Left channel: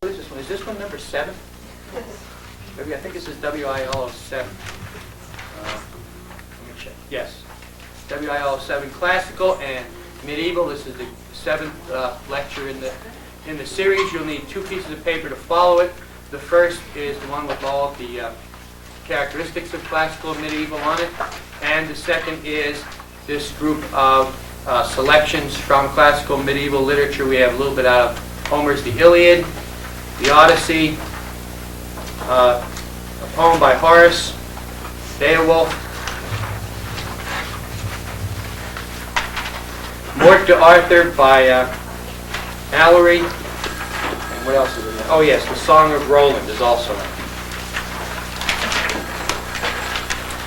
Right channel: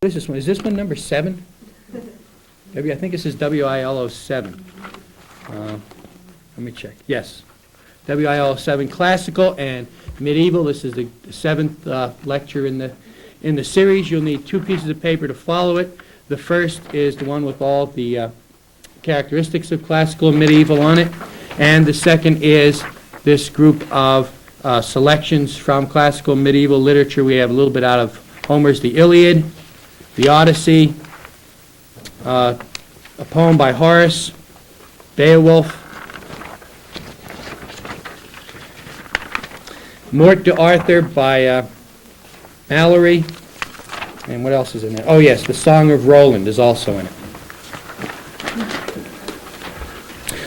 What is this one? Is this one number 7? I think this is WIL 07. Let me check. Yes. WIL 07, Classical and Medieval. This is the 7th lecture in the series. You'll need 2 pieces of paper to follow it. The first is the one with all the characteristics of classical and medieval on it. And the second is this group of selections from classical and medieval literature. We have a little bit out of Homer's The Iliad, the Odyssey, a poem by Horace, Beowulf, Morte d'Arthur by Malory, and what else is in there? Oh yes, The Song of Roland is also in it.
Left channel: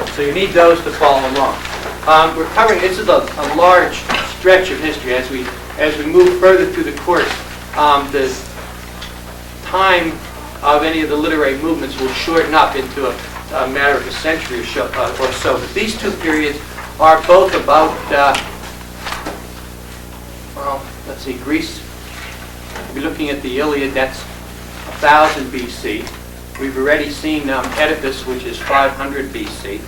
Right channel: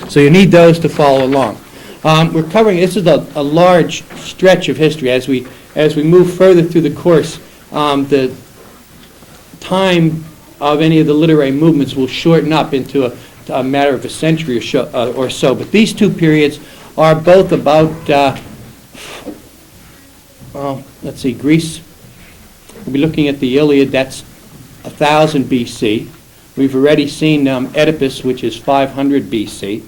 So you need those to follow along. We're covering, this is a large stretch of history. As we move further through the course, the time of any of the literary movements will shorten up into a matter of a century or so. But these 2 periods are both about, let's see, Greece. We'll be looking at the Iliad, that's 1000 BC. We've already seen Oedipus, which is 500 BC.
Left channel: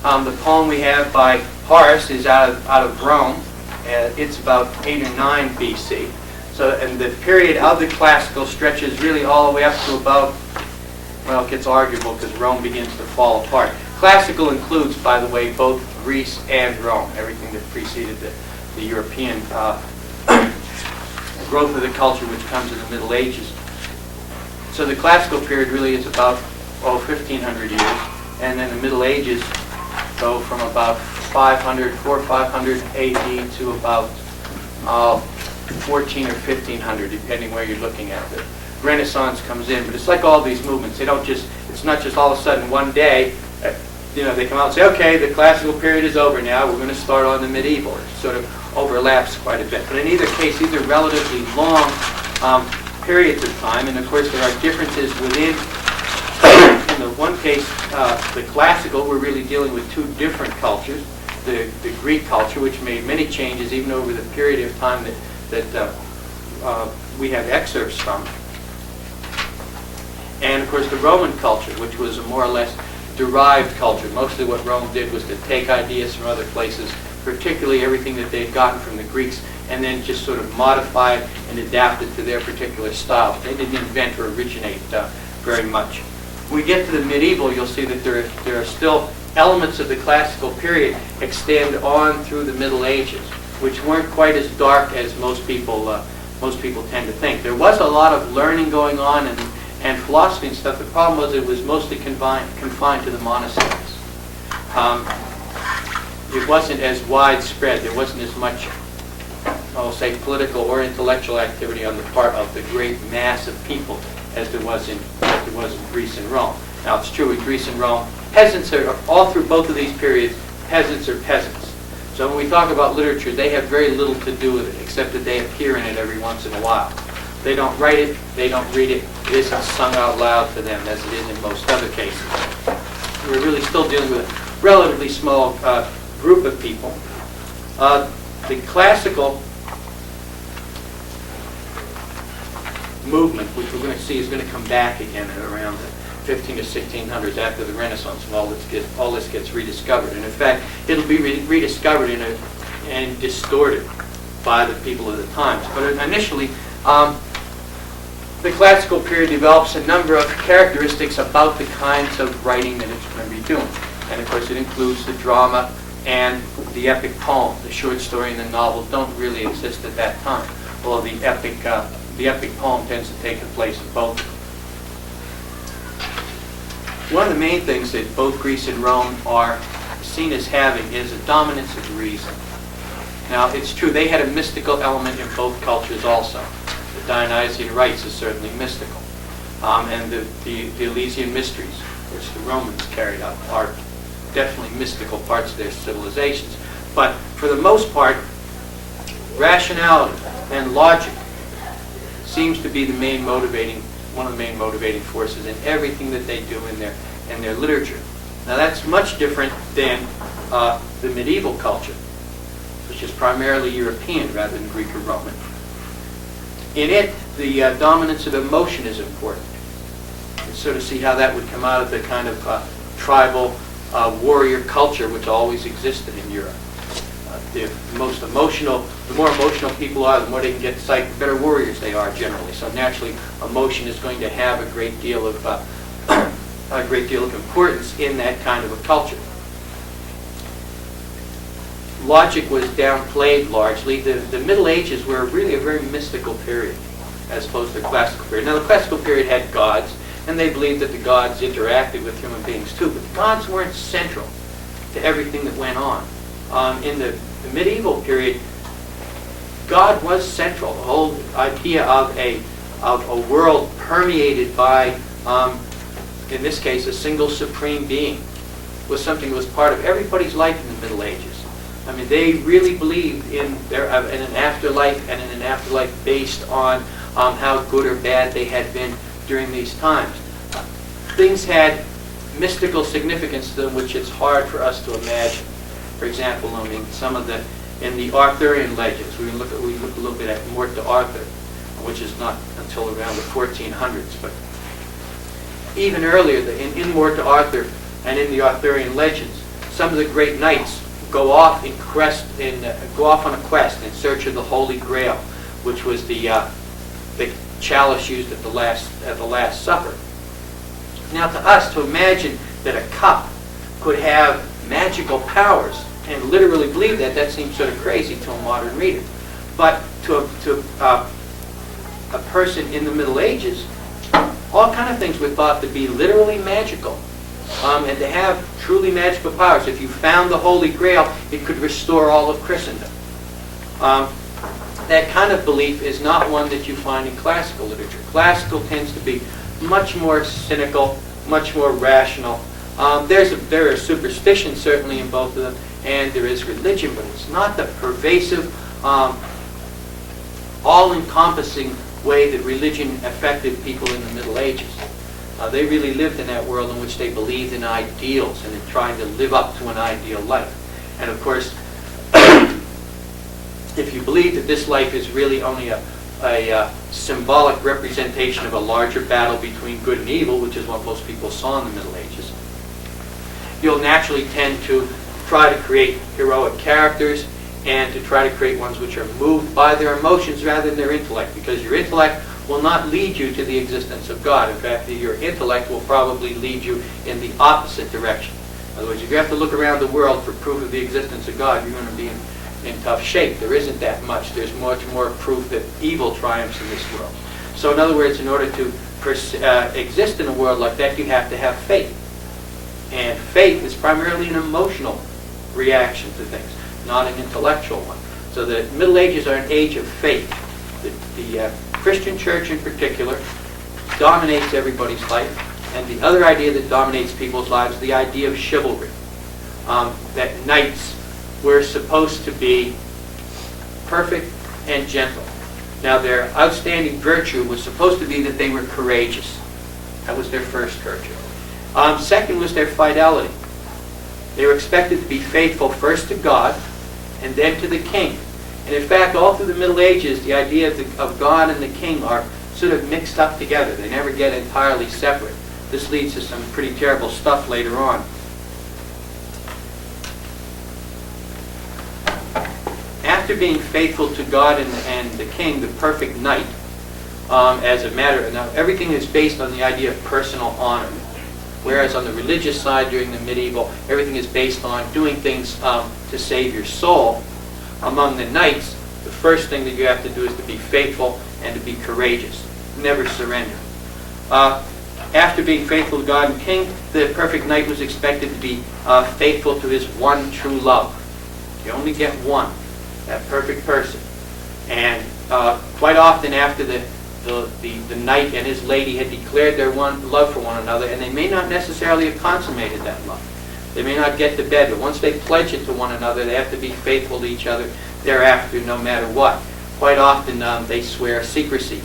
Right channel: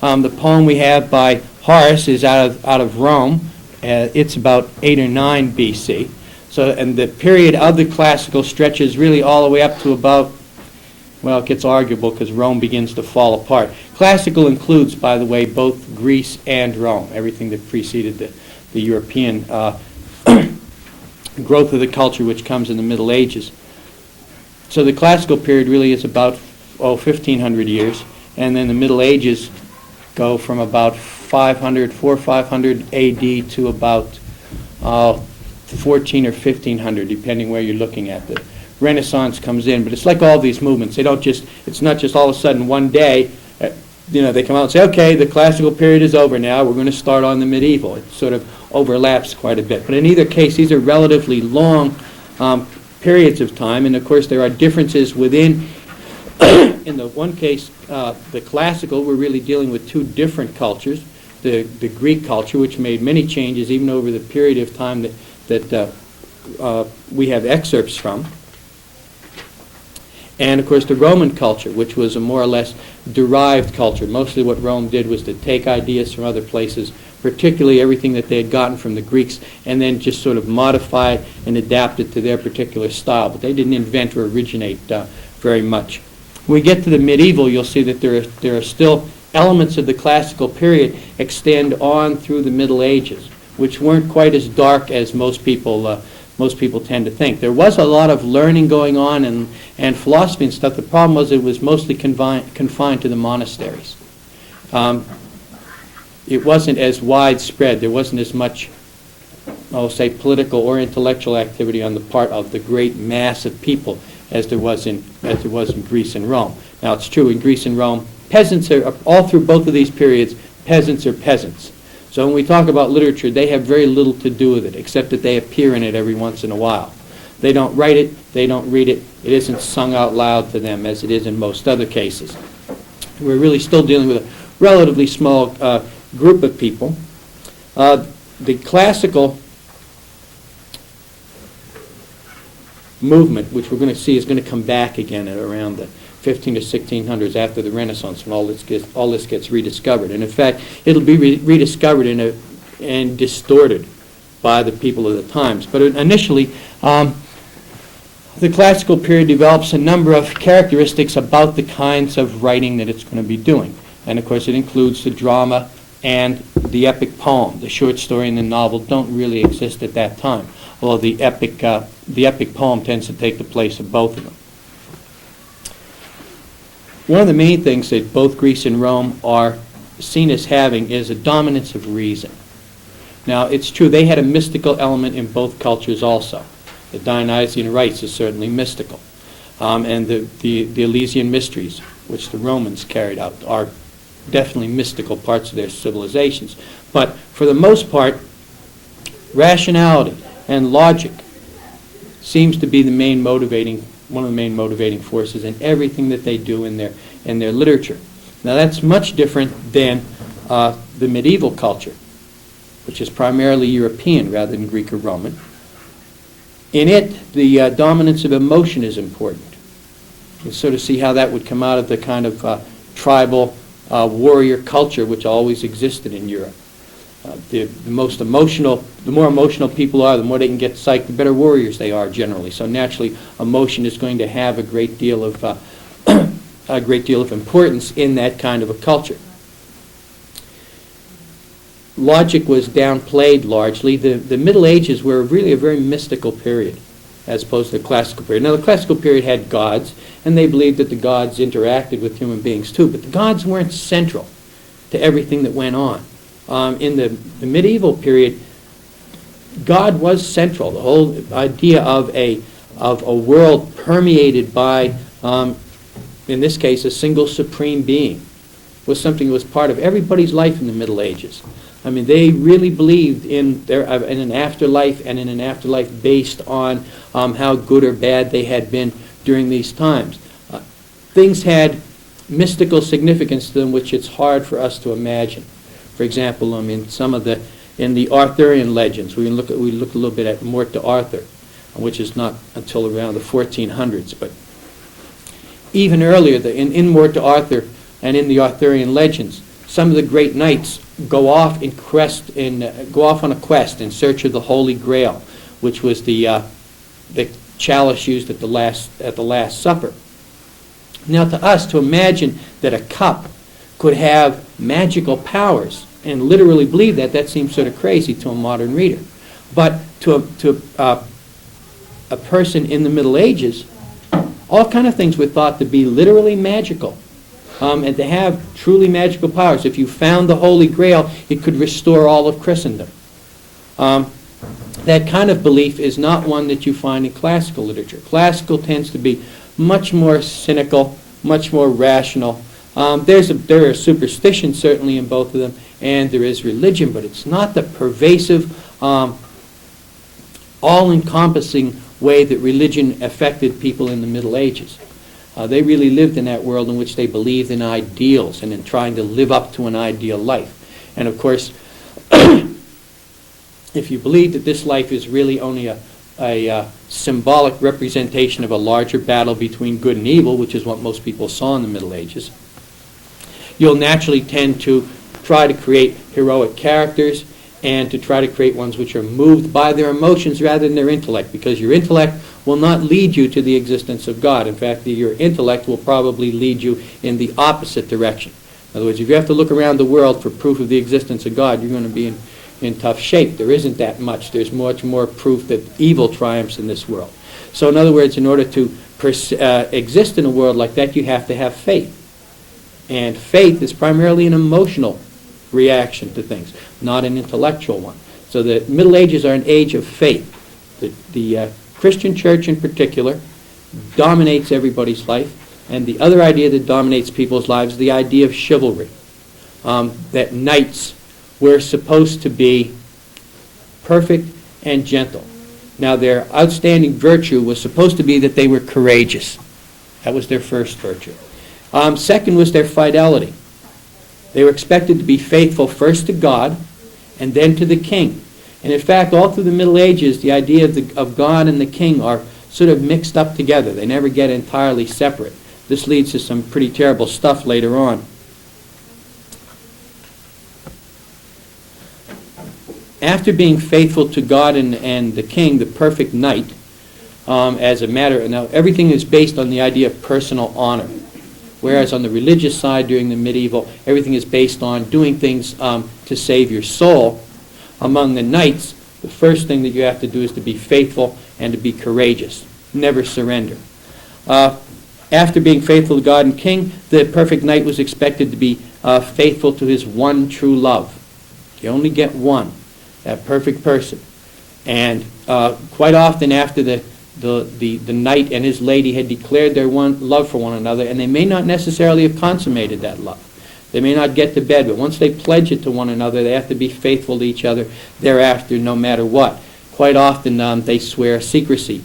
The poem we have by Horace is out of Rome. It's about 8 or 9 BC. So, and the period of the classical stretches really all the way up to about, well, it gets arguable because Rome begins to fall apart. Classical includes, by the way, both Greece and Rome, everything that preceded the European growth of the culture, which comes in the Middle Ages. So the classical period really is about 1,500 years, and then the Middle Ages go from about 500 AD to about 14 or 1500, depending where you're looking at. The Renaissance comes in, but it's like all these movements. It's not just all of a sudden one day, they come out and say, okay, the classical period is over now, we're going to start on the medieval. It sort of overlaps quite a bit. But in either case, these are relatively long periods of time, and of course there are differences within. In the one case, the classical, we're really dealing with 2 different cultures. The Greek culture, which made many changes even over the period of time that we have excerpts from. And of course the Roman culture, which was a more or less derived culture. Mostly what Rome did was to take ideas from other places, particularly everything that they had gotten from the Greeks, and then just sort of modify it and adapt it to their particular style. But they didn't invent or originate very much. When we get to the medieval, you'll see that there are still elements of the classical period extend on through the Middle Ages, which weren't quite as dark as most people tend to think. There was a lot of learning going on and philosophy and stuff. The problem was it was mostly confined to the monasteries. It wasn't as widespread. There wasn't as much, say, political or intellectual activity on the part of the great mass of people as there was in Greece and Rome. Now it's true in Greece and Rome, peasants are, all through both of these periods, peasants are peasants. So when we talk about literature, they have very little to do with it, except that they appear in it every once in a while. They don't write it, they don't read it, it isn't sung out loud to them as it is in most other cases. We're really still dealing with a relatively small group of people. The classical movement, which we're going to see, is going to come back again at around the 15 to 1600s after the Renaissance, when all this gets rediscovered. And in fact, it'll be rediscovered and distorted by the people of the times. But initially, the classical period develops a number of characteristics about the kinds of writing that it's going to be doing. And of course, it includes the drama and the epic poem. The short story and the novel don't really exist at that time. Well, the epic poem tends to take the place of both of them. One of the main things that both Greece and Rome are seen as having is a dominance of reason. Now, it's true, they had a mystical element in both cultures also. The Dionysian rites is certainly mystical. And the Elysian mysteries, which the Romans carried out, are definitely mystical parts of their civilizations. But for the most part, rationality and logic seems to be one of the main motivating forces in everything that they do in their literature. Now that's much different than the medieval culture, which is primarily European rather than Greek or Roman. In it, the dominance of emotion is important. You sort of see how that would come out of the kind of tribal warrior culture which always existed in Europe. The more emotional people are, the more they can get psyched, the better warriors they are generally. So naturally, emotion is going to have a great deal of importance in that kind of a culture. Logic was downplayed largely. The Middle Ages were really a very mystical period as opposed to the classical period. Now the classical period had gods, and they believed that the gods interacted with human beings too, but the gods weren't central to everything that went on. In the medieval period, God was central. The whole idea of a world permeated by, in this case, a single supreme being was something that was part of everybody's life in the Middle Ages. I mean, they really believed in an afterlife, and in an afterlife based on how good or bad they had been during these times. Things had mystical significance to them which it's hard for us to imagine. For example, I mean, in the Arthurian legends, we look a little bit at Morte d'Arthur, which is not until around the 1400s, but even earlier, in Morte d'Arthur and in the Arthurian legends, some of the great knights go off on a quest in search of the Holy Grail, which was the chalice used at the Last Supper. Now, to us, to imagine that a cup could have magical powers and literally believe that seems sort of crazy to a modern reader. But to a person in the Middle Ages, all kind of things were thought to be literally magical, and to have truly magical powers. If you found the Holy Grail, it could restore all of Christendom. That kind of belief is not one that you find in classical literature. Classical tends to be much more cynical, much more rational. There is superstition certainly in both of them, and there is religion, but it's not the pervasive, all-encompassing way that religion affected people in the Middle Ages. They really lived in that world in which they believed in ideals and in trying to live up to an ideal life. And of course, if you believe that this life is really only a symbolic representation of a larger battle between good and evil, which is what most people saw in the Middle Ages, you'll naturally tend to try to create heroic characters and to try to create ones which are moved by their emotions rather than their intellect, because your intellect will not lead you to the existence of God. In fact, your intellect will probably lead you in the opposite direction. In other words, if you have to look around the world for proof of the existence of God, you're going to be in tough shape. There isn't that much. There's much more proof that evil triumphs in this world. So in other words, in order to exist in a world like that, you have to have faith. And faith is primarily an emotional reaction to things, not an intellectual one. So the Middle Ages are an age of faith. The Christian church in particular dominates everybody's life, and the other idea that dominates people's lives is the idea of chivalry. That knights were supposed to be perfect and gentle. Now their outstanding virtue was supposed to be that they were courageous. That was their first virtue. Second was their fidelity. They were expected to be faithful first to God and then to the king. And in fact, all through the Middle Ages, the idea of God and the king are sort of mixed up together. They never get entirely separate. This leads to some pretty terrible stuff later on. After being faithful to God and the king, the perfect knight, as a matter, now everything is based on the idea of personal honor. Whereas on the religious side during the medieval, everything is based on doing things to save your soul. Among the knights, the first thing that you have to do is to be faithful and to be courageous. Never surrender. After being faithful to God and king, the perfect knight was expected to be faithful to his one true love. You only get one, that perfect person. And quite often after the knight and his lady had declared their love for one another, and they may not necessarily have consummated that love. They may not get to bed, but once they pledge it to one another, they have to be faithful to each other thereafter, no matter what. Quite often they swear secrecy,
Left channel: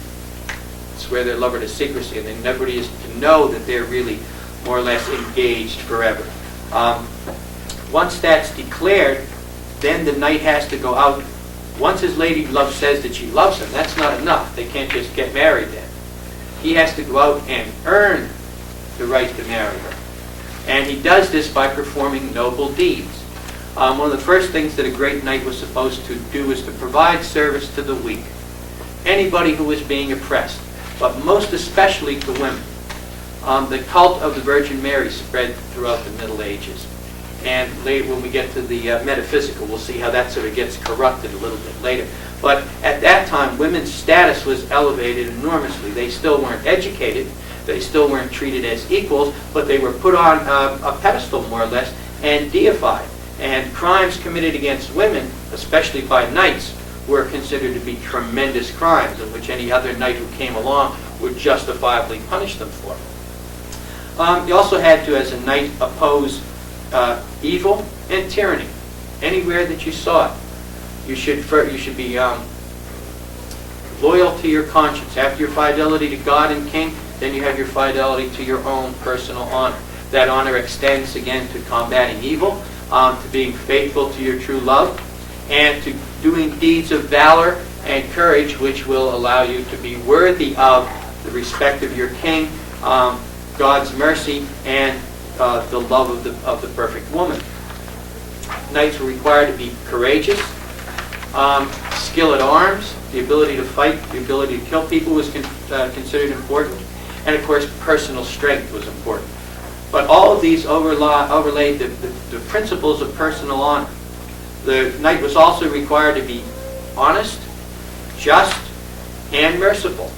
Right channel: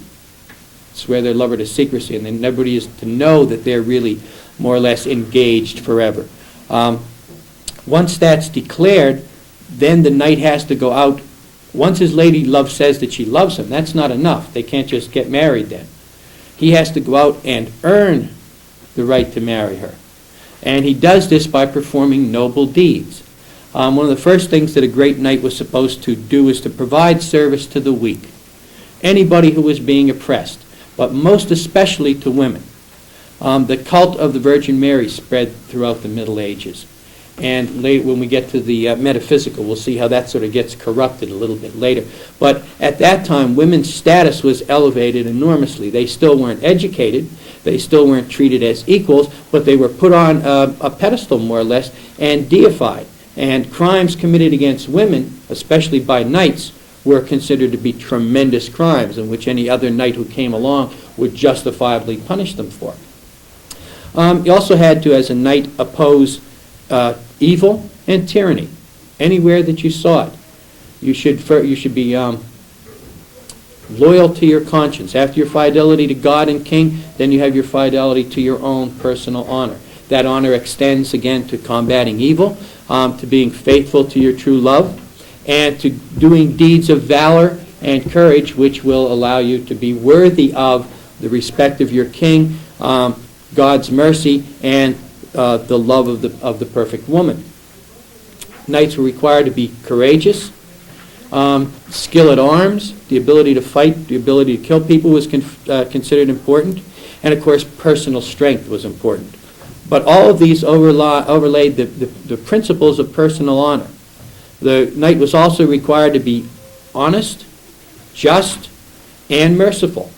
swear their lover to secrecy, and then nobody is to know that they're really more or less engaged forever. Once that's declared, then the knight has to go out Once his lady love says that she loves him, that's not enough. They can't just get married then. He has to go out and earn the right to marry her. And he does this by performing noble deeds. One of the first things that a great knight was supposed to do is to provide service to the weak, anybody who was being oppressed, but most especially to women. The cult of the Virgin Mary spread throughout the Middle Ages. And later, when we get to the metaphysical, we'll see how that sort of gets corrupted a little bit later. But at that time, women's status was elevated enormously. They still weren't educated. They still weren't treated as equals, but they were put on a pedestal, more or less, and deified. And crimes committed against women, especially by knights, were considered to be tremendous crimes in which any other knight who came along would justifiably punish them for. You also had to, as a knight, oppose evil and tyranny anywhere that you saw it. You should be loyal to your conscience. After your fidelity to God and King, then you have your fidelity to your own personal honor. That honor extends again to combating evil, to being faithful to your true love, and to doing deeds of valor and courage which will allow you to be worthy of the respect of your king, God's mercy, and the love of the perfect woman. Knights were required to be courageous. Skill at arms, the ability to fight, the ability to kill people was considered important. And of course, personal strength was important. But all of these overlaid the principles of personal honor. The knight was also required to be honest, just, and merciful.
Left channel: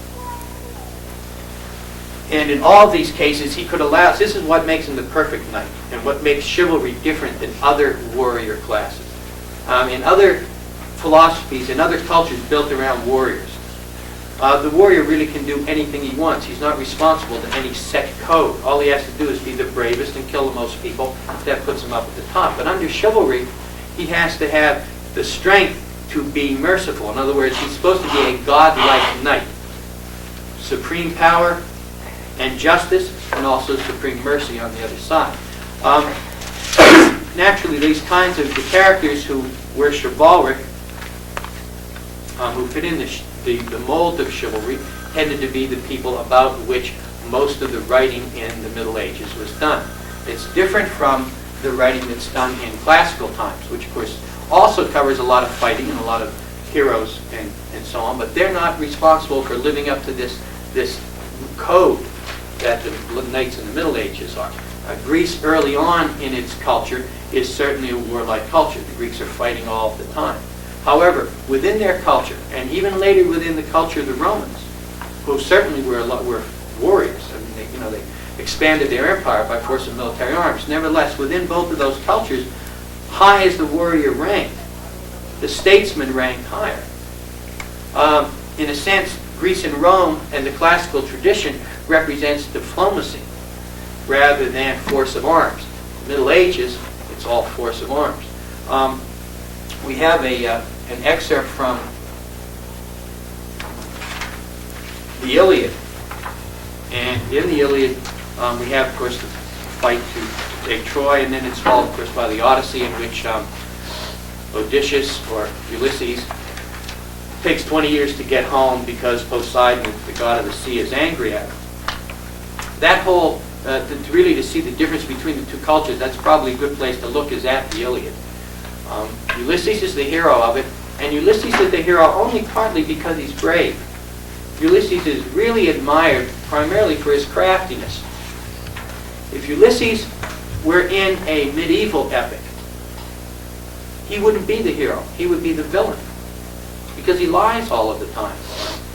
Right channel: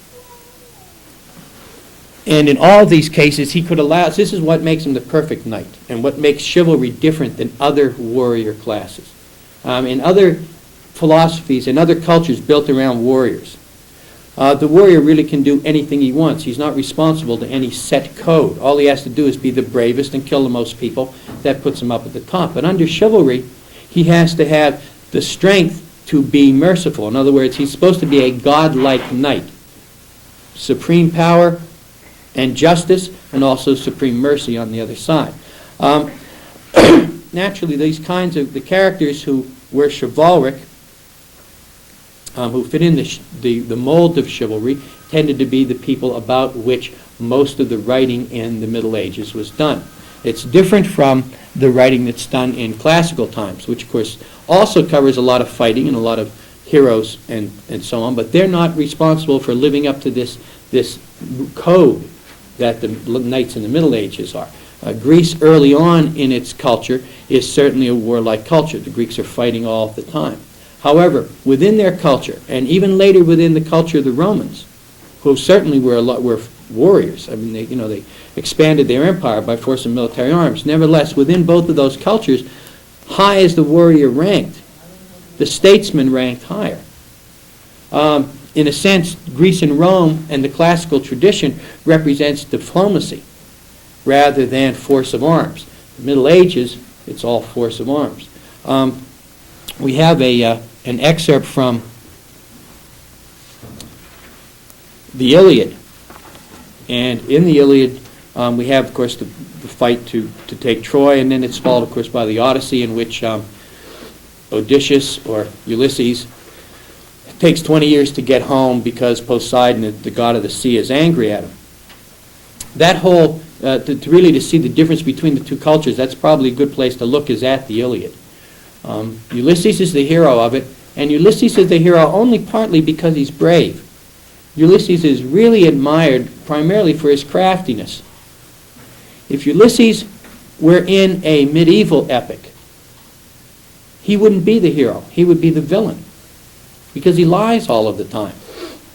And in all of these cases, he could allow, this is what makes him the perfect knight, and what makes chivalry different than other warrior classes. In other philosophies and other cultures built around warriors, the warrior really can do anything he wants. He's not responsible to any set code. All he has to do is be the bravest and kill the most people. That puts him up at the top. But under chivalry, he has to have the strength to be merciful. In other words, he's supposed to be a godlike knight. Supreme power and justice, and also supreme mercy on the other side. Naturally, these kinds of characters who were chivalric, who fit in the mold of chivalry, tended to be the people about which most of the writing in the Middle Ages was done. It's different from the writing that's done in classical times, which of course also covers a lot of fighting and a lot of heroes and so on, but they're not responsible for living up to this code that the knights in the Middle Ages are. Greece early on in its culture is certainly a warlike culture. The Greeks are fighting all the time. However, within their culture, and even later within the culture of the Romans, who certainly were warriors, I mean, they expanded their empire by force of military arms. Nevertheless, within both of those cultures, high as the warrior ranked, the statesman ranked higher. In a sense, Greece and Rome and the classical tradition represents diplomacy rather than force of arms. The Middle Ages, it's all force of arms. We have an excerpt from the Iliad. And in the Iliad, we have, of course, the fight to take Troy, and then it's followed, of course, by the Odyssey, in which Odysseus, or Ulysses, takes 20 years to get home because Poseidon, the god of the sea, is angry at him. That whole, to see the difference between the two cultures, that's probably a good place to look, is at the Iliad. Ulysses is the hero of it, and Ulysses is the hero only partly because he's brave. Ulysses is really admired primarily for his craftiness. If Ulysses were in a medieval epic, he wouldn't be the hero. He would be the villain, because he lies all of the time.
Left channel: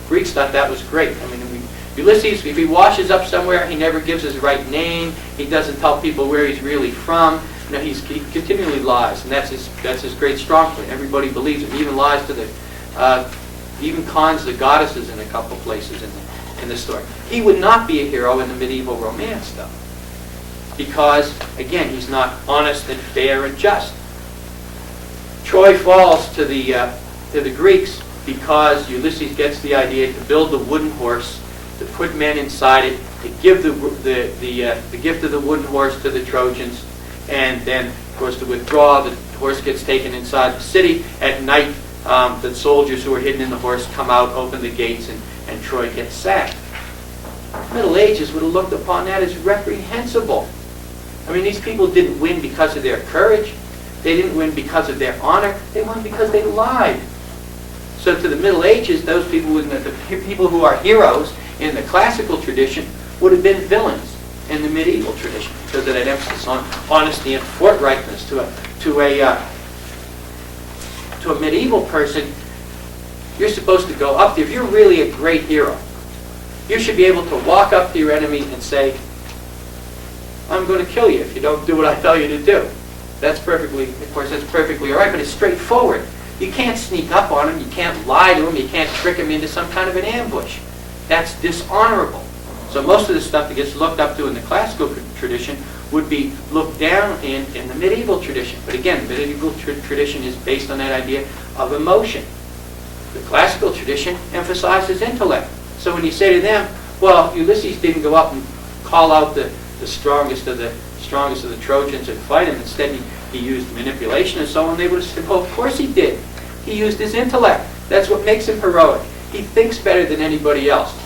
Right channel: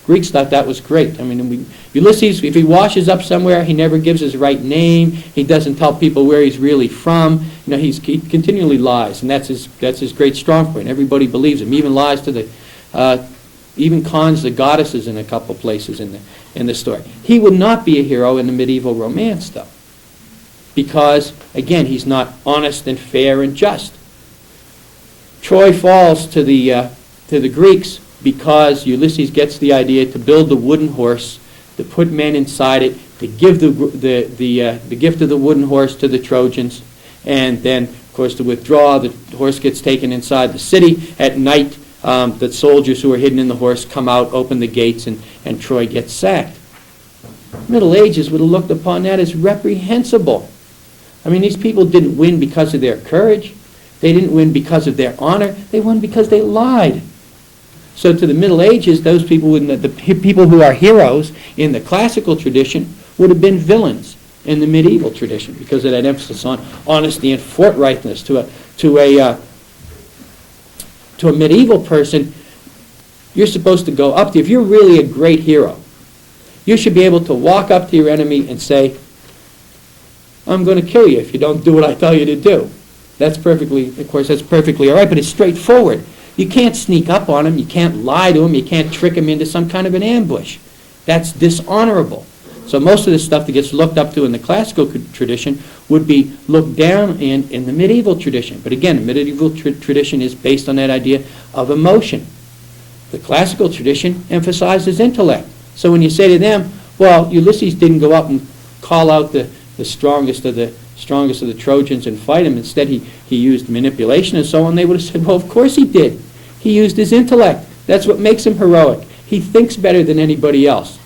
Greeks thought that was great. I mean, Ulysses, if he washes up somewhere, he never gives his right name. He doesn't tell people where he's really from. You know, he continually lies, and that's his great strong point. Everybody believes him. He even lies to even cons the goddesses in a couple places in the story. He would not be a hero in the medieval romance, though, because again, he's not honest and fair and just. Troy falls to the Greeks because Ulysses gets the idea to build a wooden horse, to put men inside it, to give the gift of the wooden horse to the Trojans, and then, of course, to withdraw. The horse gets taken inside the city. At night, that soldiers who are hidden in the horse come out, open the gates, and Troy gets sacked. Middle Ages would have looked upon that as reprehensible. I mean, these people didn't win because of their courage. They didn't win because of their honor. They won because they lied. So to the Middle Ages, those people, the people who are heroes in the classical tradition, would have been villains in the medieval tradition because of that emphasis on honesty and forthrightness. To a medieval person, you're supposed to go up to, if you're really a great hero, you should be able to walk up to your enemy and say, I'm going to kill you if you don't do what I tell you to do. That's perfectly, of course, that's perfectly all right, but it's straightforward. You can't sneak up on him, you can't lie to him, you can't trick him into some kind of an ambush. That's dishonorable. So most of the stuff that gets looked up to in the classical tradition would be looked down in the medieval tradition. But again, the medieval tradition is based on that idea of emotion. The classical tradition emphasizes intellect. So when you say to them, well, Ulysses didn't go up and call out the strongest of the Trojans and fight him. Instead, he used manipulation and so on. They would have said, well, of course he did. He used his intellect. That's what makes him heroic. He thinks better than anybody else.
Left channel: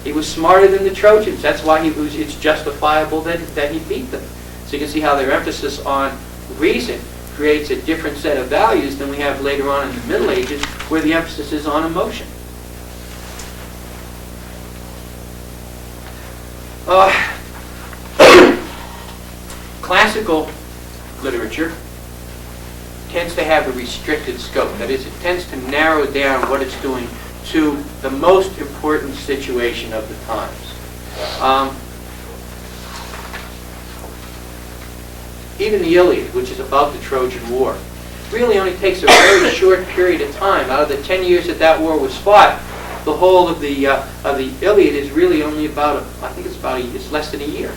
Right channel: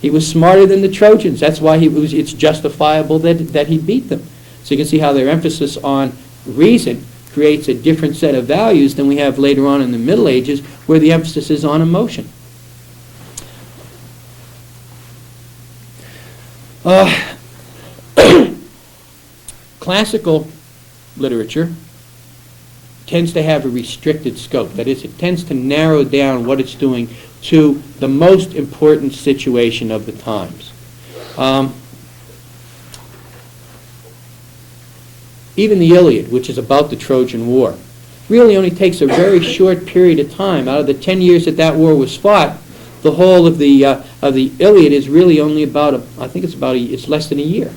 He was smarter than the Trojans. That's why it's justifiable that he beat them. So you can see how their emphasis on reason creates a different set of values than we have later on in the Middle Ages, where the emphasis is on emotion. Classical literature tends to have a restricted scope. That is, it tends to narrow down what it's doing to the most important situation of the times. Even the Iliad, which is about the Trojan War, really only takes a very short period of time. Out of the 10 years that war was fought, the whole of the Iliad is really only about, it's less than a year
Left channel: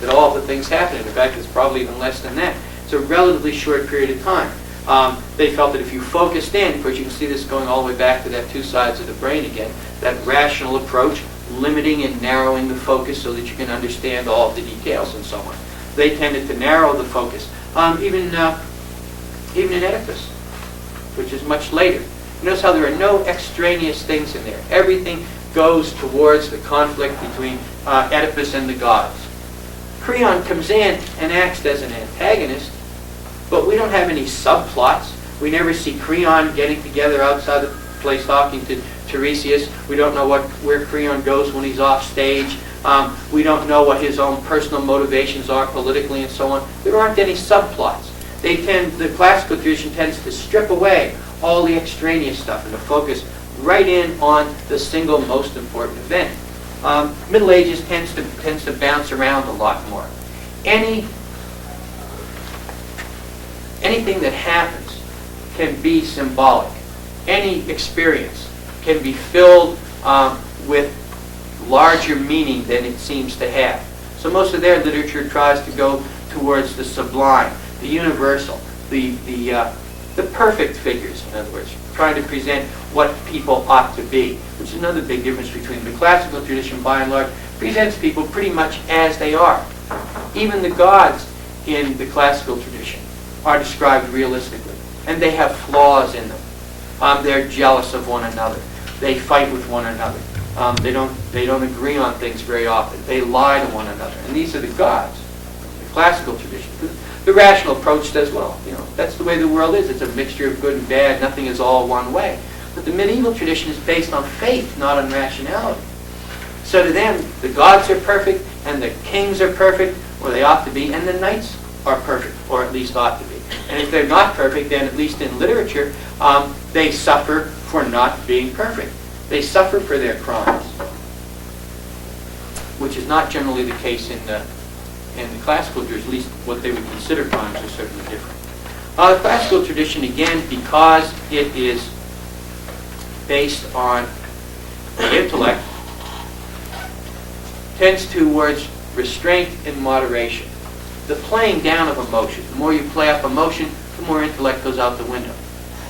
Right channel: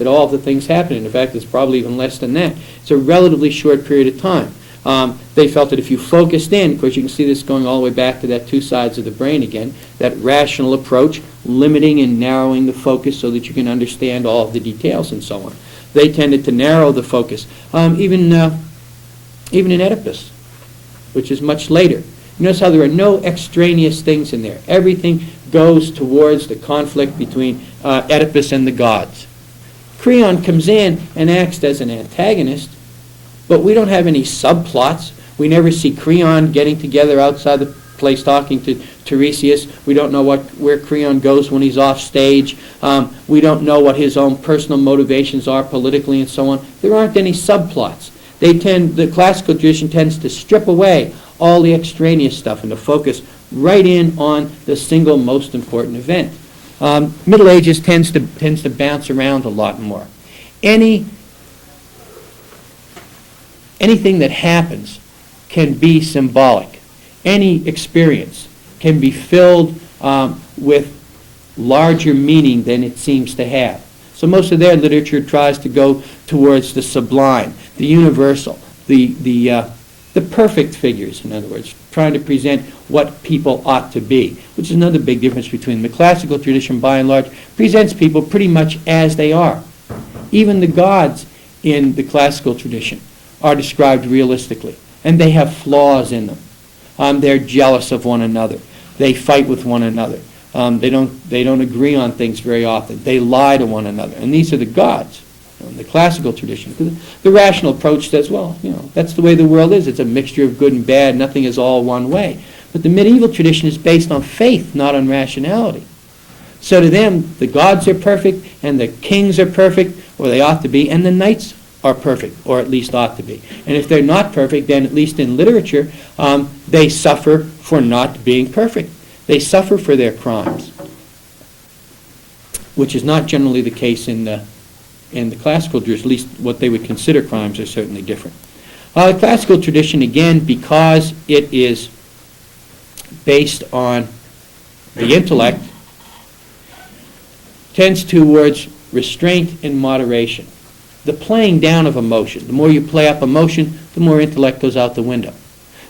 that all of the things happen. In fact, it's probably even less than that. It's a relatively short period of time. They felt that if you focused in, of course you can see this going all the way back to that two sides of the brain again, that rational approach, limiting and narrowing the focus so that you can understand all of the details and so on. They tended to narrow the focus. Even in Oedipus, which is much later. Notice how there are no extraneous things in there. Everything goes towards the conflict between Oedipus and the gods. Creon comes in and acts as an antagonist, but we don't have any subplots. We never see Creon getting together outside the place talking to Tiresias. We don't know where Creon goes when he's off stage. We don't know what his own personal motivations are politically and so on. There aren't any subplots. The classical tradition tends to strip away all the extraneous stuff and to focus right in on the single most important event. Middle Ages tends to bounce around a lot more. Anything that happens can be symbolic. Any experience can be filled with larger meaning than it seems to have. So most of their literature tries to go towards the sublime, the universal, the perfect figures, in other words, trying to present what people ought to be, which is another big difference between the classical tradition, by and large, presents people pretty much as they are. Even the gods in the classical tradition are described realistically, and they have flaws in them. They're jealous of one another. They fight with one another. They don't agree on things very often. They lie to one another, and these are the gods. The classical tradition. The rational approach says, well, that's the way the world is. It's a mixture of good and bad. Nothing is all one way. But the medieval tradition is based on faith, not on rationality. So to them, the gods are perfect, and the kings are perfect, or they ought to be, and the knights are perfect, or at least ought to be. And if they're not perfect, then at least in literature, they suffer for not being perfect. They suffer for their crimes, which is not generally the case in the classical tradition. At least what they would consider crimes are certainly different. The classical tradition, again, because it is based on the intellect, tends towards restraint and moderation. The playing down of emotion. The more you play up emotion, the more intellect goes out the window.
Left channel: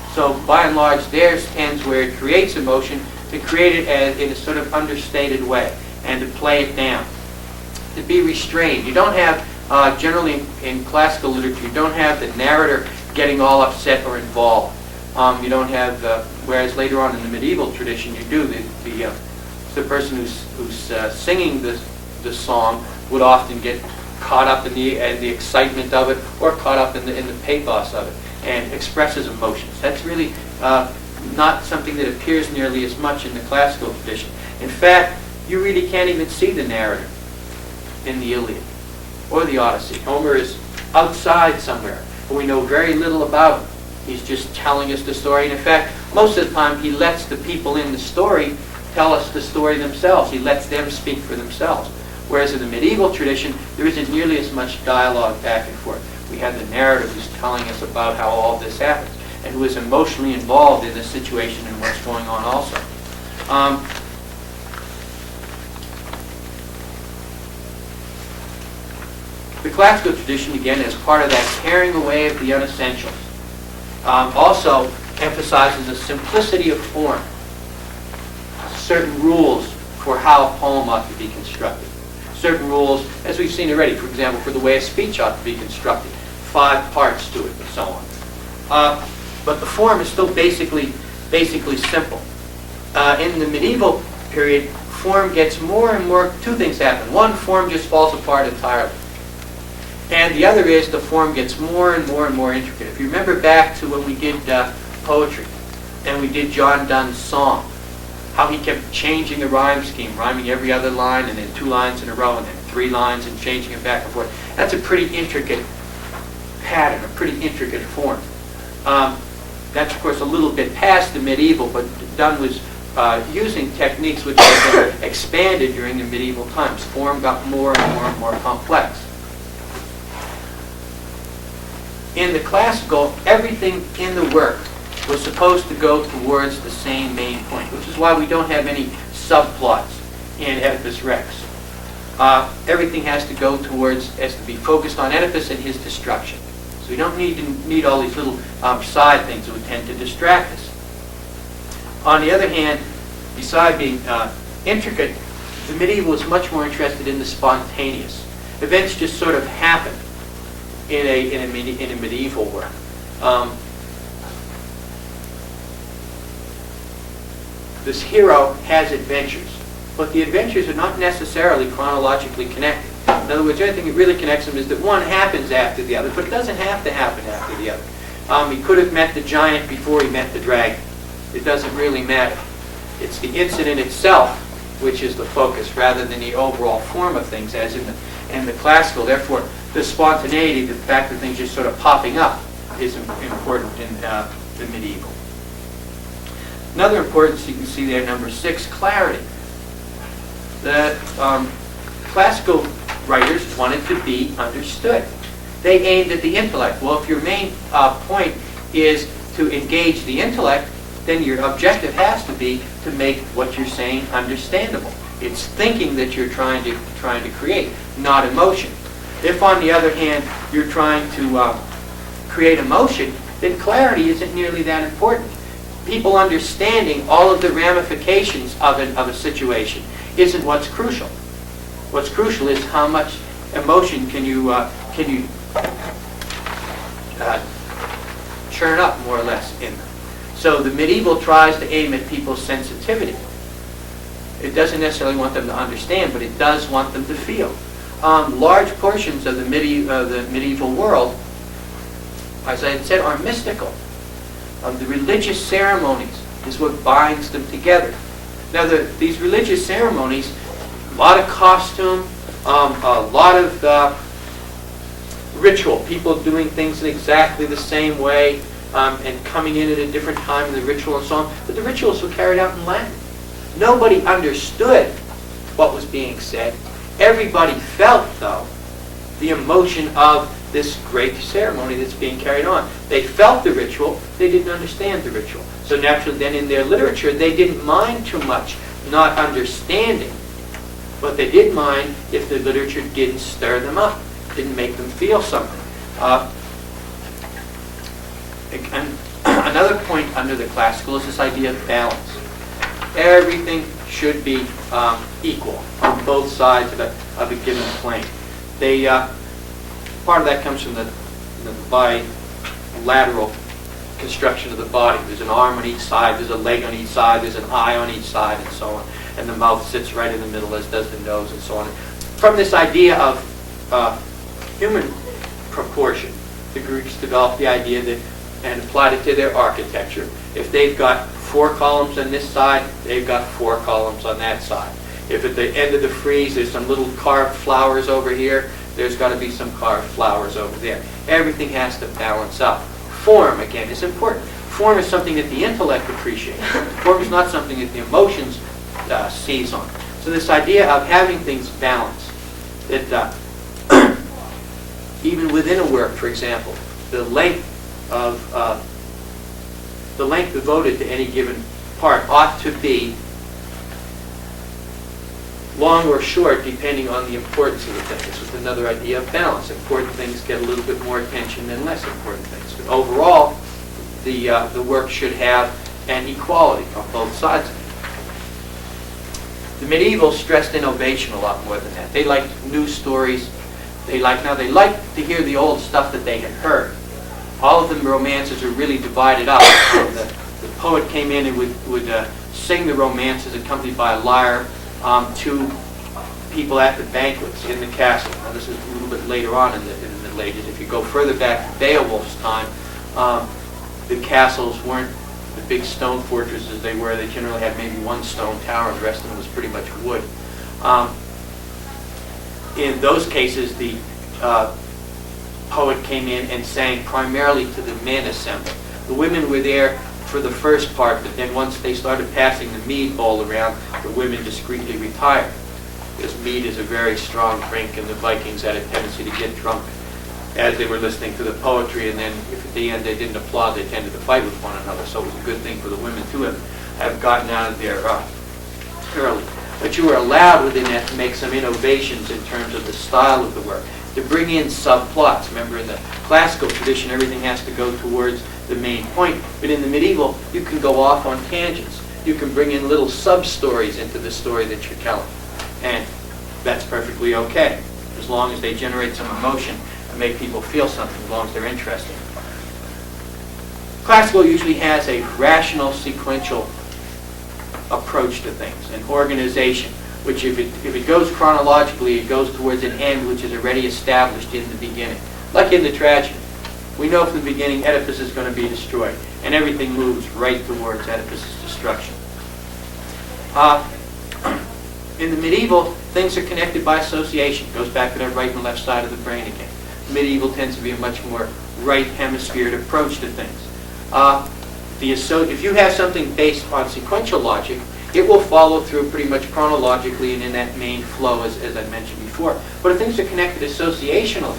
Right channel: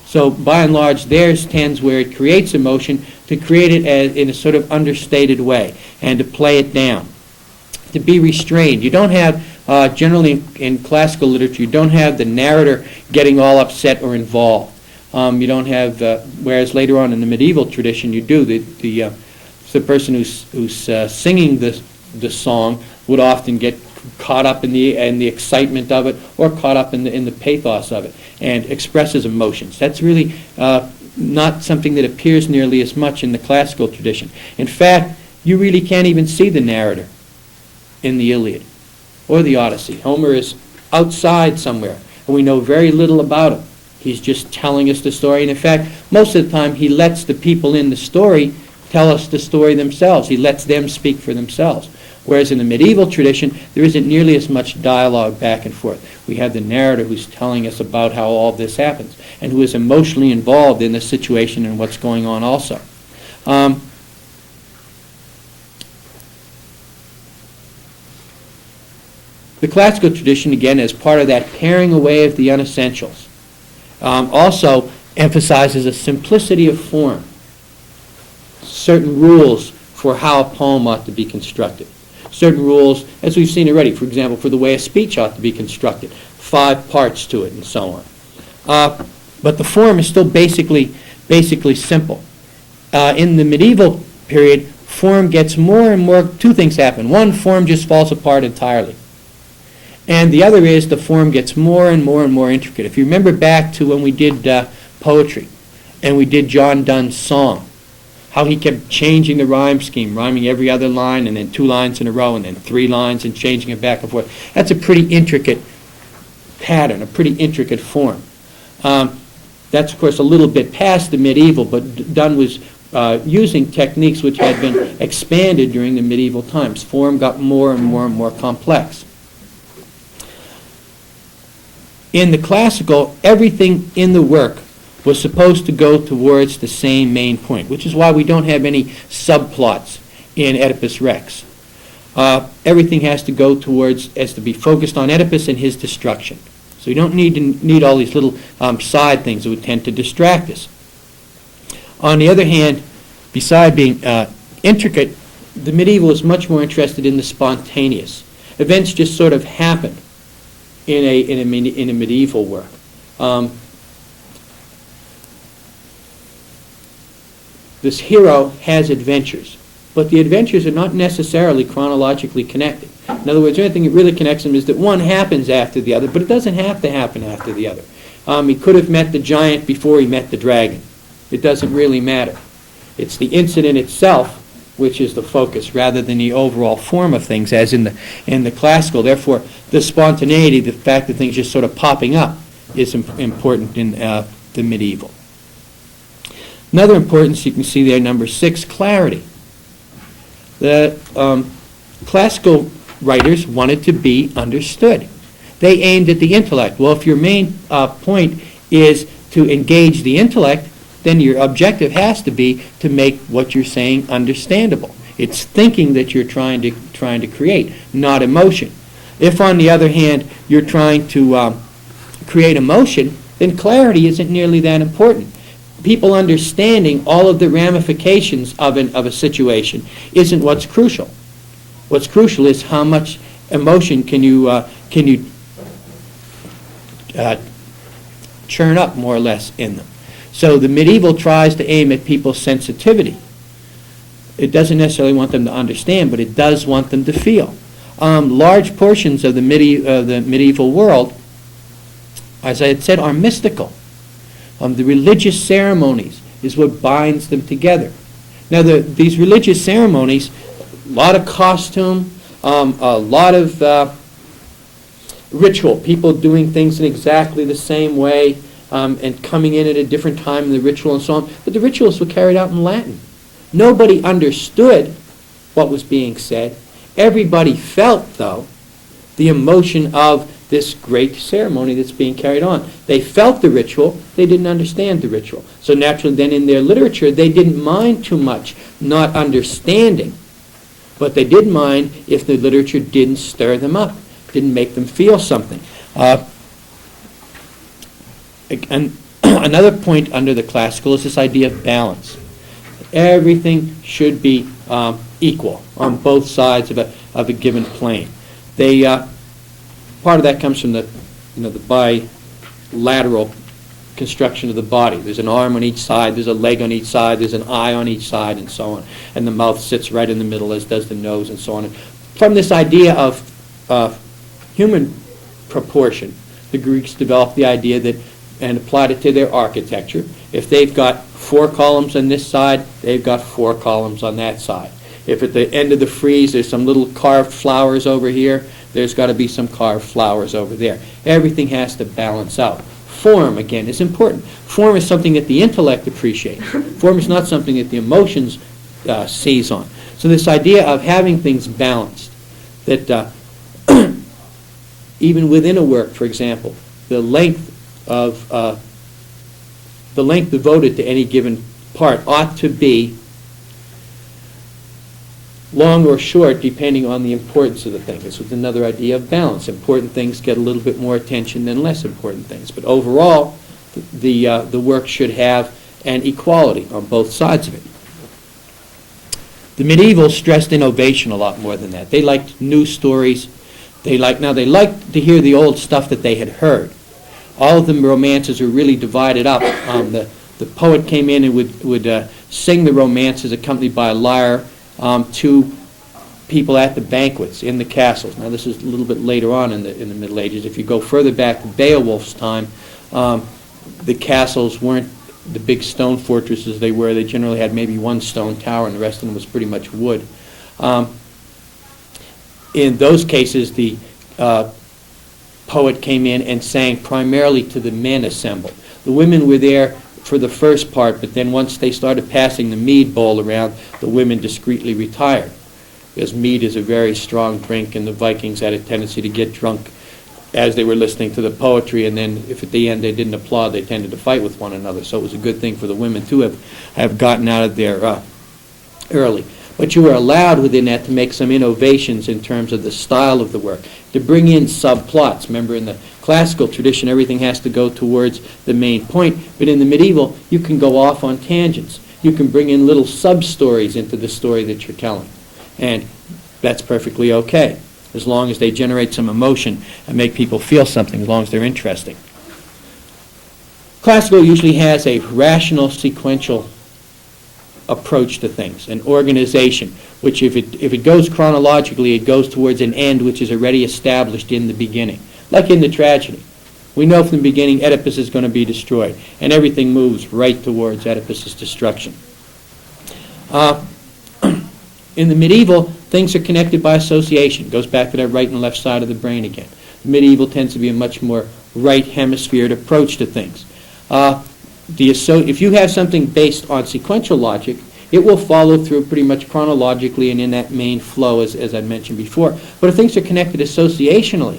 So by and large, theirs tends, where it creates emotion, to create it in a sort of understated way and to play it down. To be restrained. You don't have, generally in classical literature, you don't have the narrator getting all upset or involved. You don't have, whereas later on in the medieval tradition you do. The person who's singing the song would often get caught up in the excitement of it, or caught up in the pathos of it, and expresses emotions. That's really not something that appears nearly as much in the classical tradition. In fact, you really can't even see the narrator in the Iliad or the Odyssey. Homer is outside somewhere, and we know very little about him. He's just telling us the story, and in fact, most of the time he lets the people in the story tell us the story themselves. He lets them speak for themselves. Whereas in the medieval tradition, there isn't nearly as much dialogue back and forth. We have the narrator who's telling us about how all this happens, and who is emotionally involved in the situation and what's going on also. The classical tradition, again, is part of that carrying away of the unessentials. Also emphasizes a simplicity of form, certain rules for how a poem ought to be constructed. Certain rules, as we've seen already, for example, for the way a speech ought to be constructed, 5 parts to it and so on. But the form is still basically simple. In the medieval period, form gets more and more, 2 things happen. One, form just falls apart entirely. And the other is the form gets more and more and more intricate. If you remember back to when we did poetry, and we did John Donne's song, how he kept changing the rhyme scheme, rhyming every other line, and then 2 lines in a row, and then 3 lines, and changing it back and forth. That's a pretty intricate pattern, a pretty intricate form. That's, of course, a little bit past the medieval, but Donne was using techniques which had been expanded during the medieval times. Form got more and more and more complex. In the classical, everything in the work was supposed to go towards the same main point, which is why we don't have any subplots in Oedipus Rex. Everything has to be focused on Oedipus and his destruction. So we don't need all these little side things that would tend to distract us. On the other hand, beside being intricate, the medieval is much more interested in the spontaneous. Events just sort of happen in a medieval work. This hero has adventures, but the adventures are not necessarily chronologically connected. In other words, the only thing that really connects them is that one happens after the other, but it doesn't have to happen after the other. He could have met the giant before he met the dragon. It doesn't really matter. It's the incident itself which is the focus, rather than the overall form of things, as in the classical. Therefore, the spontaneity, the fact that things just sort of popping up, is important in the medieval. Another importance you can see there, number 6, clarity. The classical writers wanted to be understood. They aimed at the intellect. Well, if your main point is to engage the intellect, then your objective has to be to make what you're saying understandable. It's thinking that you're trying to create, not emotion. If, on the other hand, you're trying to create emotion, then clarity isn't nearly that important. People understanding all of the ramifications of a situation isn't what's crucial. What's crucial is how much emotion can you churn up, more or less, in them. So the medieval tries to aim at people's sensitivity. It doesn't necessarily want them to understand, but it does want them to feel. Large portions of the medieval world, as I had said, are mystical. The religious ceremonies is what binds them together. Now, these religious ceremonies, a lot of costume, a lot of ritual, people doing things in exactly the same way, and coming in at a different time in the ritual and so on. But the rituals were carried out in Latin. Nobody understood what was being said. Everybody felt, though, the emotion of this great ceremony that's being carried on. They felt the ritual, they didn't understand the ritual. So naturally then in their literature they didn't mind too much not understanding, but they did mind if the literature didn't stir them up, didn't make them feel something. And another point under the classical is this idea of balance. Everything should be equal on both sides of a given plane. Part of that comes from the bilateral construction of the body. There's an arm on each side, there's a leg on each side, there's an eye on each side, and so on. And the mouth sits right in the middle, as does the nose, and so on. From this idea of human proportion, the Greeks developed the idea that, and applied it to their architecture. If they've got 4 columns on this side, they've got 4 columns on that side. If at the end of the frieze there's some little carved flowers over here, there's got to be some carved flowers over there. Everything has to balance out. Form, again, is important. Form is something that the intellect appreciates. Form is not something that the emotions seize on. So this idea of having things balanced, that even within a work, for example, the length devoted to any given part ought to be long or short, depending on the importance of the thing. This is another idea of balance. Important things get a little bit more attention than less important things. But overall, the work should have an equality on both sides of it. The medievals stressed innovation a lot more than that. They liked new stories. They liked to hear the old stuff that they had heard. All of the romances were really divided up. The poet came in and would sing the romances accompanied by a lyre to people at the banquets in the castle. Now this is a little bit later on in the Middle Ages. If you go further back to Beowulf's time, the castles weren't the big stone fortresses they were. They generally had maybe one stone tower and the rest of them was pretty much wood. In those cases, the poet came in and sang primarily to the men assembled. The women were there for the first part, but then once they started passing the mead bowl around, the women discreetly retired. Because mead is a very strong drink, and the Vikings had a tendency to get drunk as they were listening to the poetry, and then if at the end they didn't applaud, they tended to fight with one another. So it was a good thing for the women to have gotten out of there early. But you were allowed within that to make some innovations in terms of the style of the work, to bring in subplots. Remember, in the classical tradition, everything has to go towards the main point, but in the medieval, you can go off on tangents. You can bring in little sub-stories into the story that you're telling, and that's perfectly okay, as long as they generate some emotion and make people feel something, as long as they're interesting. Classical usually has a rational, sequential approach to things, an organization, which if it goes chronologically, it goes towards an end which is already established in the beginning. Like in the tragedy. We know from the beginning Oedipus is going to be destroyed, and everything moves right towards Oedipus' destruction. In the medieval, things are connected by association. It goes back to that right and left side of the brain again. Medieval tends to be a much more right hemisphered approach to things. If you have something based on sequential logic, it will follow through pretty much chronologically and in that main flow, as I mentioned before. But if things are connected associationally,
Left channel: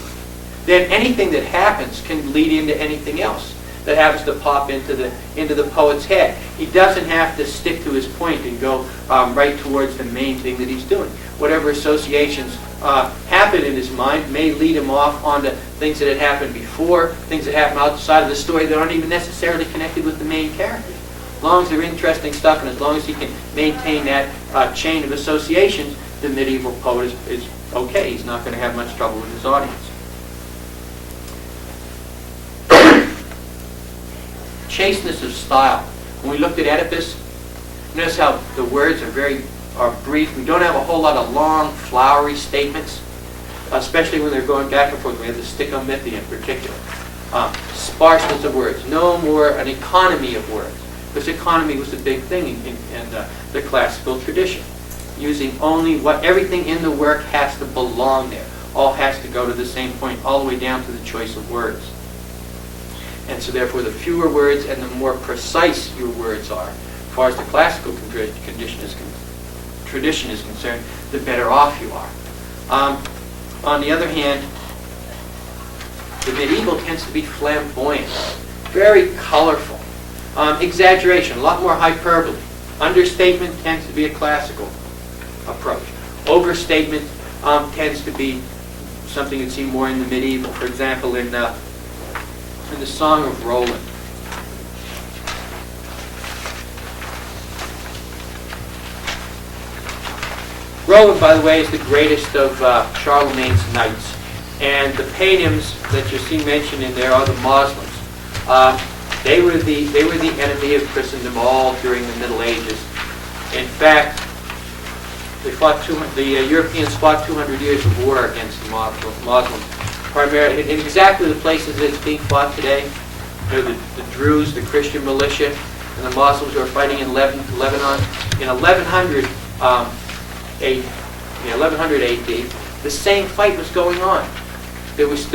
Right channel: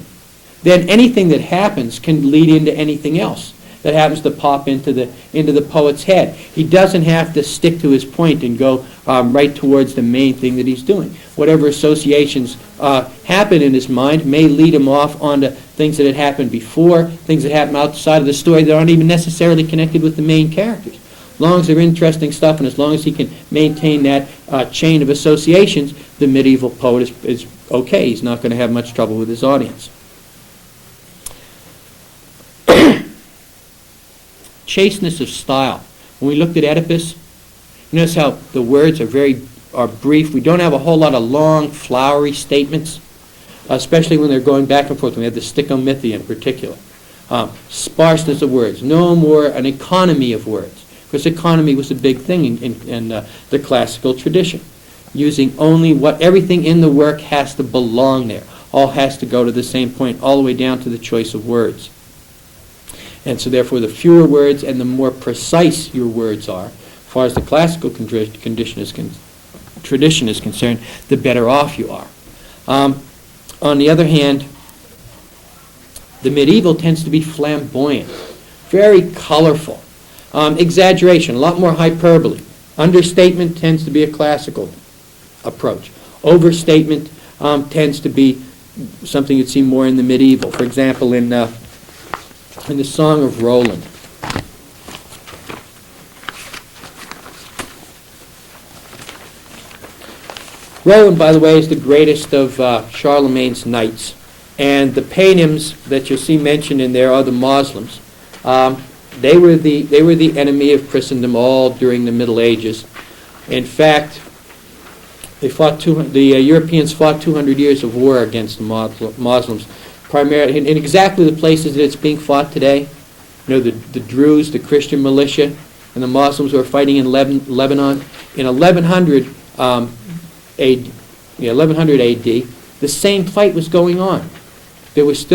then anything that happens can lead into anything else that happens to pop into the poet's head. He doesn't have to stick to his point and go right towards the main thing that he's doing. Whatever associations happen in his mind may lead him off onto things that had happened before, things that happen outside of the story that aren't even necessarily connected with the main characters. As long as they're interesting stuff and as long as he can maintain that chain of associations, the medieval poet is okay. He's not going to have much trouble with his audience. Chasteness of style. When we looked at Oedipus, notice how the words are brief. We don't have a whole lot of long, flowery statements, especially when they're going back and forth. We have the stichomythia in particular. Sparseness of words. No more an economy of words. Because economy was a big thing in the classical tradition. Using only everything in the work has to belong there. All has to go to the same point, all the way down to the choice of words. And so therefore the fewer words and the more precise your words are, as far as the classical tradition is concerned, the better off you are. On the other hand, the medieval tends to be flamboyant, very colorful. Exaggeration, a lot more hyperbole. Understatement tends to be a classical approach. Overstatement tends to be something you'd see more in the medieval. For example, in the Song of Roland. Roland, by the way, is the greatest of Charlemagne's knights. And the Paynims that you see mentioned in there are the Moslems. They were the enemy of Christendom all during the Middle Ages. In fact, the Europeans fought 200 years of war against the Muslims, primarily in exactly the places that it's being fought today. You know, the Druze, the Christian militia, and the Muslims who are fighting in Lebanon. In 1100 AD, the same fight was going on. There was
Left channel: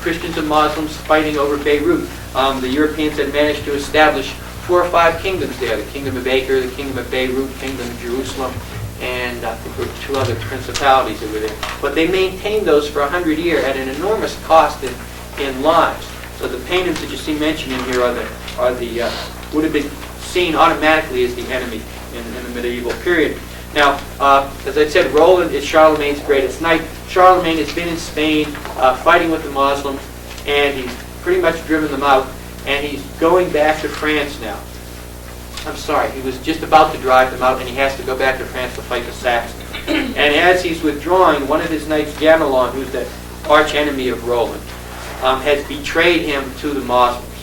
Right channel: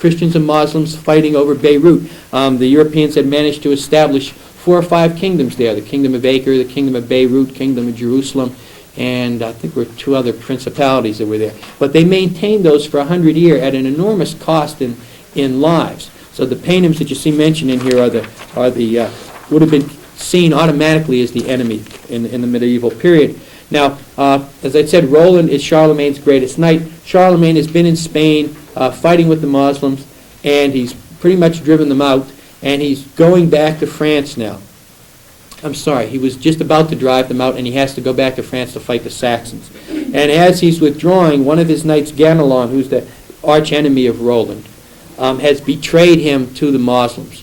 Christians and Muslims fighting over Beirut. The Europeans had managed to establish 4 or 5 kingdoms there: the Kingdom of Acre, the Kingdom of Beirut, Kingdom of Jerusalem, and I think there were 2 other principalities that were there. But they maintained those for 100 years at an enormous cost in lives. So the Paynims that you see mentioned in here would have been seen automatically as the enemy in the medieval period. Now, as I said, Roland is Charlemagne's greatest knight. Charlemagne has been in Spain fighting with the Muslims, and he's pretty much driven them out, and he's going back to France now. I'm sorry, he was just about to drive them out, and he has to go back to France to fight the Saxons. And as he's withdrawing, one of his knights, Ganelon, who's the arch enemy of Roland, has betrayed him to the Muslims.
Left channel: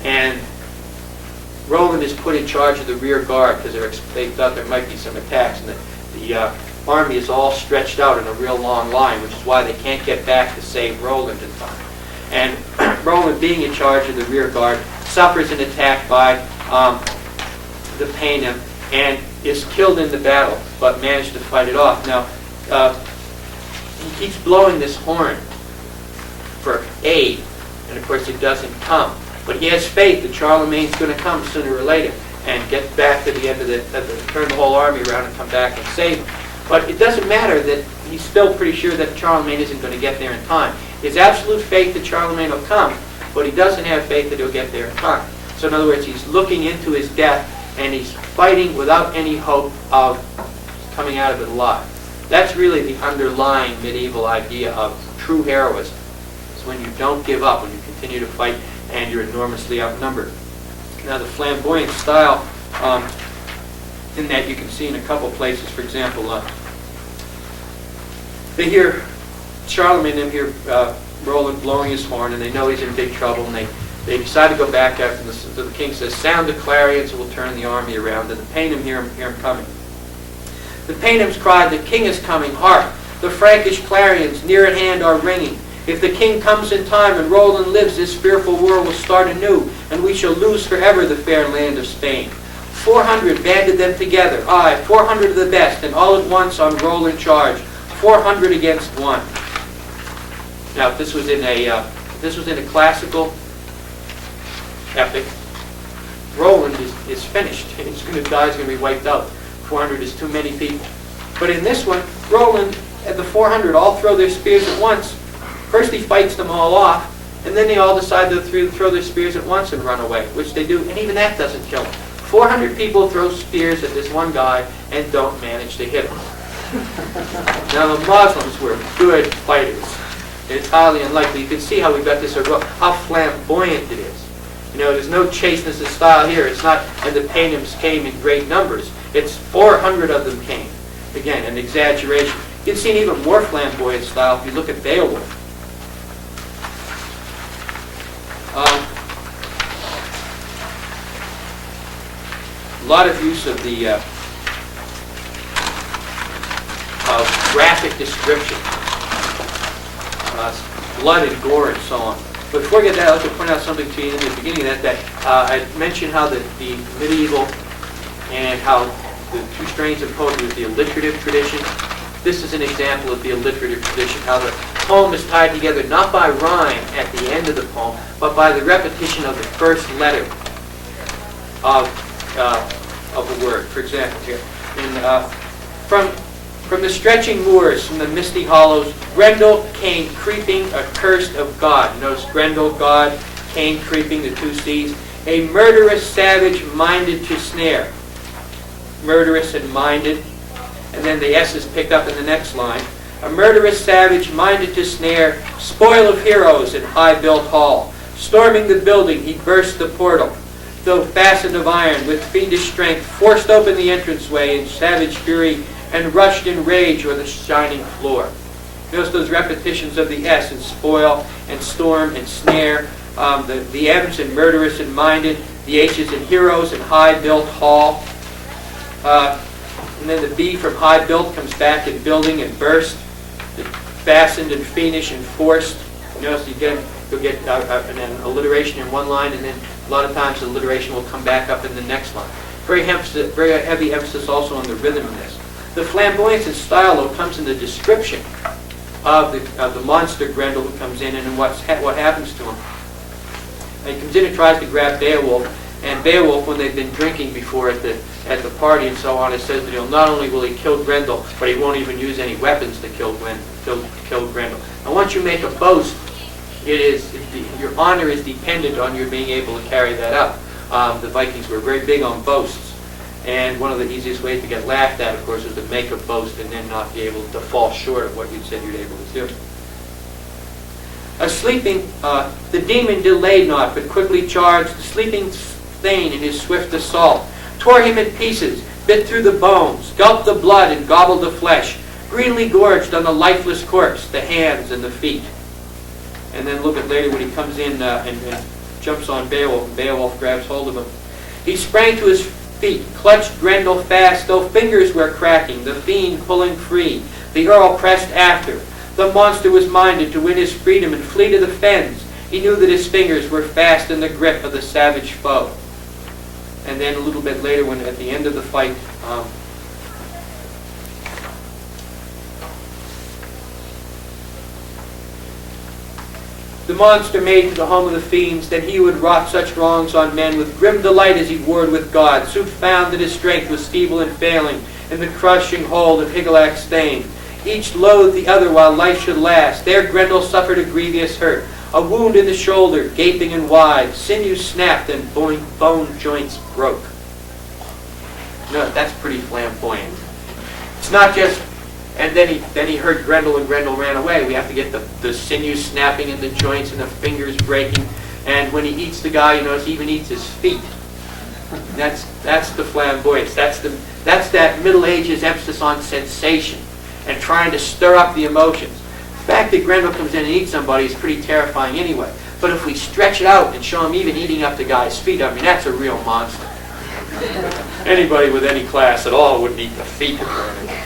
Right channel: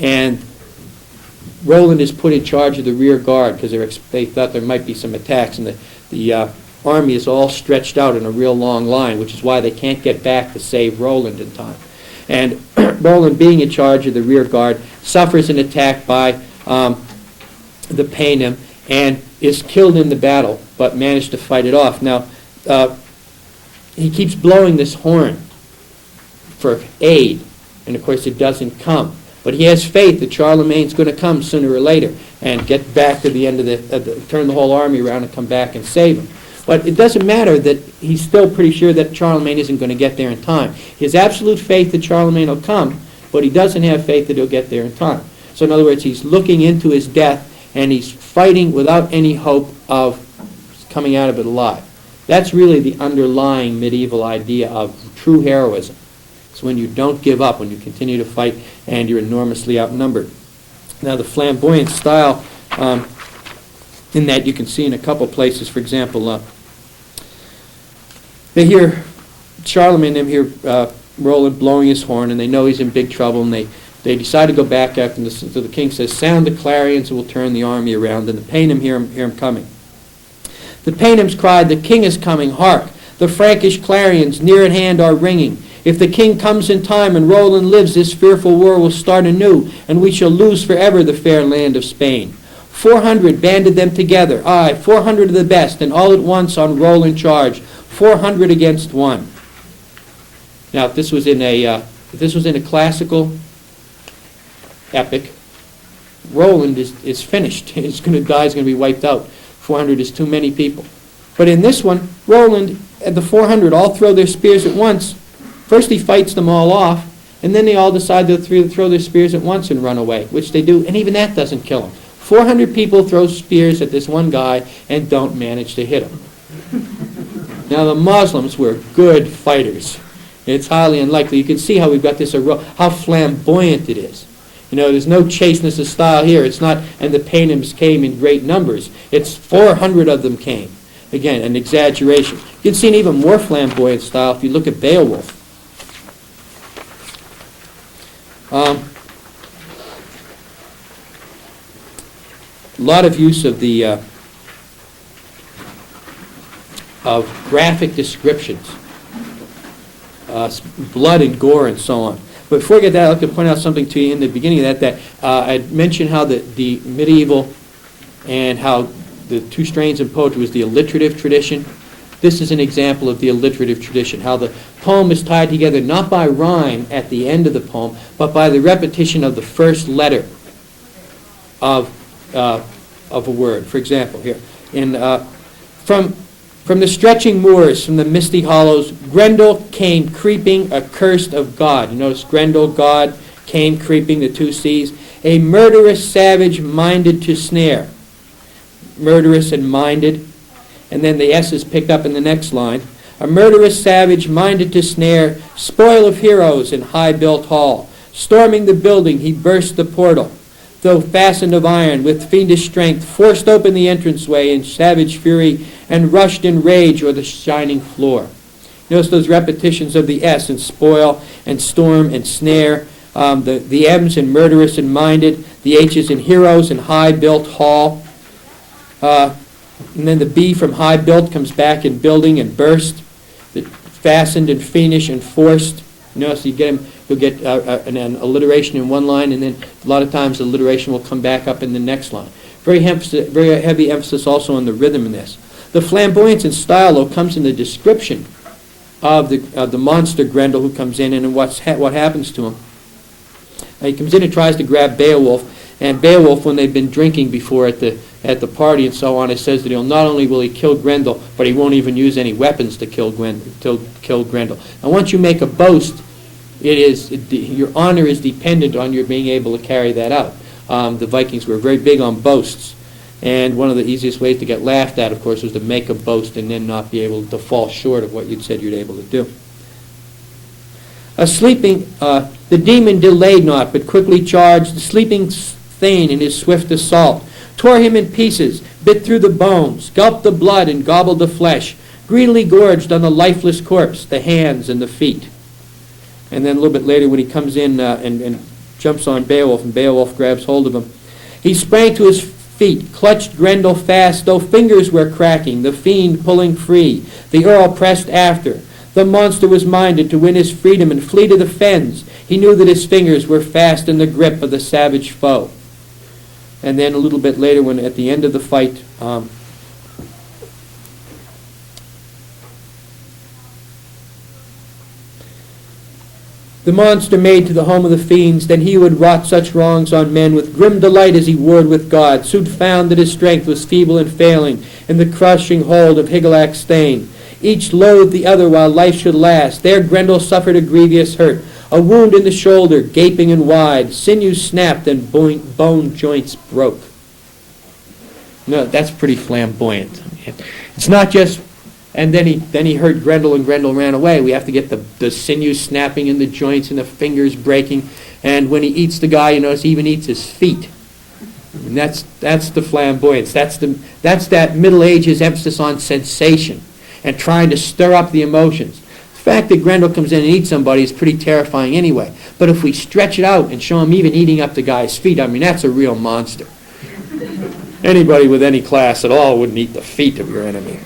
And Roland is put in charge of the rear guard because they thought there might be some attacks, and the army is all stretched out in a real long line, which is why they can't get back to save Roland in time. And Roland, being in charge of the rear guard, suffers an attack by the Paynim and is killed in the battle, but managed to fight it off. Now, he keeps blowing this horn for aid, and of course it doesn't come. But he has faith that Charlemagne's going to come sooner or later and get back to the end of turn the whole army around and come back and save him. But it doesn't matter that he's still pretty sure that Charlemagne isn't going to get there in time. He has absolute faith that Charlemagne will come, but he doesn't have faith that he'll get there in time. So in other words, he's looking into his death, and he's fighting without any hope of coming out of it alive. That's really the underlying medieval idea of true heroism. It's when you don't give up, when you continue to fight, and you're enormously outnumbered. Now, the flamboyant style, in that you can see in a couple places, for example, they hear Charlemagne, they hear Roland blowing his horn, and they know he's in big trouble, and they decide to go back after him. So the king says, "Sound the clarions, and we'll turn the army around." And the Paynim hear him coming. The Paynims cried, "The king is coming, hark! The Frankish clarions near at hand are ringing. If the king comes in time and Roland lives, this fearful war will start anew, and we shall lose forever the fair land of Spain. 400 banded them together, aye, 400 of the best, and all at once on Roland charge, 400 against 1. Now, if this was in a classical epic, Roland is finished. He's going to die. He's going to be wiped out. 400 is too many people. But in this one, Roland and the 400 all throw their spears at once. First he fights them all off, and then they all decide to throw their spears at once and run away, which they do, and even that doesn't kill him. 400 people throw spears at this one guy and don't manage to hit him. Now the Muslims were good fighters. It's highly unlikely. You can see how we got this, how flamboyant it is. You know, there's no chasteness of style here. It's not, and the Paynims came in great numbers. It's 400 of them came. Again, an exaggeration. You can see an even more flamboyant style if you look at Beowulf. A lot of use of the of graphic description, blood and gore and so on. But before I get that, I'd like to point out something to you in the beginning of that I mentioned how the medieval and how the two strains of poetry was the alliterative tradition. This is an example of the alliterative tradition, how the poem is tied together not by rhyme at the end of the poem, but by the repetition of the first letter of a word. For example, here, from the stretching moors, from the misty hollows, Grendel came creeping, accursed of God. Notice Grendel, God, came creeping, the two C's. A murderous savage minded to snare. Murderous and minded. And then the S is picked up in the next line. A murderous savage minded to snare, spoil of heroes in high-built hall. Storming the building, he burst the portal. Though fastened of iron, with fiendish strength, forced open the entranceway in savage fury, and rushed in rage o'er the shining floor. Notice those repetitions of the S in spoil and storm and snare. The M's in murderous and minded, the H's in heroes and high built hall. And then the B from high built comes back in building and burst, fastened and fiendish and forced. You know, so you'll get an alliteration in one line, and then a lot of times alliteration will come back up in the next line. Very heavy emphasis also on the rhythm in this. The flamboyance and style, though, comes in the description of the monster Grendel who comes in and what happens to him. And he comes in and tries to grab Beowulf, and Beowulf, when they've been drinking before at the party and so on, it says that not only will he kill Grendel, but he won't even use any weapons to kill Grendel. And once you make a boast, your honor is dependent on your being able to carry that out. The Vikings were very big on boasts, and one of the easiest ways to get laughed at, of course, is to make a boast and then not be able to fall short of what you'd said you'd able to do. The demon delayed not, but quickly charged the sleeping Thane in his swift assault, tore him in pieces, bit through the bones, gulped the blood and gobbled the flesh, greedily gorged on the lifeless corpse, the hands and the feet. And then a little bit later when he comes in and jumps on Beowulf, and Beowulf grabs hold of him, he sprang to his feet, clutched Grendel fast, though fingers were cracking, the fiend pulling free. The Earl pressed after. The monster was minded to win his freedom and flee to the fens. He knew that his fingers were fast in the grip of the savage foe. And then a little bit later, when at the end of the fight, the monster made to the home of the fiends, then he who had wrought such wrongs on men with grim delight as he warred with God, soon found that his strength was feeble and failing in the crushing hold of Hygelac Thane. Each loathed the other while life should last. There Grendel suffered a grievous hurt, a wound in the shoulder, gaping and wide, sinews snapped and bone joints broke. No, that's pretty flamboyant. It's not just, and then he hurt Grendel and Grendel ran away. We have to get the sinews snapping and the joints and the fingers breaking. And when he eats the guy, you notice he even eats his feet. And that's the flamboyance. That's that Middle Ages emphasis on sensation and trying to stir up the emotions. The fact that Grendel comes in and eats somebody is pretty terrifying anyway. But if we stretch it out and show him even eating up the guy's feet, I mean, that's a real monster. Anybody with any class at all wouldn't eat the feet of your enemy.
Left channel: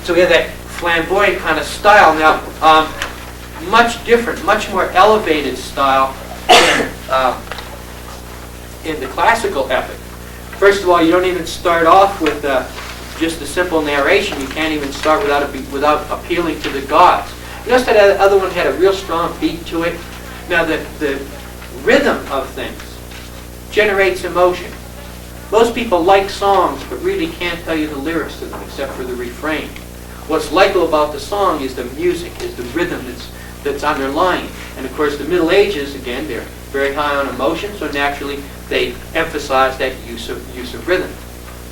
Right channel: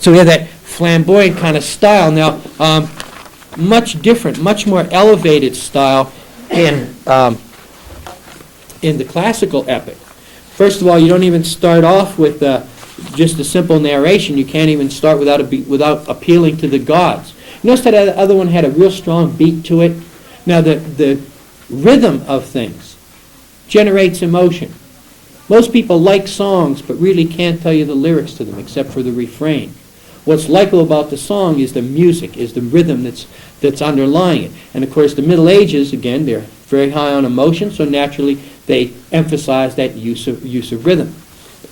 So we have that flamboyant kind of style. Now, much different, much more elevated style in the classical epic. First of all, you don't even start off with just a simple narration. You can't even start without appealing to the gods. Notice that other one had a real strong beat to it. Now, the rhythm of things generates emotion. Most people like songs, but really can't tell you the lyrics to them except for the refrain. What's likable about the song is the music, is the rhythm that's underlying it. And of course, the Middle Ages, again, they're very high on emotion, so naturally they emphasize that use of rhythm.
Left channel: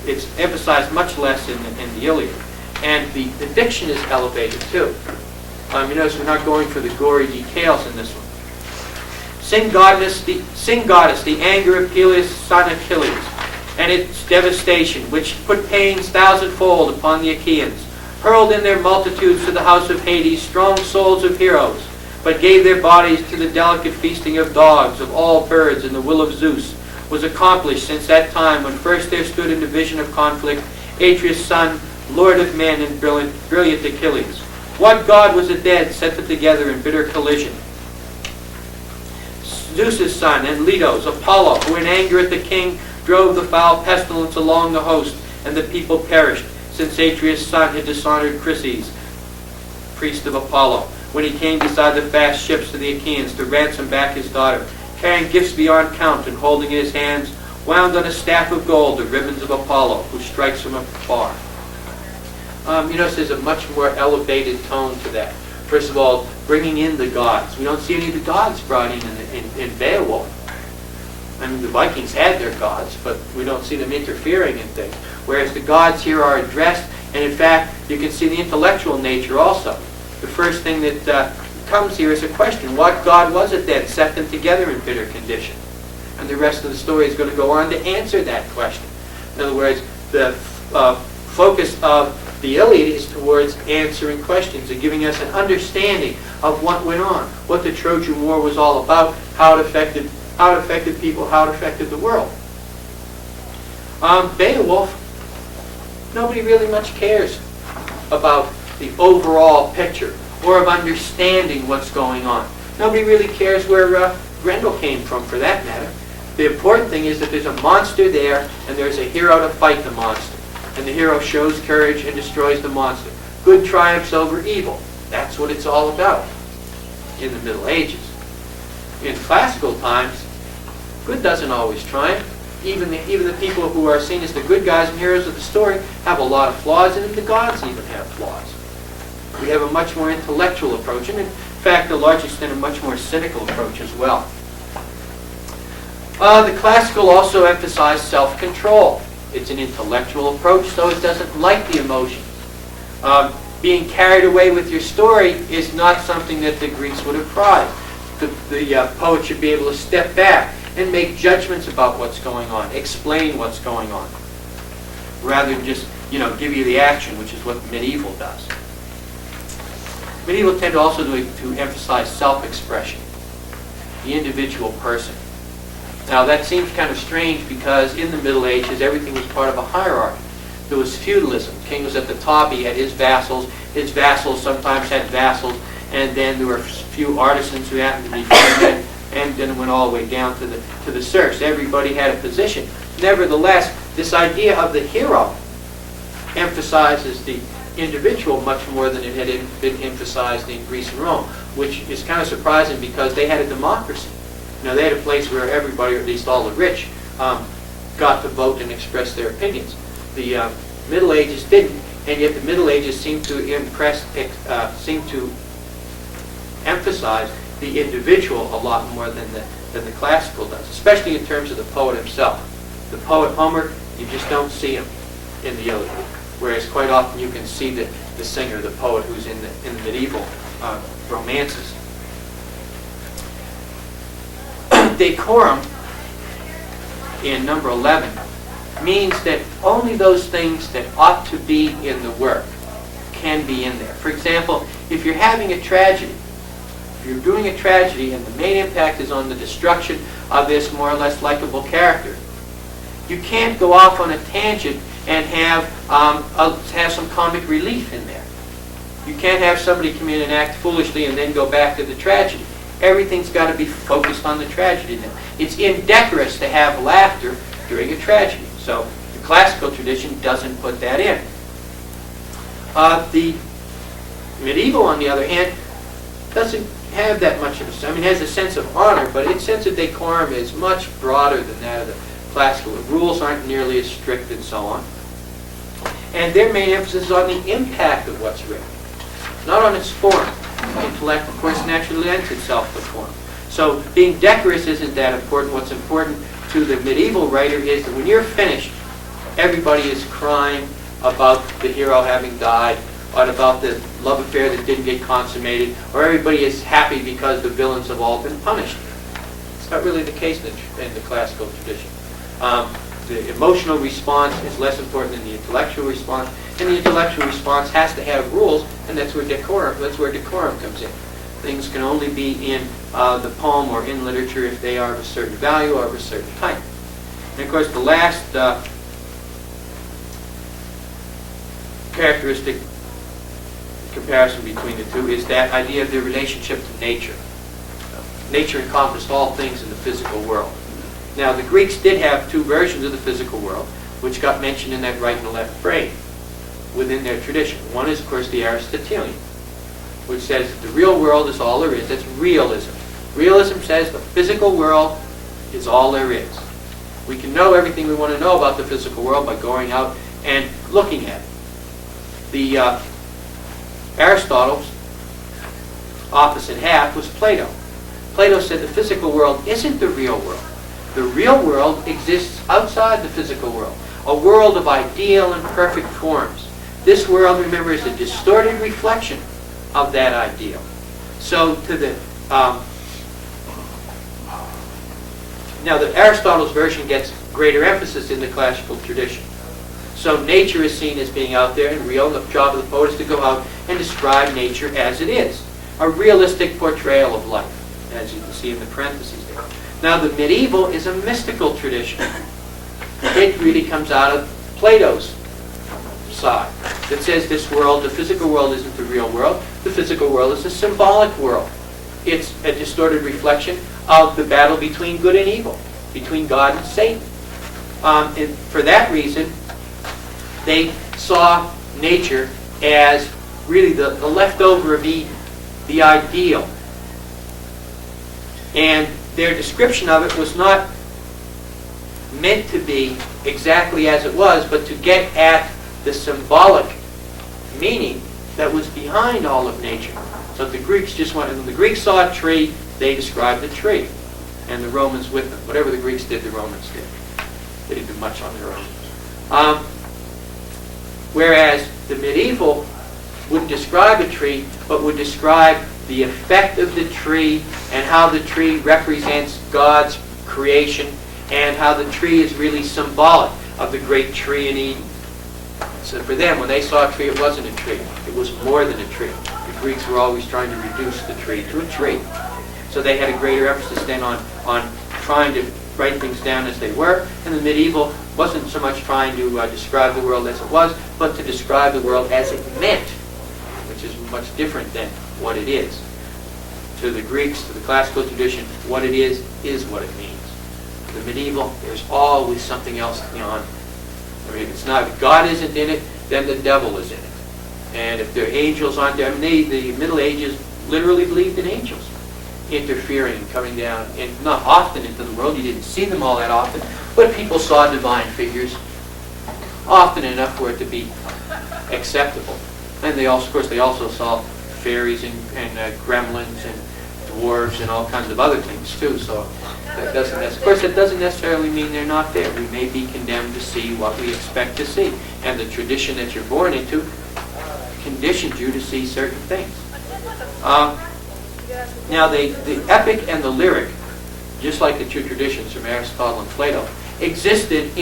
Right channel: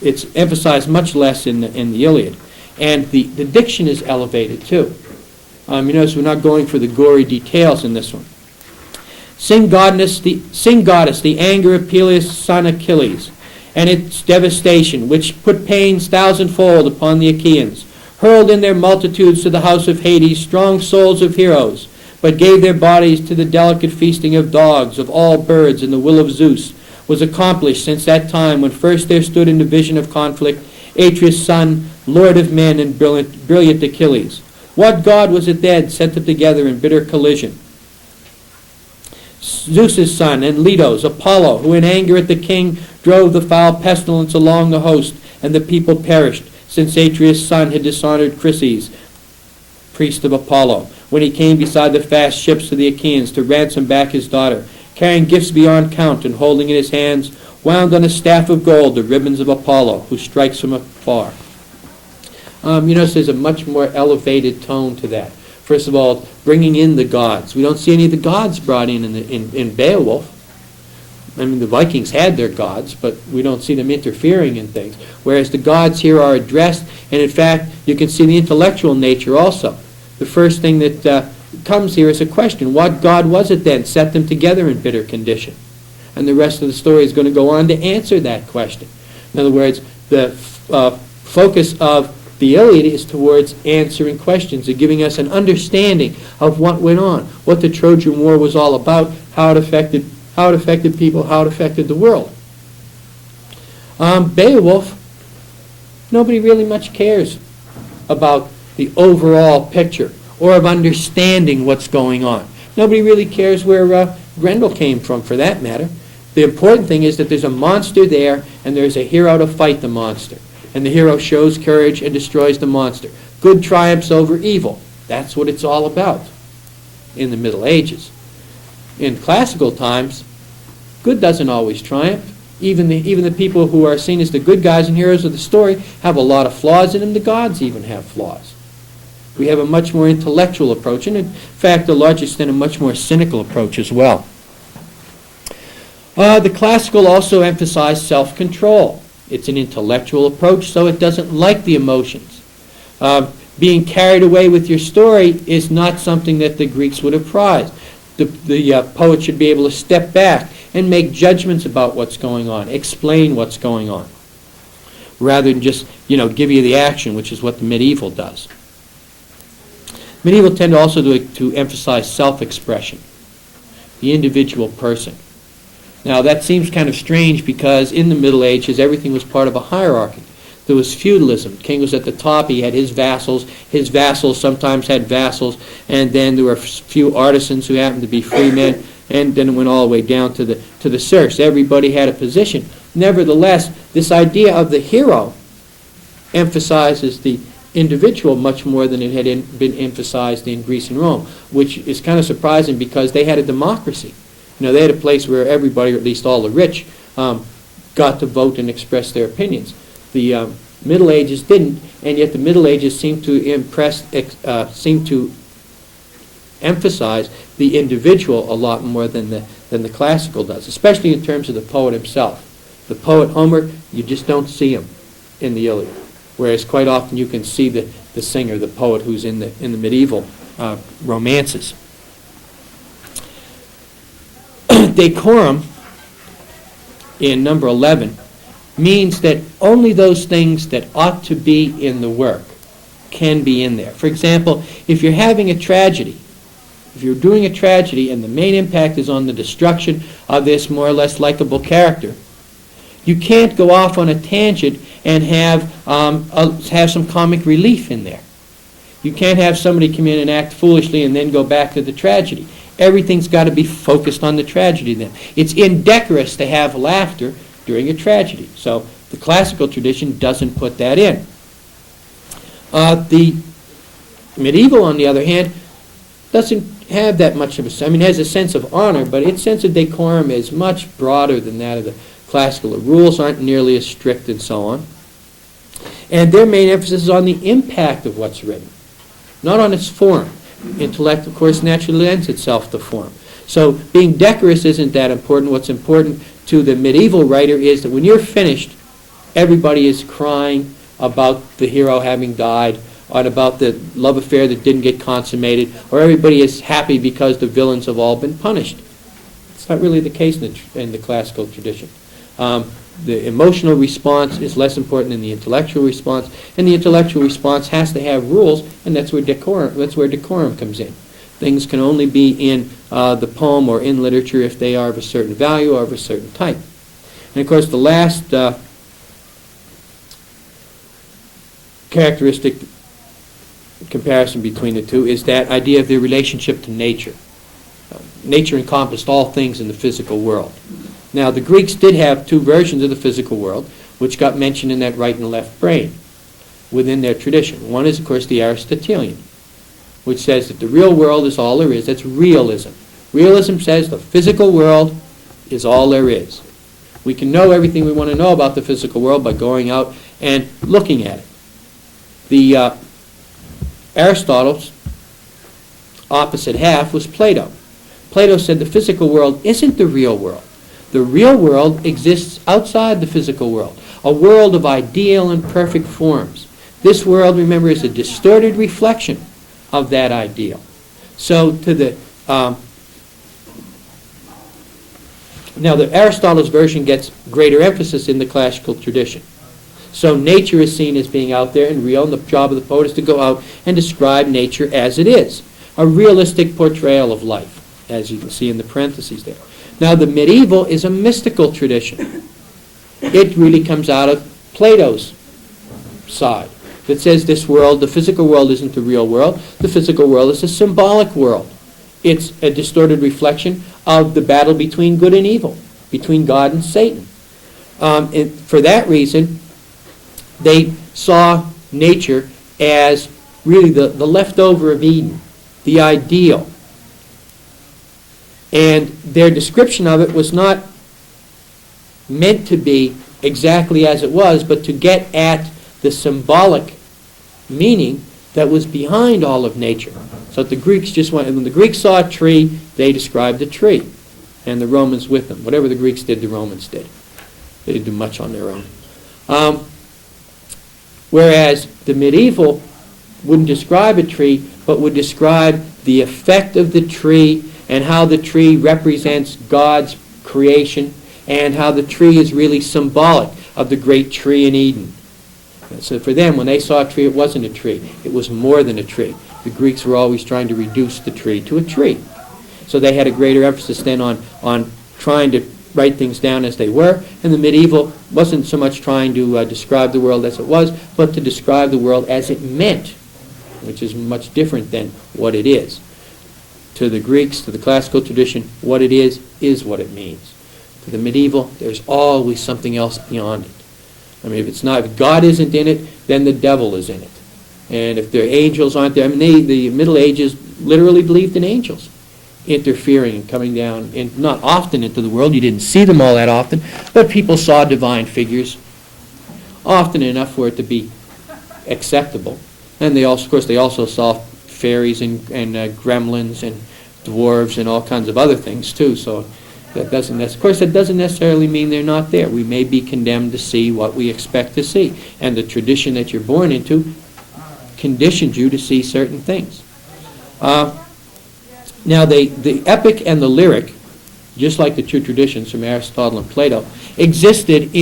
It's emphasized much less in the Iliad. And the diction is elevated too. You notice we're not going for the gory details in this one. Sing goddess, the anger of Peleus' son Achilles, and its devastation, which put pains thousandfold upon the Achaeans, hurled in their multitudes to the house of Hades strong souls of heroes, but gave their bodies to the delicate feasting of dogs, of all birds, and the will of Zeus was accomplished since that time when first there stood in the vision of conflict Atreus' son, lord of men, and brilliant Achilles. What god was it then set them together in bitter collision? Zeus' son, and Letos, Apollo, who in anger at the king drove the foul pestilence along the host, and the people perished, since Atreus' son had dishonored Chryses, priest of Apollo, when he came beside the fast ships of the Achaeans to ransom back his daughter, carrying gifts beyond count, and holding in his hands, wound on a staff of gold, the ribbons of Apollo, who strikes from afar. There's a much more elevated tone to that. First of all, bringing in the gods. We don't see any of the gods brought in Beowulf. I mean, the Vikings had their gods, but we don't see them interfering in things. Whereas the gods here are addressed, and in fact, you can see the intellectual nature also. The first thing that comes here is a question. What god was it then set them together in bitter condition? And the rest of the story is going to go on to answer that question. In other words, the focus of The Iliad is towards answering questions and giving us an understanding of what went on, what the Trojan War was all about, how it affected people, how it affected the world. Beowulf, nobody really much cares about the overall picture or of understanding what's going on. Nobody really cares where Grendel came from, for that matter. The important thing is that there's a monster there and there's a hero to fight the monster. And the hero shows courage and destroys the monster. Good triumphs over evil. That's what it's all about in the Middle Ages. In classical times, good doesn't always triumph. Even the people who are seen as the good guys and heroes of the story have a lot of flaws in them. The gods even have flaws. We have a much more intellectual approach, and in fact, to a large extent, a much more cynical approach as well. The classical also emphasized self-control. It's an intellectual approach, so it doesn't like the emotions. Being carried away with your story is not something that the Greeks would have prized. The poet should be able to step back and make judgments about what's going on, explain what's going on, rather than just give you the action, which is what the medieval does. Medieval tend also to emphasize self-expression, the individual person. Now that seems kind of strange because in the Middle Ages everything was part of a hierarchy. There was feudalism. The king was at the top, he had his vassals. His vassals sometimes had vassals, and then there were a few artisans who happened to be freemen, and then it went all the way down to the serfs. Everybody had a position. Nevertheless, this idea of the hero emphasizes the individual much more than it had been emphasized in Greece and Rome, which is kind of surprising because they had a democracy. They had a place where everybody, or at least all the rich, got to vote and express their opinions. The Middle Ages didn't, and yet the Middle Ages seemed to emphasize the individual a lot more than the classical does, especially in terms of the poet himself. The poet Homer, you just don't see him in the Iliad, whereas quite often you can see the singer, the poet who's in the medieval romances. Decorum, in number 11, means that only those things that ought to be in the work can be in there. For example, if you're having a tragedy, if you're doing a tragedy and the main impact is on the destruction of this more or less likable character, you can't go off on a tangent and have some comic relief in there. You can't have somebody come in and act foolishly and then go back to the tragedy. Everything's got to be focused on the tragedy then. It's indecorous to have laughter during a tragedy. So the classical tradition doesn't put that in. The medieval, on the other hand, doesn't have that much of it has a sense of honor, but its sense of decorum is much broader than that of the classical. The rules aren't nearly as strict and so on. And their main emphasis is on the impact of what's written, not on its form. Intellect, of course, naturally lends itself to form. So being decorous isn't that important. What's important to the medieval writer is that when you're finished, everybody is crying about the hero having died, or about the love affair that didn't get consummated, or everybody is happy because the villains have all been punished. It's not really the case in the classical tradition. The emotional response is less important than the intellectual response, and the intellectual response has to have rules, and that's where decorum comes in. Things can only be in the poem or in literature if they are of a certain value or of a certain type. And of course, the last characteristic comparison between the two is that idea of their relationship to nature. Nature encompassed all things in the physical world. Now, the Greeks did have two versions of the physical world, which got mentioned in that right and left brain within their tradition. One is, of course, the Aristotelian, which says that the real world is all there is. That's realism. Realism says the physical world is all there is. We can know everything we want to know about the physical world by going out and looking at it. The Aristotle's opposite half was Plato. Plato said the physical world isn't the real world. The real world exists outside the physical world, a world of ideal and perfect forms. This world, remember, is a distorted reflection of that ideal. So now the Aristotle's version gets greater emphasis in the classical tradition. So nature is seen as being out there and real, and the job of the poet is to go out and describe nature as it is. A realistic portrayal of life, as you can see in the parentheses there. Now the medieval is a mystical tradition. It really comes out of Plato's side that says this world, the physical world, isn't the real world. The physical world is a symbolic world. It's a distorted reflection of the battle between good and evil, between God and Satan. And for that reason, they saw nature as really the leftover of Eden, the ideal. And their description of it was not meant to be exactly as it was, but to get at the symbolic meaning that was behind all of nature. So the Greeks just went, when the Greeks saw a tree, they described the tree, and the Romans with them. Whatever the Greeks did, the Romans did. They didn't do much on their own. Whereas the medieval wouldn't describe a tree, but would describe the effect of the tree and how the tree represents God's creation and how the tree is really symbolic of the great tree in Eden. So for them, when they saw a tree, it wasn't a tree. It was more than a tree. The Greeks were always trying to reduce the tree to a tree. So they had a greater emphasis then on trying to write things down as they were, and the medieval wasn't so much trying to describe the world as it was, but to describe the world as it meant, which is much different than what it is. To the Greeks, to the classical tradition, what it is what it means. For the medieval, there's always something else beyond it. I mean, if God isn't in it, then the devil is in it. And if the angels aren't there, I mean, the Middle Ages literally believed in angels interfering and coming down, and not often into the world. You didn't see them all that often, but people saw divine figures often enough for it to be acceptable. And they also, of course, they also saw fairies and gremlins and dwarves and all kinds of other things too. So that doesn't, of course, it doesn't necessarily mean they're not there. We may be condemned to see what we expect to see, and the tradition that you're born into conditions you to see certain things. Now, the epic and the lyric, just like the two traditions from Aristotle and Plato, existed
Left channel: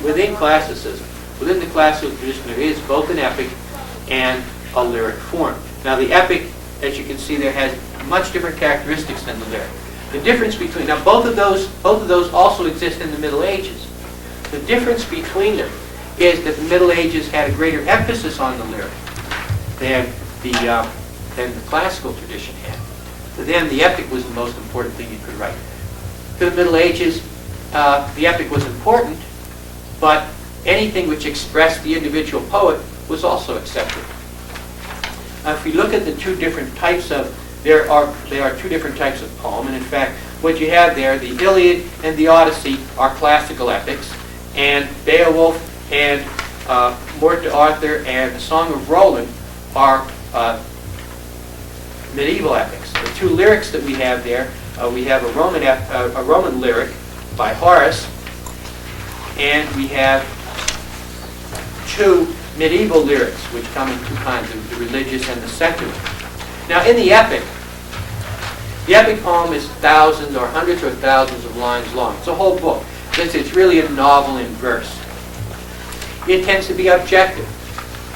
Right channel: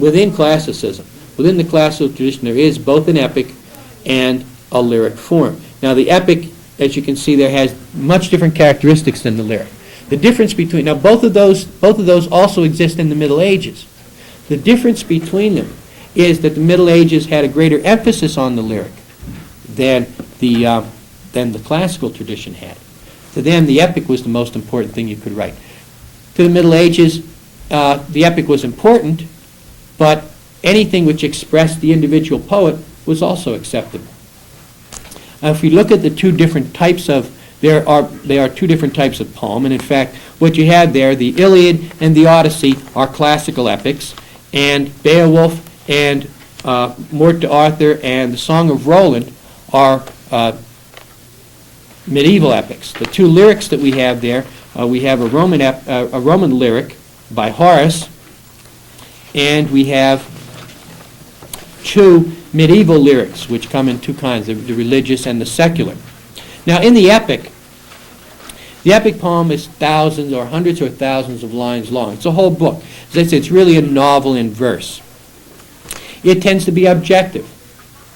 within classicism. Within the classical tradition, there is both an epic and a lyric form. Now, the epic, as you can see there, has much different characteristics than the lyric. The difference between, now both of those also exist in the Middle Ages. The difference between them is that the Middle Ages had a greater emphasis on the lyric than the classical tradition had. For them, the epic was the most important thing you could write. To the Middle Ages, the epic was important, but anything which expressed the individual poet was also accepted. If we look at the two different types of, there are two different types of poem, and in fact, what you have there, the Iliad and the Odyssey are classical epics, and Beowulf and Morte d'Arthur and the Song of Roland are medieval epics. The two lyrics that we have there, we have a Roman lyric by Horace, and we have two medieval lyrics, which come in two kinds, the religious and the secular. Now, in the epic poem is thousands or hundreds or thousands of lines long. It's a whole book. It's really a novel in verse. It tends to be objective.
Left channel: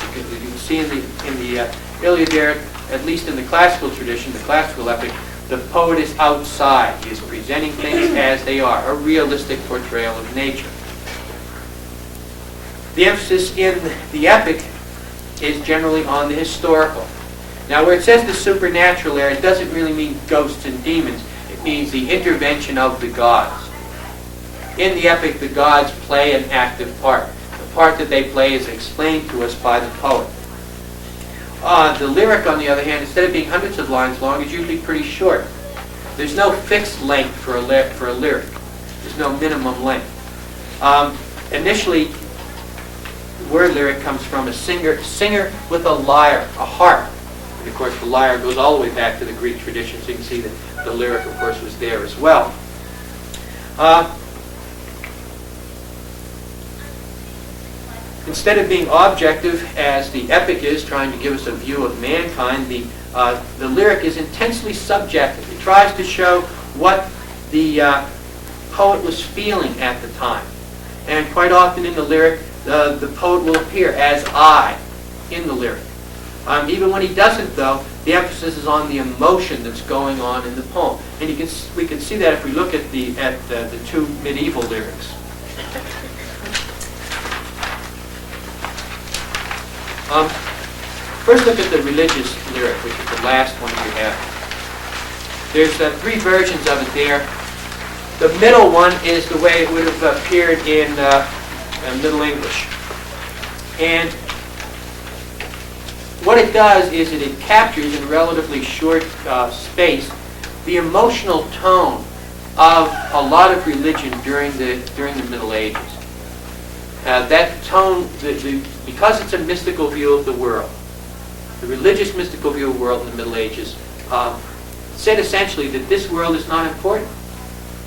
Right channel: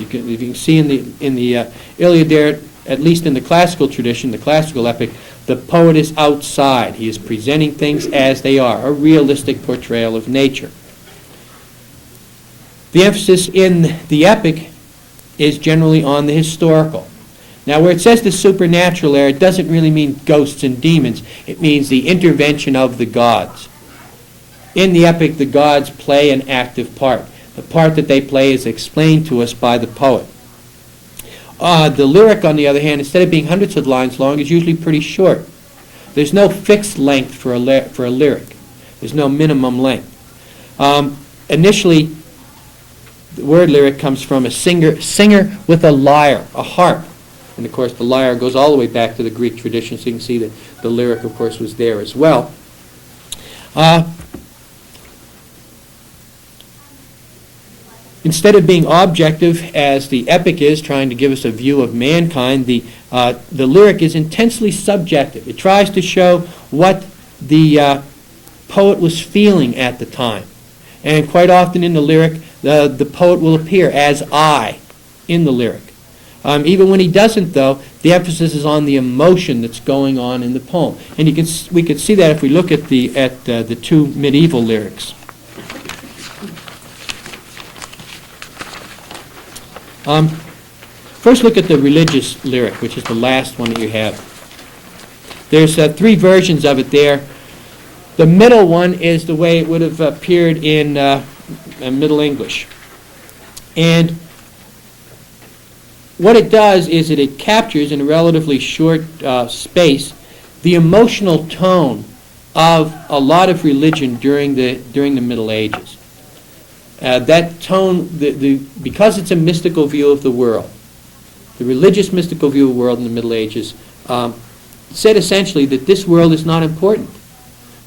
You can see in the Iliad there, at least in the classical tradition, the classical epic, the poet is outside. He is presenting things as they are, a realistic portrayal of nature. The emphasis in the epic is generally on the historical. Now, where it says the supernatural there, it doesn't really mean ghosts and demons. It means the intervention of the gods. In the epic, the gods play an active part. The part that they play is explained to us by the poet. The lyric, on the other hand, instead of being hundreds of lines long, is usually pretty short. There's no fixed length for a lyric. There's no minimum length. Initially, the word lyric comes from a singer with a lyre, a harp. And of course, the lyre goes all the way back to the Greek tradition, so you can see that the lyric, of course, was there as well. Instead of being objective, as the epic is, trying to give us a view of mankind, the lyric is intensely subjective. It tries to show what the poet was feeling at the time. And quite often in the lyric, the poet will appear as I in the lyric. Even when he doesn't, though, the emphasis is on the emotion that's going on in the poem, and we can see that if we look at the two medieval lyrics. First, look at the religious lyric, which is the last one that we have. There's three versions of it there. The middle one is the way it would have appeared in Middle English. And what it does is that it captures in a relatively short space the emotional tone of a lot of religion during the Middle Ages. That tone, because it's a mystical view of the world, the religious mystical view of the world in the Middle Ages, said essentially that this world is not important.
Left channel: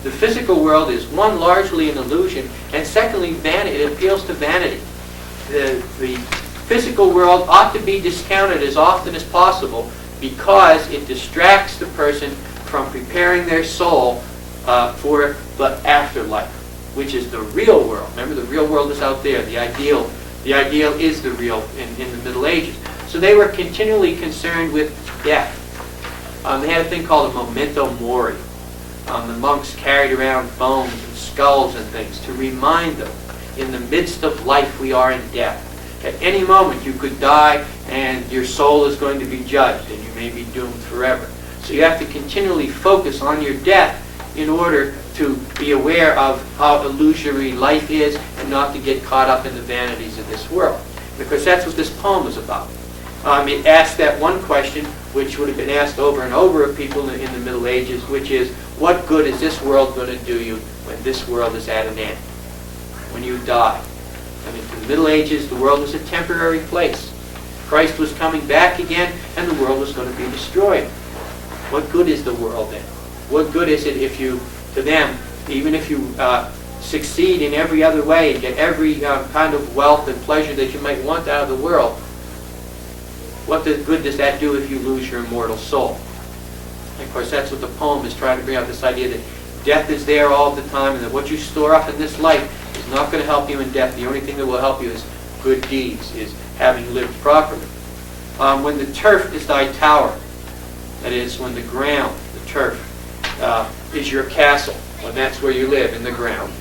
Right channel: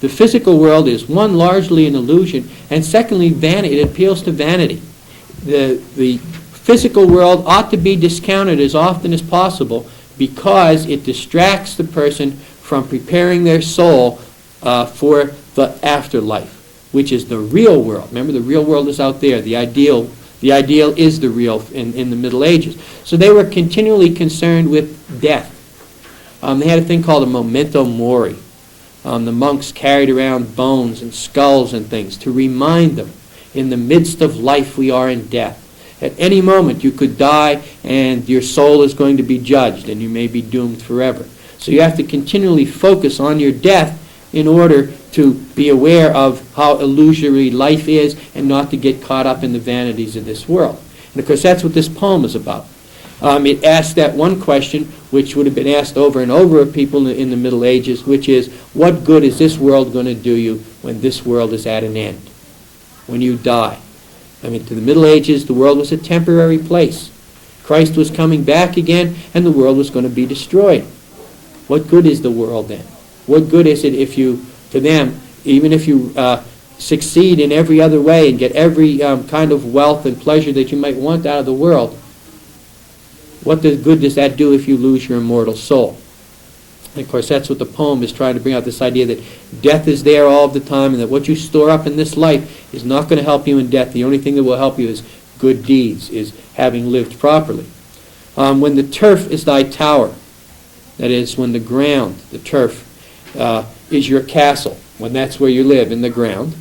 The physical world is, one, largely an illusion, and secondly, vanity. It appeals to vanity. The physical world ought to be discounted as often as possible because it distracts the person from preparing their soul for the afterlife, which is the real world. Remember, the real world is out there. The ideal is the real in the Middle Ages. So they were continually concerned with death. They had a thing called a memento mori. The monks carried around bones and skulls and things to remind them, in the midst of life we are in death. At any moment you could die and your soul is going to be judged and you may be doomed forever. So you have to continually focus on your death in order to be aware of how illusory life is and not to get caught up in the vanities of this world. And of course that's what this poem is about. It asks that one question which would have been asked over and over of people in the Middle Ages, which is, what good is this world going to do you when this world is at an end, when you die? I mean, in the Middle Ages, the world was a temporary place. Christ was coming back again, and the world was going to be destroyed. What good is the world then? What good is it if you, to them, even if you succeed in every other way and get every kind of wealth and pleasure that you might want out of the world, what good does that do if you lose your immortal soul? And of course, that's what the poem is trying to bring out, this idea that death is there all the time and that what you store up in this life is not going to help you in death. The only thing that will help you is good deeds, is having lived properly. When the turf is thy tower, that is, when the ground, the turf, is your castle, when that's where you live, in the ground,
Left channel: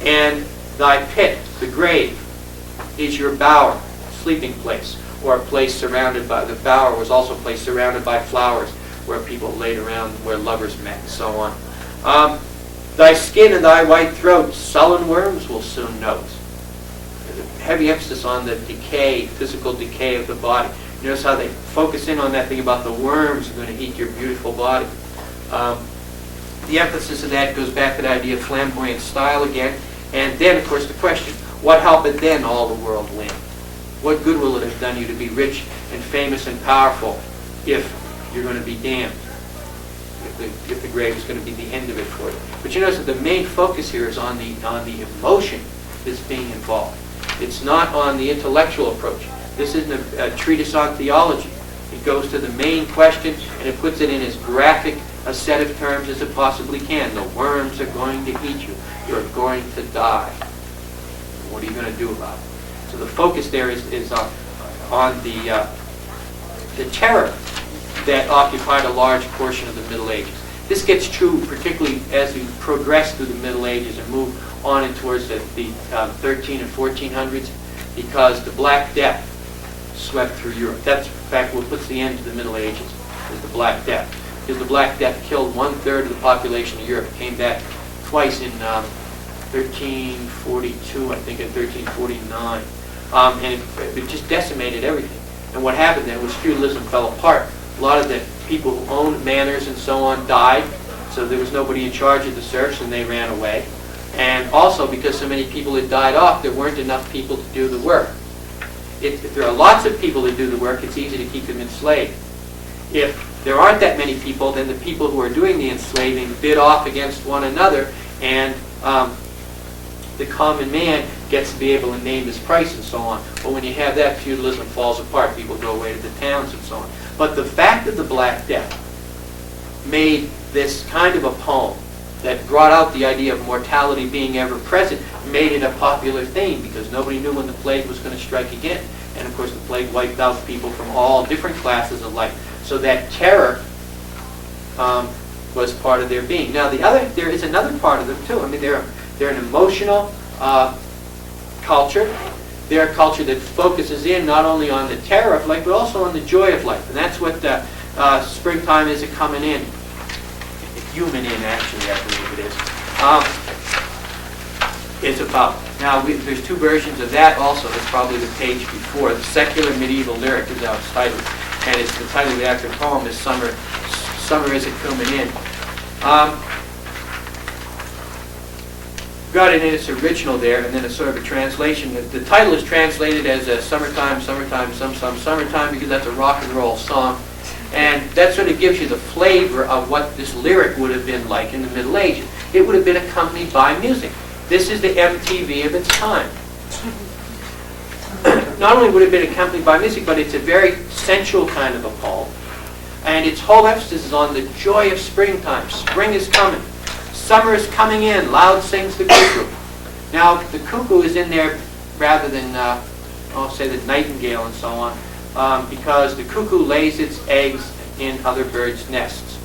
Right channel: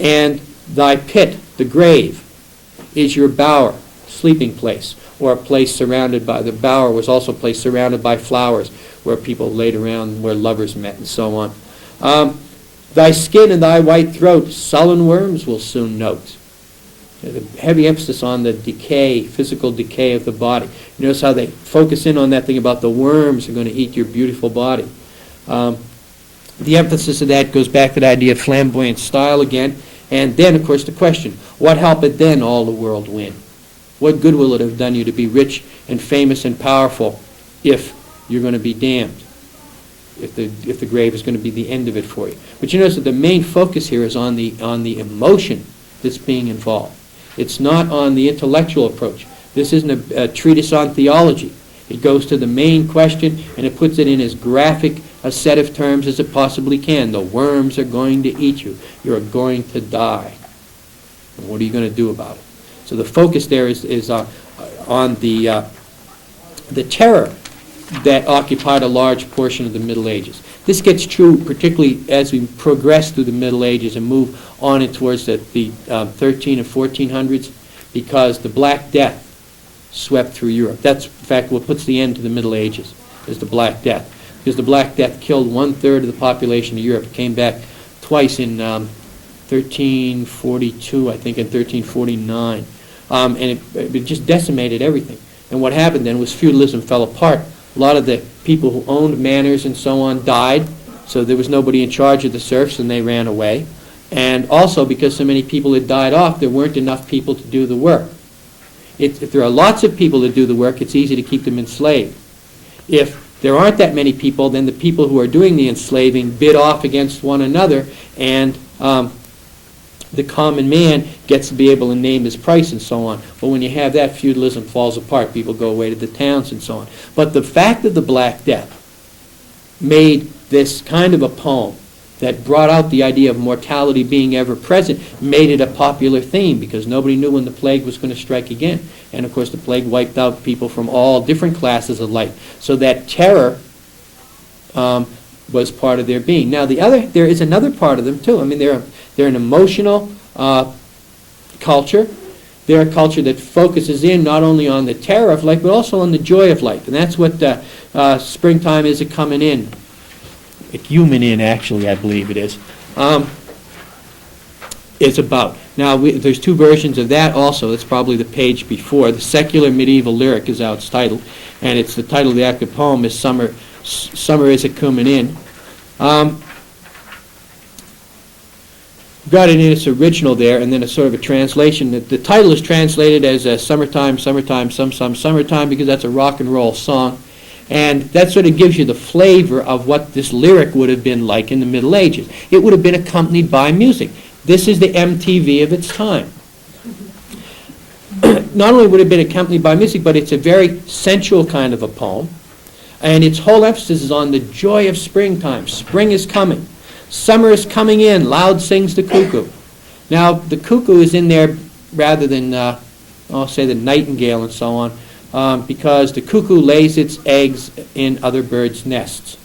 and thy pit, the grave, is your bower, sleeping place, or a place surrounded by, the bower was also a place surrounded by flowers where people laid around, where lovers met, and so on. Thy skin and thy white throat, sullen worms will soon note. Heavy emphasis on the decay, physical decay of the body. Notice how they focus in on that thing about the worms are going to eat your beautiful body. The emphasis of that goes back to the idea of flamboyant style again. And then, of course, the question, what helpeth then all the world win? What good will it have done you to be rich and famous and powerful if you're going to be damned? If the grave is going to be the end of it for you. But you notice that the main focus here is on the emotion that's being involved. It's not on the intellectual approach. This isn't a treatise on theology. It goes to the main question and it puts it in as graphic a set of terms as it possibly can. The worms are going to eat you. You're going to die. What are you going to do about it? So the focus there is on the terror that occupied a large portion of the Middle Ages. This gets true particularly as we progress through the Middle Ages and move on in towards the 13 and 1400s, because the Black Death swept through Europe. That's, in fact, what puts the end to the Middle Ages, is the Black Death. Because the Black Death killed 1/3 of the population of Europe. It came back twice in 1342, I think, and 1349. And it just decimated everything. And what happened then was feudalism fell apart. A lot of the people who owned manors and so on died, so there was nobody in charge of the serfs and they ran away. And also because so many people had died off, there weren't enough people to do the work. If there are lots of people to do the work, it's easy to keep them enslaved. If there aren't that many people, then the people who are doing the enslaving bid off against one another, and the common man gets to be able to name his price and so on. But when you have that, feudalism falls apart. People go away to the towns and so on. But the fact of the Black Death made this kind of a poem that brought out the idea of mortality being ever present, made it a popular theme because nobody knew when the plague was going to strike again. And of course the plague wiped out people from all different classes of life. So that terror was part of their being. Now there is another part of them too. I mean, they're an emotional culture. They're a culture that focuses in not only on the terror of life, but also on the joy of life. And that's what springtime is coming in. Human in, actually, I believe it is. It's about. Now, there's two versions of that also. It's probably the page before. The Secular Medieval Lyric is how it's titled. And it's the title of the active poem is Summer Is A-Comin' In. Got it in its original there, and then a sort of a translation. The title is translated as Summertime, Summertime, Summertime, because that's a rock and roll song. And that sort of gives you the flavor of what this lyric would have been like in the Middle Ages. It would have been accompanied by music. This is the MTV of its time. Not only would it have been accompanied by music, but it's a very sensual kind of a poem. And its whole emphasis is on the joy of springtime. Spring is coming. Summer is coming in. Loud sings the cuckoo. Now, the cuckoo is in there rather than, I'll say the nightingale and so on, because the cuckoo lays its eggs in other birds' nests.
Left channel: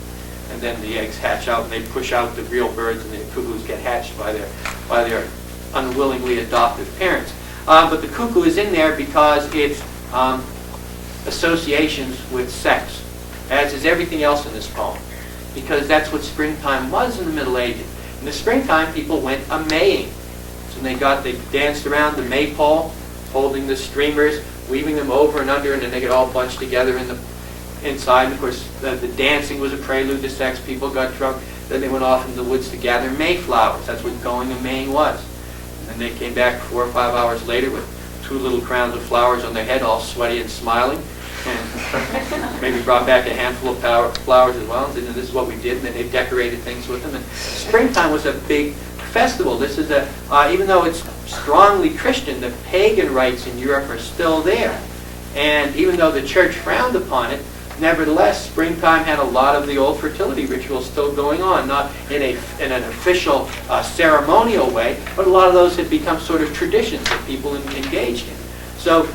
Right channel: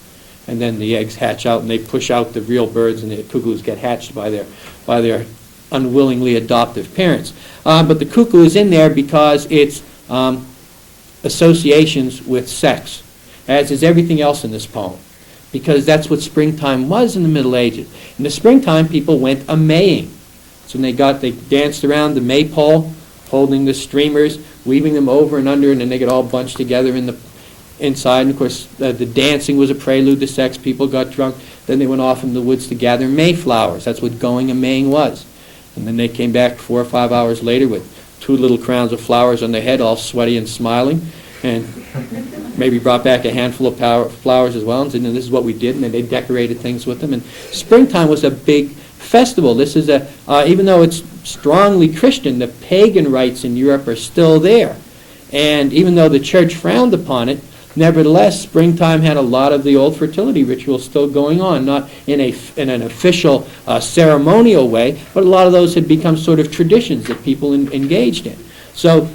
And then the eggs hatch out and they push out the real birds, and the cuckoos get hatched by their unwillingly adoptive parents. But the cuckoo is in there because it's associations with sex, as is everything else in this poem, because that's what springtime was in the Middle Ages. In the springtime, people went a-maying. So they danced around the maypole, holding the streamers, weaving them over and under, and then they get all bunched together inside. And of course, the dancing was a prelude to sex. People got drunk. Then they went off into the woods to gather mayflowers. That's what going a-maying was. And then they came back 4 or 5 hours later with 2 little crowns of flowers on their head, all sweaty and smiling, and maybe brought back a handful of flowers as well. And said, this is what we did, and then they decorated things with them. And springtime was a big festival. This is even though it's strongly Christian, the pagan rites in Europe are still there. And even though the church frowned upon it, nevertheless, springtime had a lot of the old fertility rituals still going on, not in an official ceremonial way, but a lot of those had become sort of traditions that people engaged in. So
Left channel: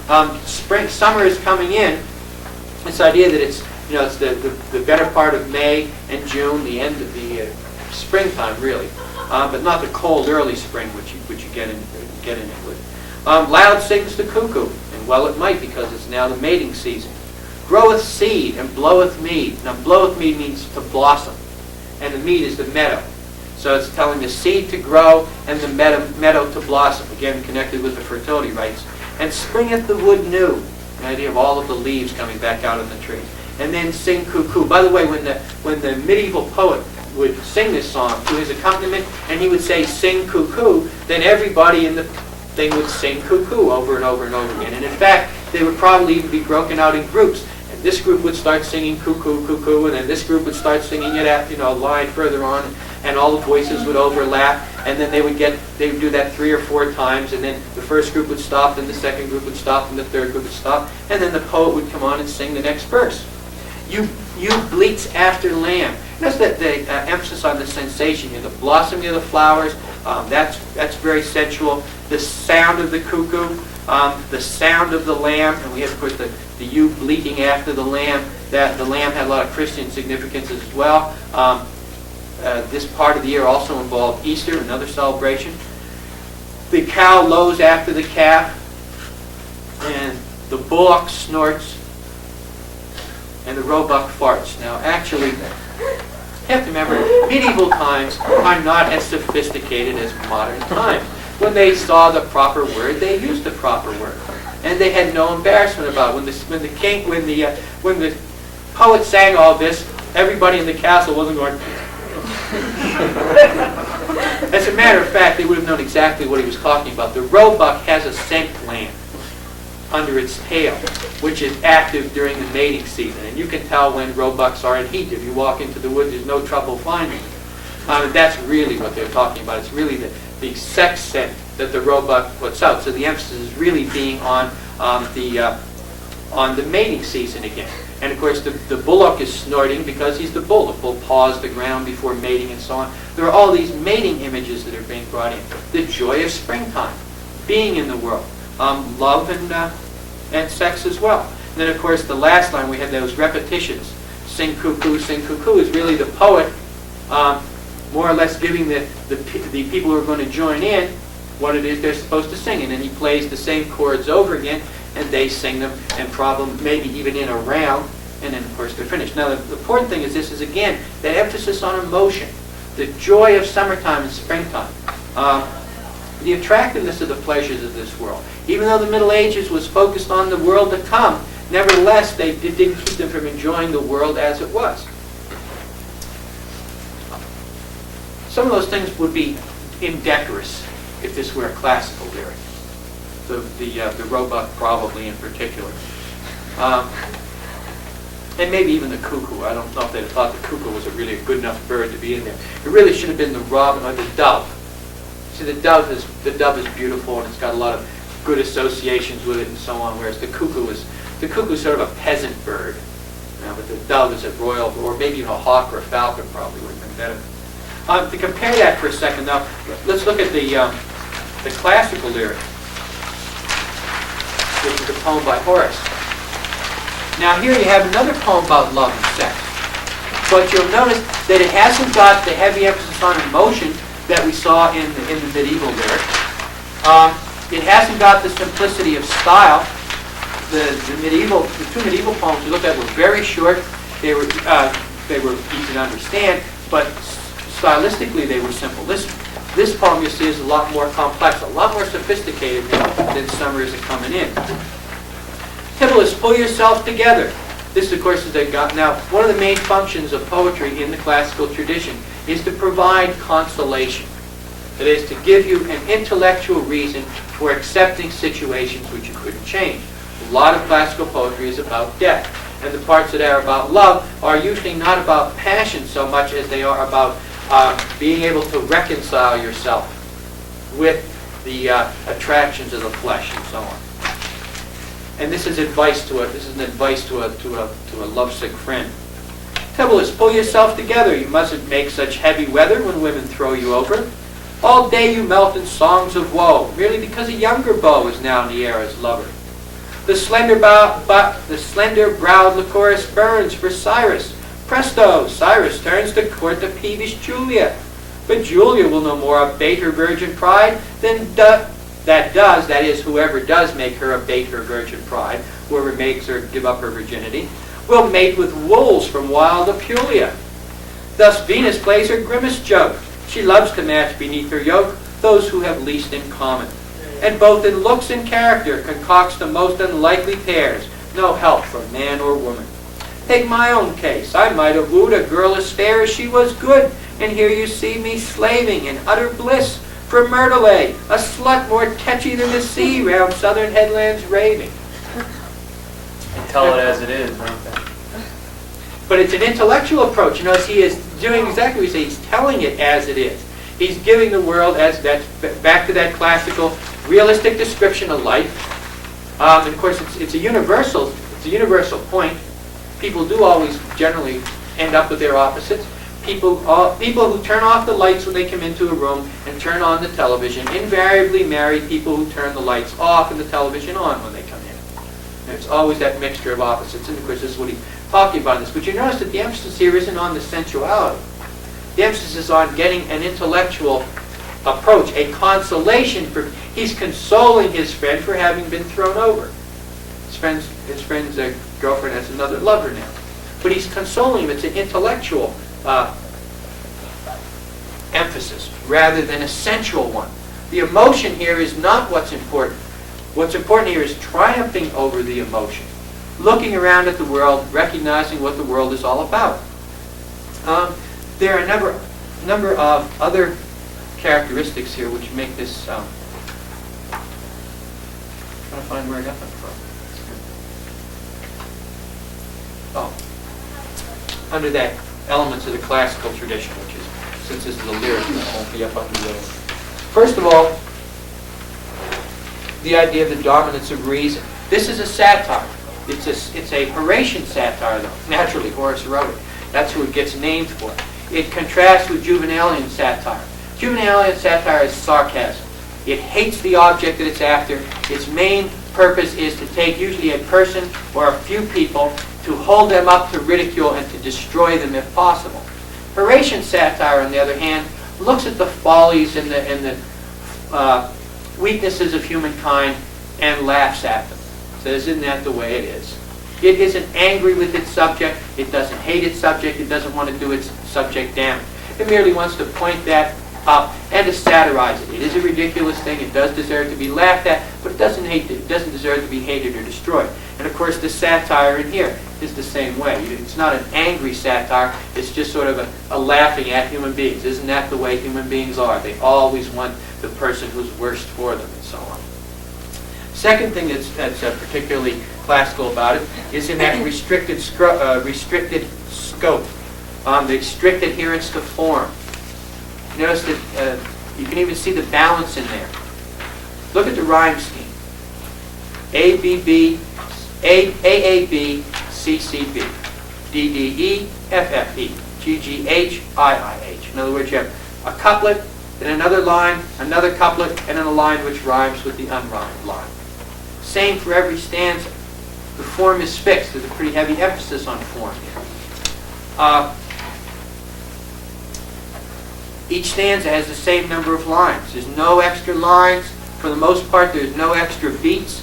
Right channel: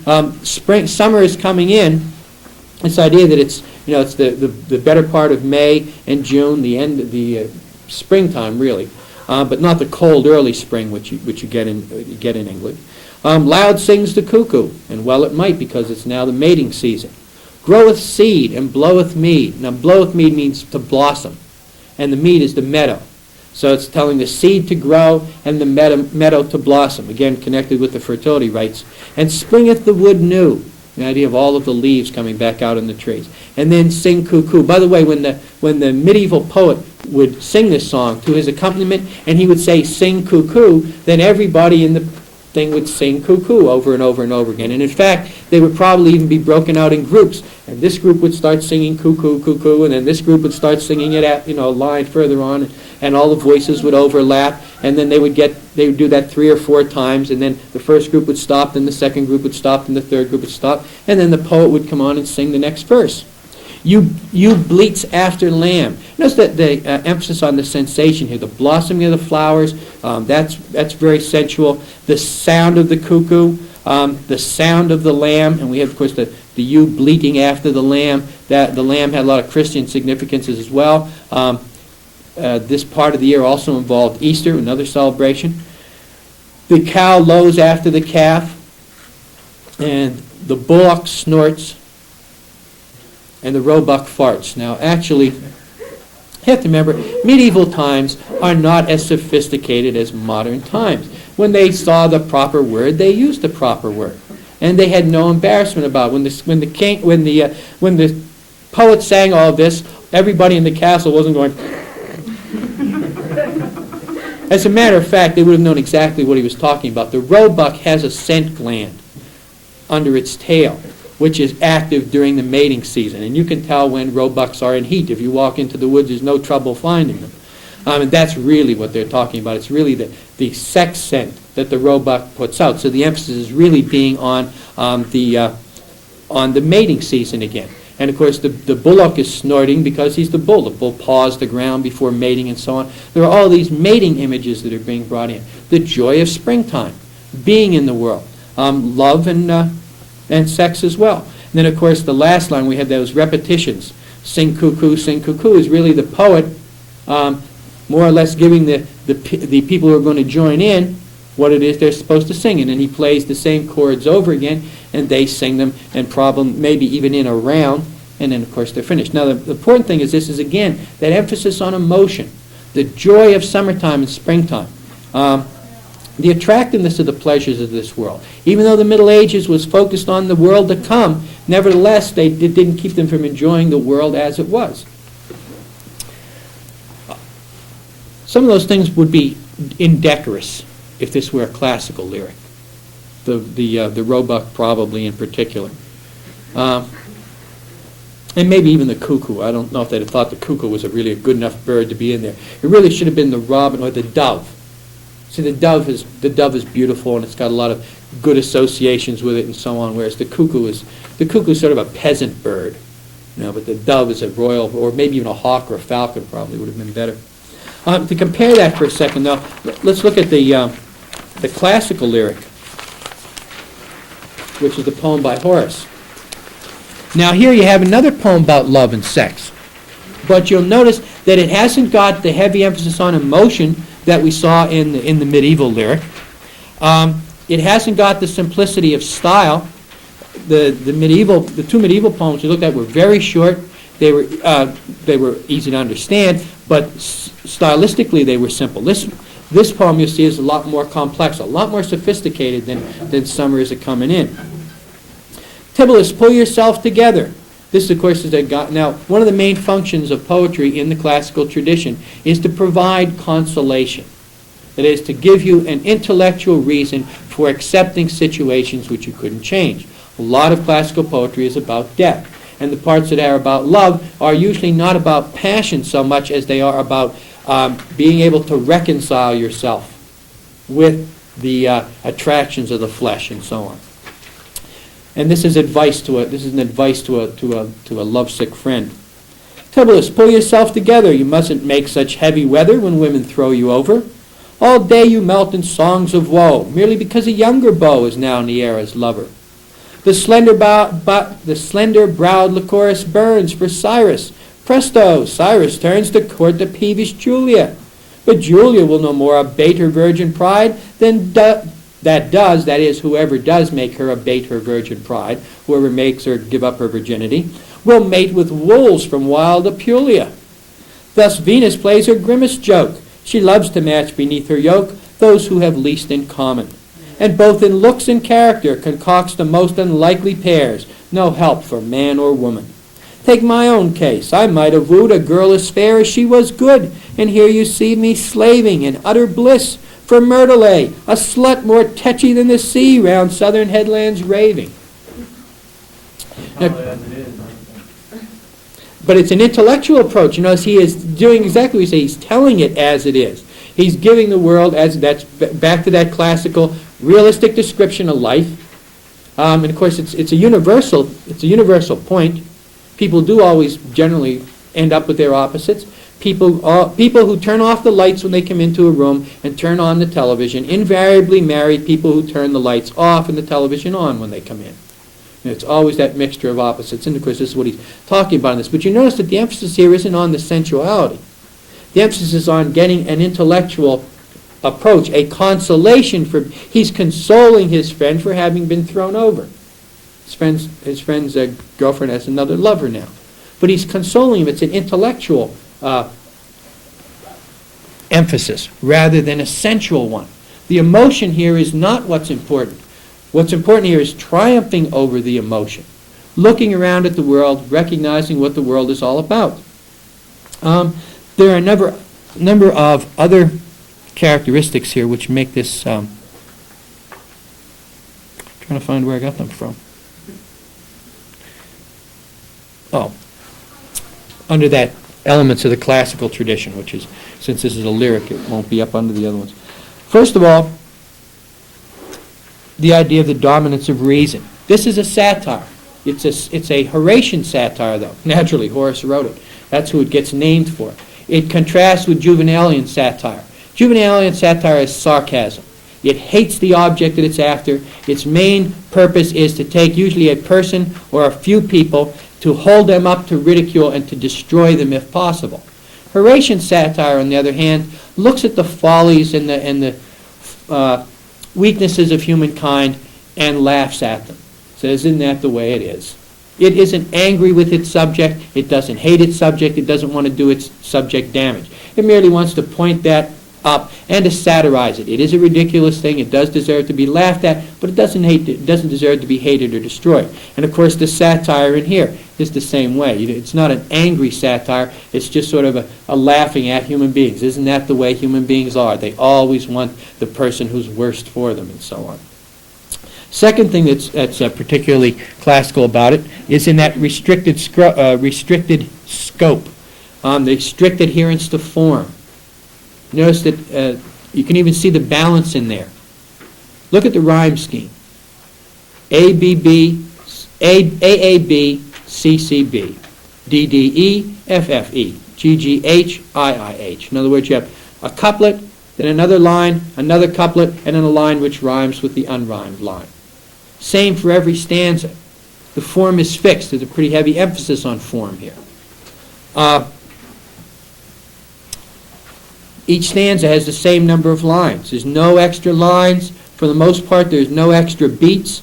summer is coming in. This idea that it's the better part of May and June, the end of the springtime really, but not the cold early spring which you get in England. Loud sings the cuckoo, and well it might, because it's now the mating season. Groweth seed and bloweth mead. Now bloweth mead means to blossom, and the mead is the meadow. So it's telling the seed to grow and the meadow to blossom, again connected with the fertility rites. And springeth the wood new, the idea of all of the leaves coming back out on the trees. And then sing cuckoo. By the way, when the medieval poet would sing this song to his accompaniment, and he would say sing cuckoo, then everybody in the thing would sing cuckoo over and over and over again. And in fact, they would probably even be broken out in groups. And this group would start singing cuckoo, cuckoo, and then this group would start singing it at a line further on, and all the voices would overlap, and then they would do that 3 or 4 times, and then the first group would stop, then the second group would stop, and the third group would stop, and then the poet would come on and sing the next verse. You bleats after lamb. Notice that the emphasis on the sensation here, the blossoming of the flowers, that's very sensual. The sound of the cuckoo, the sound of the lamb, and we have, of course, the ewe bleating after the lamb. That the lamb had a lot of Christian significances as well. This part of the year also involved Easter, another celebration. The cow lows after the calf, and the bullock snorts, and the roebuck farts. Now, actually, you have to remember, medieval times are not as sophisticated as modern times. When they saw the proper word, they used the proper word, and they had no embarrassment about it. When the poet sang all this, everybody in the castle wasn't going. As a matter of fact, they would have known exactly what he was talking about. The roebuck has a scent gland under its tail, which is active during the mating season. And you can tell when roebucks are in heat. If you walk into the woods, there's no trouble finding them. And that's really what they're talking about. It's really the sex scent that the roebuck puts out. So the emphasis is really being on the mating season again. And of course, the bullock is snorting because he's the bull. The bull paws the ground before mating and so on. There are all these mating images that are being brought in. The joy of springtime, being in the world, love and sex as well. And then, of course, the last line, we have those repetitions. Sing cuckoo is really the poet more or less giving the people who are going to join in what it is they're supposed to sing. And then he plays the same chords over again, and they sing them, and probably maybe even in a round, and then of course they're finished. Now the important thing is this is again that emphasis on emotion, the joy of summertime and springtime, the attractiveness of the pleasures of this world. Even though the Middle Ages was focused on the world to come, nevertheless it didn't keep them from enjoying the world as it was. Some of those things would be indecorous if this were a classical lyric. The roebuck probably in particular. And maybe even the cuckoo. I don't know if they thought the cuckoo was really a good enough bird to be in there. It really should have been the robin or the dove. See, the dove is beautiful, and it's got a lot of good associations with it and so on, whereas the cuckoo is sort of a peasant bird. But the dove is a royal, or maybe even a hawk or a falcon probably would have been better. To compare that for a second, though, let's look at the classical lyric, which is a poem by Horace. Now here you have another poem about love and sex. But you'll notice that it hasn't got the heavy emphasis on emotion that we saw in the medieval lyric. It hasn't got the simplicity of style. The two medieval poems we looked at were very short. They were easy to understand, but stylistically they were simple. This poem, you see, is a lot more complex, a lot more sophisticated than Summers are coming in. Tibullus, pull yourself together. This, of course, is now one of the main functions of poetry in the classical tradition is to provide consolation. That is, to give you an intellectual reason for accepting situations which you couldn't change. A lot of classical poetry is about death, and the parts that are about love are usually not about passion so much as they are about being able to reconcile yourself with the attractions of the flesh and so on. And this is advice to a lovesick friend. Tibullus, pull yourself together. You mustn't make such heavy weather when women throw you over. All day you melt in songs of woe, merely because a younger beau is now Neaera's lover. The slender-browed Lycoris burns for Cyrus. Presto, Cyrus turns to court the peevish Julia. But Julia will no more abate her virgin pride than that is, whoever does make her abate her virgin pride, whoever makes her give up her virginity, will mate with wolves from wild Apulia. Thus Venus plays her grimmest joke. She loves to match beneath her yoke those who have least in common. And both in looks and character concocts the most unlikely pairs, no help from man or woman. Take my own case. I might have wooed a girl as fair as she was good, and here you see me slaving in utter bliss for Myrtilate, a slut more tetchy than the sea round southern headlands raving. Tell it as it is, don't they? But it's an intellectual approach. You know, he is doing exactly what he says. He's telling it as it is. He's giving the world as that's back to that classical, realistic description of life. And of course, it's a universal point. People do always generally end up with their opposites. People who turn off the lights when they come into a room and turn on the television invariably marry people who turn the lights off and the television on when they come in. And it's always that mixture of opposites. And of course, this is what he's talking about in this. But you notice that the emphasis here isn't on the sensuality. The emphasis is on getting an intellectual approach, a consolation for. He's consoling his friend for having been thrown over. His friend's girlfriend has another lover now. But he's consoling him. It's an intellectual emphasis rather than a sensual one. The emotion here is not what's important. What's important here is triumphing over the emotion, looking around at the world, recognizing what the world is all about. There are a number of other characteristics here which make this. Trying to find where I got them from. Oh, under that elements of the classical tradition, which is, since this is a lyric, it won't be up under the other one. First of all, the idea of the dominance of reason. This is a satire. It's a Horatian satire, though. Naturally, Horace wrote it. That's who it gets named for. It contrasts with Juvenalian satire. Juvenalian satire is sarcasm. It hates the object that it's after. Its main purpose is to take usually a person or a few people to hold them up to ridicule and to destroy them if possible. Horatian satire, on the other hand, looks at the follies and the weaknesses of humankind and laughs at them. Says, isn't that the way it is? It isn't angry with its subject. It doesn't hate its subject. It doesn't want to do its subject damage. It merely wants to point that up and to satirize it. It is a ridiculous thing. It does deserve to be laughed at, but it doesn't deserve to be hated or destroyed. And of course, the satire in here is the same way. It's not an angry satire. It's just sort of a laughing at human beings. Isn't that the way human beings are? They always want the person who's worst for them, and so on. Second thing that's particularly classical about it is in that restricted scope, the strict adherence to form. Notice that you can even see the balance in there. Look at the rhyme scheme. AAB, CCB, DDE, FFE, GGH, IIH. In other words, you have a couplet, then another line, another couplet, and then a line which rhymes with the unrhymed line. Same for every stanza. The form is fixed. There's a pretty heavy emphasis on form here. Each stanza has the same number of lines. There's no extra lines. For the most part, there's no extra beats.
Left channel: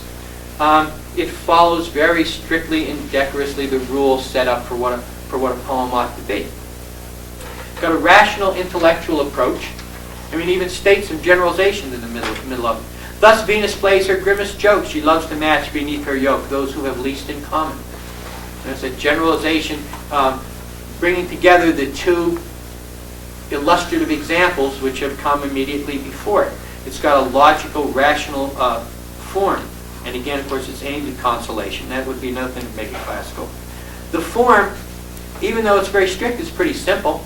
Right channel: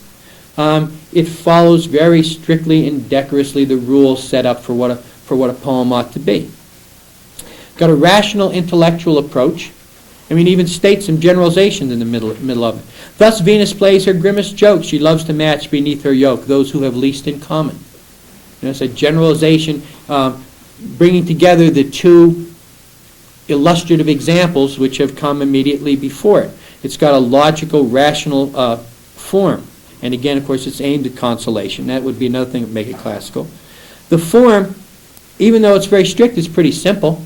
It follows very strictly and decorously the rules set up for what a poem ought to be. Got a rational intellectual approach. Even states some generalizations in the middle of it. Thus Venus plays her grimmest jokes. She loves to match beneath her yoke those who have least in common. It's a generalization bringing together the two illustrative examples which have come immediately before it. It's got a logical, rational form. And again, of course, it's aimed at consolation. That would be another thing that would make it classical. The form, even though it's very strict, is pretty simple.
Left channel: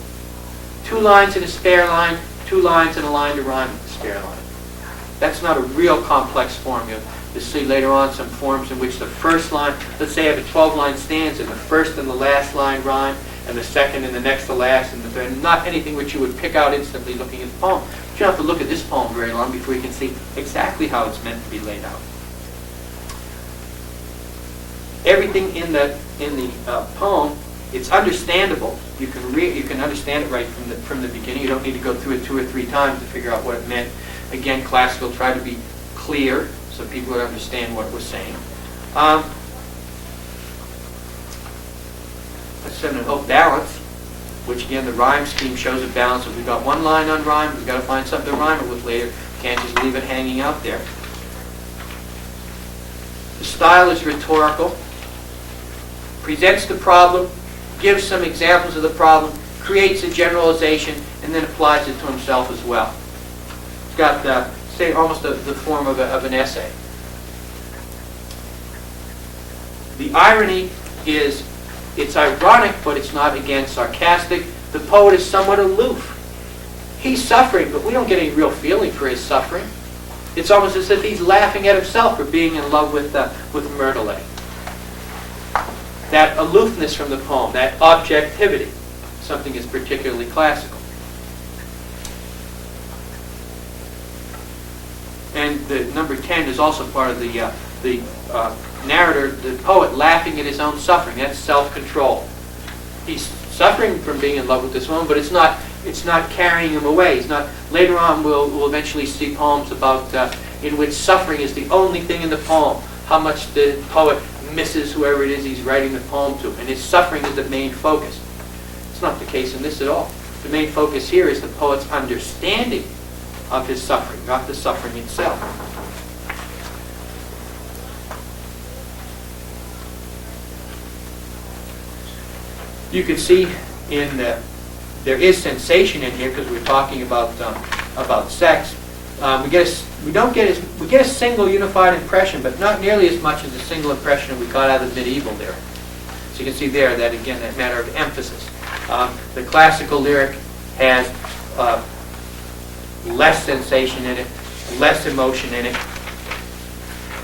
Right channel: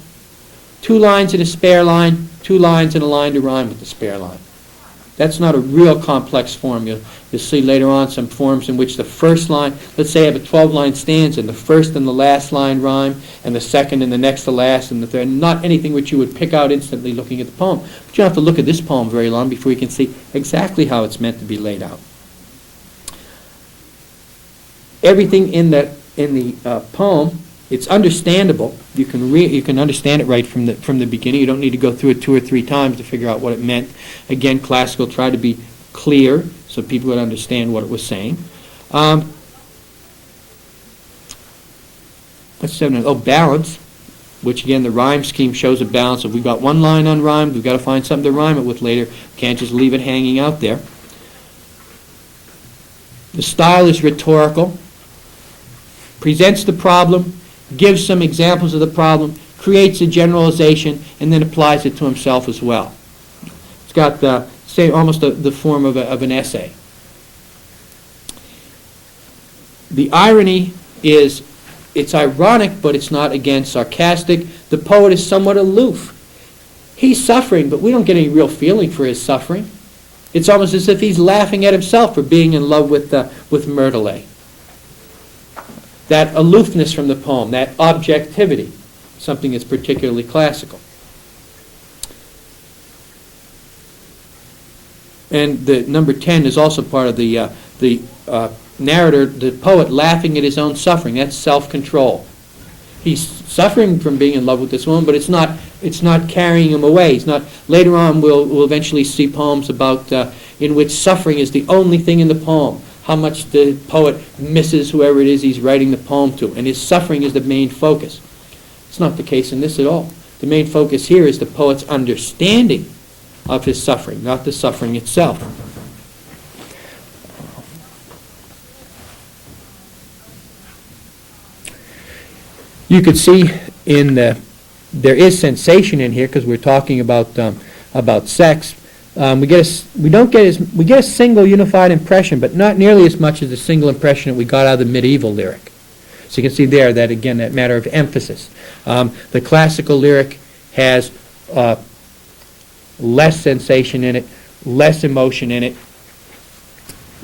2 lines and a spare line, 2 lines and a line to rhyme with the spare line. That's not a real complex form. You'll see later on some forms in which the first line, let's say I have a 12-line stanza, and the first and the last line rhyme, and the second and the next to last, and the third. Not anything which you would pick out instantly looking at the poem. But you don't have to look at this poem very long before you can see exactly how it's meant to be laid out. Everything in the poem, it's understandable. You can understand it right from the beginning. You don't need to go through it 2 or 3 times to figure out what it meant. Again, classical tried to be clear so people would understand what it was saying. Balance, which again the rhyme scheme shows a balance. If we've got one line unrhymed, we've got to find something to rhyme it with later. We can't just leave it hanging out there. The style is rhetorical, presents the problem, gives some examples of the problem, creates a generalization, and then applies it to himself as well. It's got almost the form of an essay. The irony is, it's ironic, but it's not, again, sarcastic. The poet is somewhat aloof. He's suffering, but we don't get any real feeling for his suffering. It's almost as if he's laughing at himself for being in love with Myrtilé. That aloofness from the poem, that objectivity, something that's particularly classical. And the number 10 is also part of the narrator, the poet laughing at his own suffering. That's self-control. He's suffering from being in love with this woman, but it's not carrying him away. It's not. Later on, we'll eventually see poems about in which suffering is the only thing in the poem. How much the poet misses whoever it is he's writing the poem to, and his suffering is the main focus. It's not the case in this at all. The main focus here is the poet's understanding of his suffering, not the suffering itself. You could see there is sensation in here because we're talking about sex. We get a single unified impression, but not nearly as much as the single impression that we got out of the medieval lyric. So you can see there that again that matter of emphasis. The classical lyric has less sensation in it, less emotion in it.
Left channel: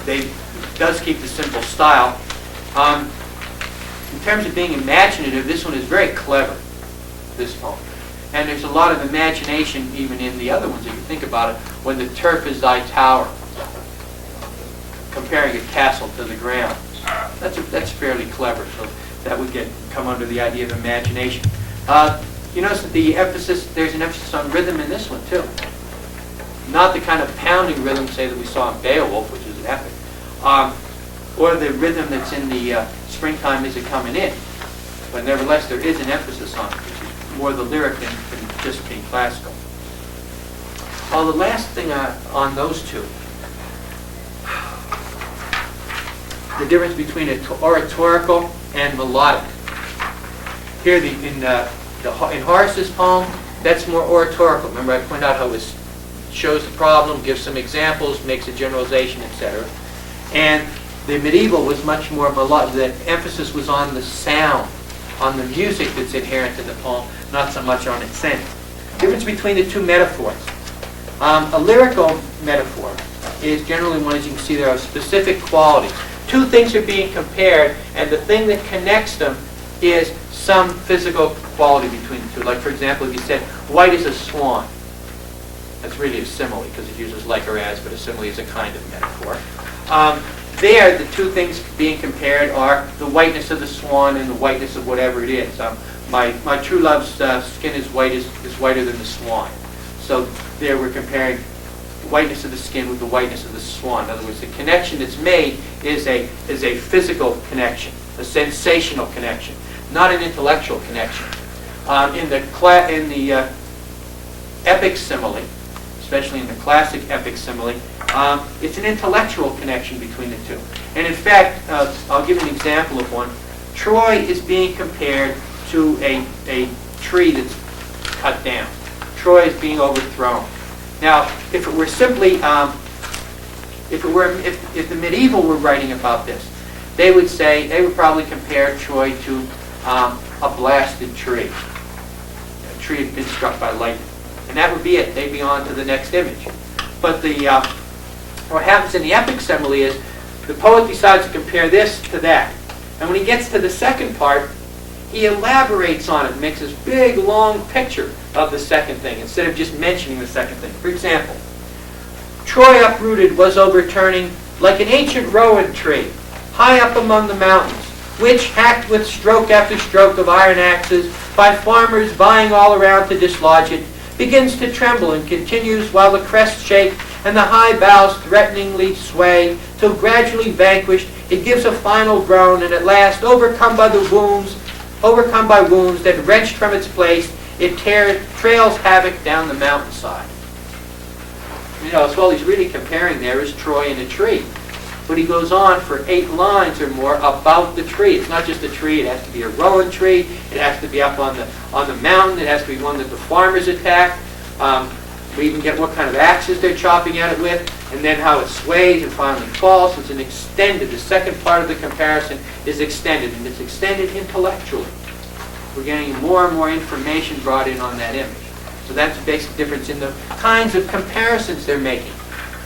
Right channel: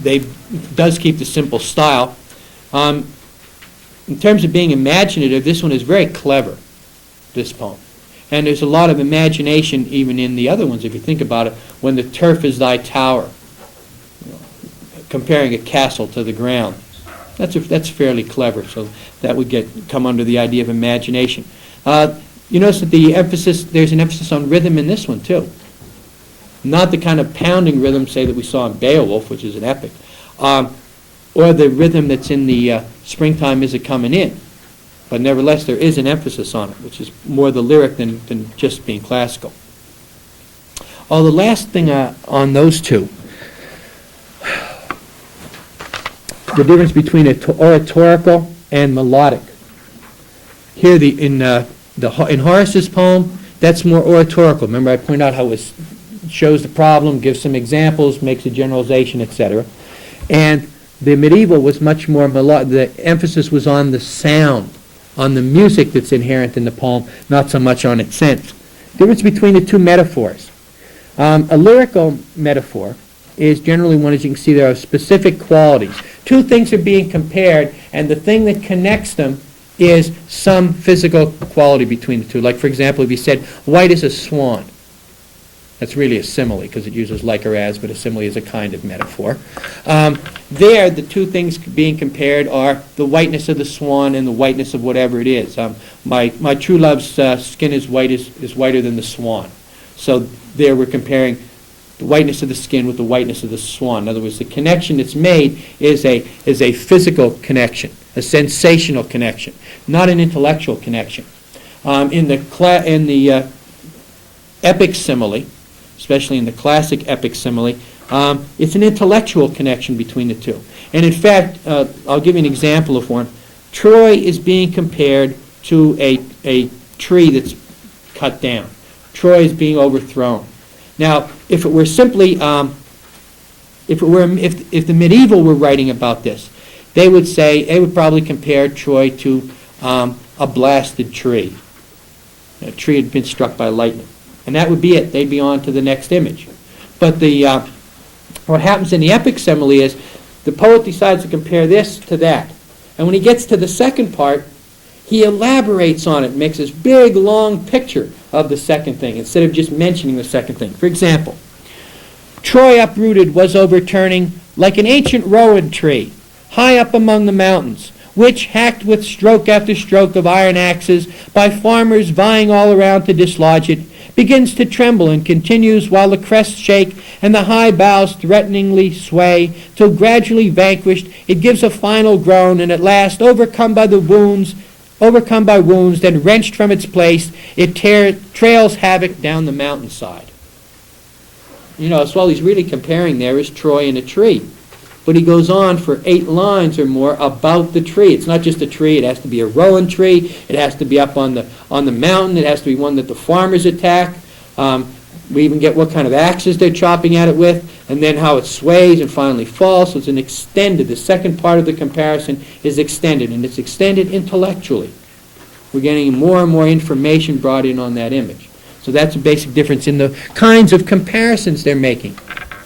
It does keep the simple style. In terms of being imaginative, this one is very clever, this poem. And there's a lot of imagination even in the other ones, if you think about it. When the turf is thy tower, comparing a castle to the ground. That's fairly clever, so that would come under the idea of imagination. You notice that there's an emphasis on rhythm in this one too. Not the kind of pounding rhythm, say, that we saw in Beowulf, which is an epic, or the rhythm that's in the Springtime Is It Comin' In. But nevertheless, there is an emphasis on it, which is more the lyric than just being classical. Oh, the last thing on those two, the difference between oratorical and melodic. Here, in Horace's poem, that's more oratorical. Remember, I pointed out how it shows the problem, gives some examples, makes a generalization, etc. And the medieval was much more melodic. The emphasis was on the sound, on the music that's inherent in the poem, not so much on its sense. Difference between the two metaphors. A lyrical metaphor is generally one, as you can see, there are specific qualities. Two things are being compared, and the thing that connects them is some physical quality between the two. Like, for example, if you said, white as a swan. That's really a simile, because it uses like or as, but a simile is a kind of metaphor. There, the two things being compared are the whiteness of the swan and the whiteness of whatever it is. My true love's skin is whiter than the swan. So there we're comparing the whiteness of the skin with the whiteness of the swan. In other words, the connection that's made is a physical connection, a sensational connection, not an intellectual connection. In the epic simile, especially in the classic epic simile, it's an intellectual connection between the two. And in fact, I'll give you an example of one. Troy is being compared to a tree that's cut down. Troy is being overthrown. Now, if it were simply, if the medieval were writing about this, they would probably compare Troy to a blasted tree. A tree had been struck by lightning. And that would be it. They'd be on to the next image. But what happens in the epic simile is the poet decides to compare this to that. And when he gets to the second part, he elaborates on it, makes this big, long picture of the second thing, instead of just mentioning the second thing. For example, Troy uprooted was overturning like an ancient rowan tree, high up among the mountains, which, hacked with stroke after stroke of iron axes, by farmers vying all around to dislodge it, begins to tremble and continues while the crests shake and the high boughs threateningly sway, till gradually vanquished, it gives a final groan, and at last, overcome by wounds, then wrenched from its place, it trails havoc down the mountainside. So all he's really comparing there is Troy and a tree. But he goes on for 8 lines or more about the tree. It's not just a tree. It has to be a rowan tree. It has to be up on the mountain. It has to be one that the farmers attack. We even get what kind of axes they're chopping at it with, and then how it sways and finally falls. So it's an extended. The second part of the comparison is extended, and it's extended intellectually. We're getting more and more information brought in on that image. So that's a basic difference in the kinds of comparisons they're making.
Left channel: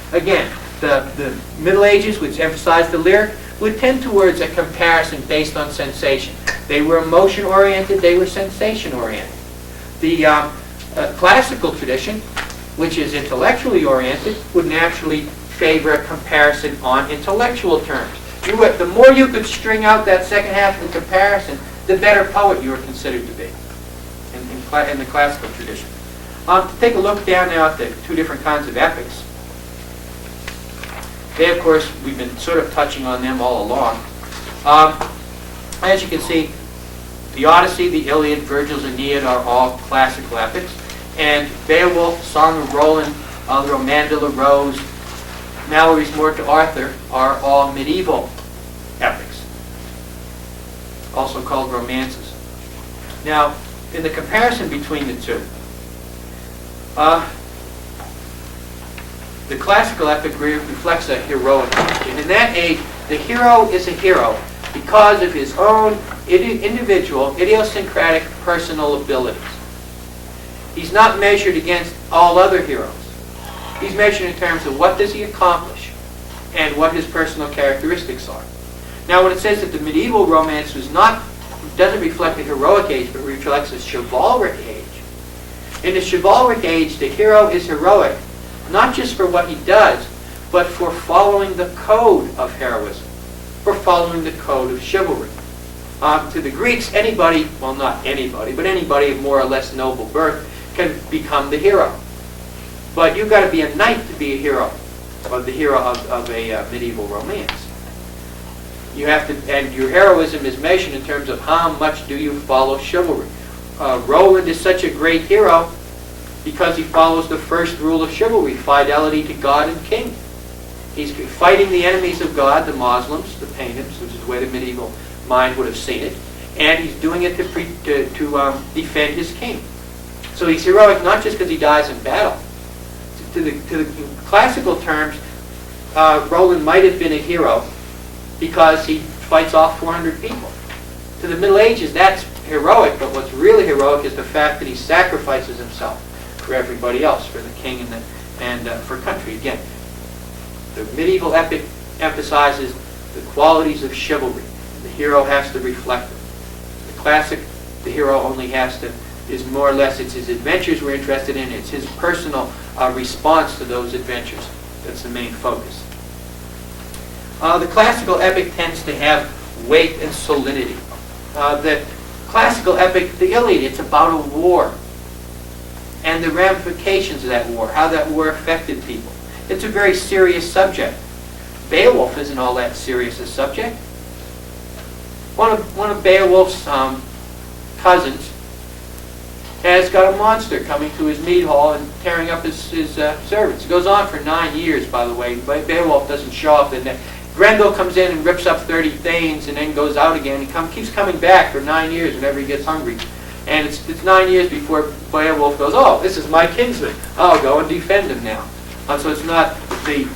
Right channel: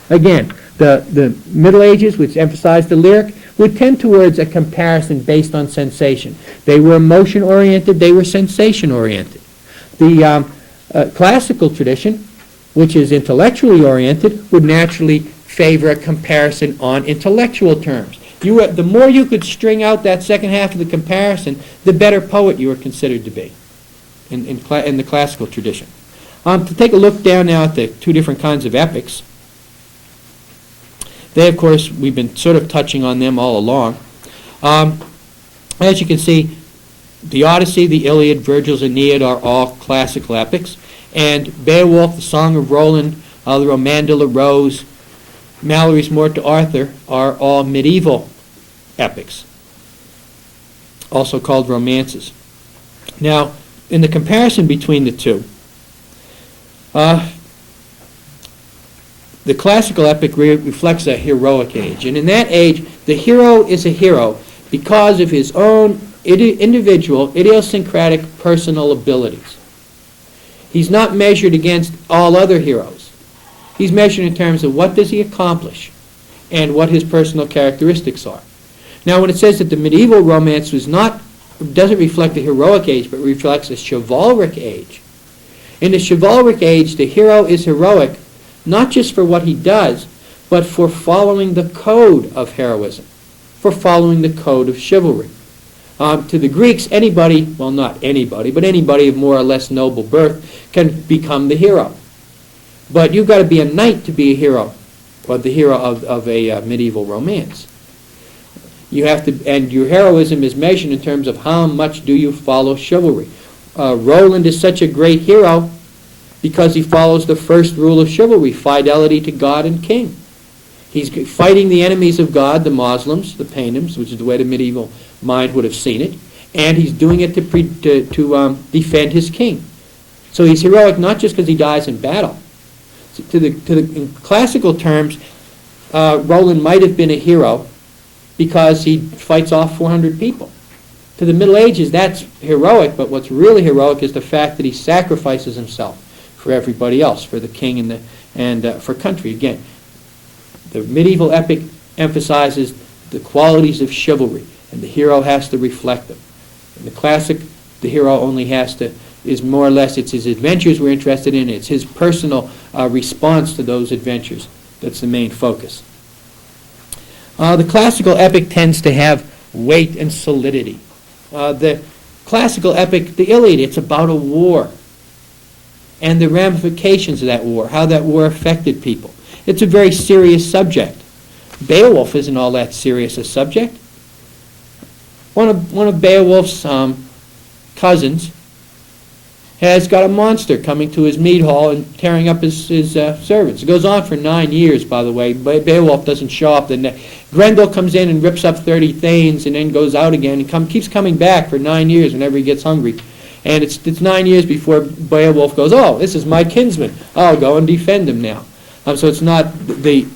Again, the Middle Ages, which emphasized the lyric, would tend towards a comparison based on sensation. They were emotion-oriented, they were sensation-oriented. The classical tradition, which is intellectually oriented, would naturally favor a comparison on intellectual terms. The more you could string out that second half of the comparison, the better poet you were considered to be in the classical tradition. To take a look down now at the two different kinds of epics. They, of course, we've been sort of touching on them all along. As you can see, the Odyssey, the Iliad, Virgil's Aeneid are all classical epics. And Beowulf, the Song of Roland, the Roman de la Rose, Malory's Morte d'Arthur are all medieval epics, also called romances. Now, in the comparison between the two, the classical epic reflects a heroic age. And in that age, the hero is a hero because of his own individual, idiosyncratic personal abilities. He's not measured against all other heroes. He's measured in terms of what does he accomplish and what his personal characteristics are. Now, when it says that the medieval romance doesn't reflect a heroic age, but reflects a chivalric age. In the chivalric age, the hero is heroic, not just for what he does, but for following the code of heroism, for following the code of chivalry. To the Greeks, anybody, well, not anybody, but anybody of more or less noble birth can become the hero. But you've got to be a knight to be a hero, or the hero of a medieval romance. You have to, and your heroism is measured in terms of how much do you follow chivalry. Roland is such a great hero because he follows the first rule of chivalry, fidelity to God and king. He's fighting the enemies of God, the Muslims, the paynims, which is the way the medieval mind would have seen it, and he's doing it to defend his king. So he's heroic not just because he dies in battle. In classical terms, Roland might have been a hero because he fights off 400 people. To the Middle Ages, that's heroic, but what's really heroic is the fact that he sacrifices himself for everybody else, for the king and for country. Again, the medieval epic emphasizes the qualities of chivalry, and the hero has to reflect them. In the classic, the hero only is more or less, it's his adventures we're interested in, it's his personal response to those adventures. That's the main focus. The classical epic tends to have weight and solidity. The classical epic, the Iliad, it's about a war and the ramifications of that war, how that war affected people. It's a very serious subject. Beowulf isn't all that serious a subject. One of Beowulf's cousins has got a monster coming to his mead hall and tearing up his servants. It goes on for 9 years, by the way. Beowulf doesn't show up. Grendel comes in and rips up 30 thanes and then goes out again. He keeps coming back for 9 years whenever he gets hungry. And it's 9 years before Beowulf goes, oh, this is my kinsman. I'll go and defend him now. So it's not the...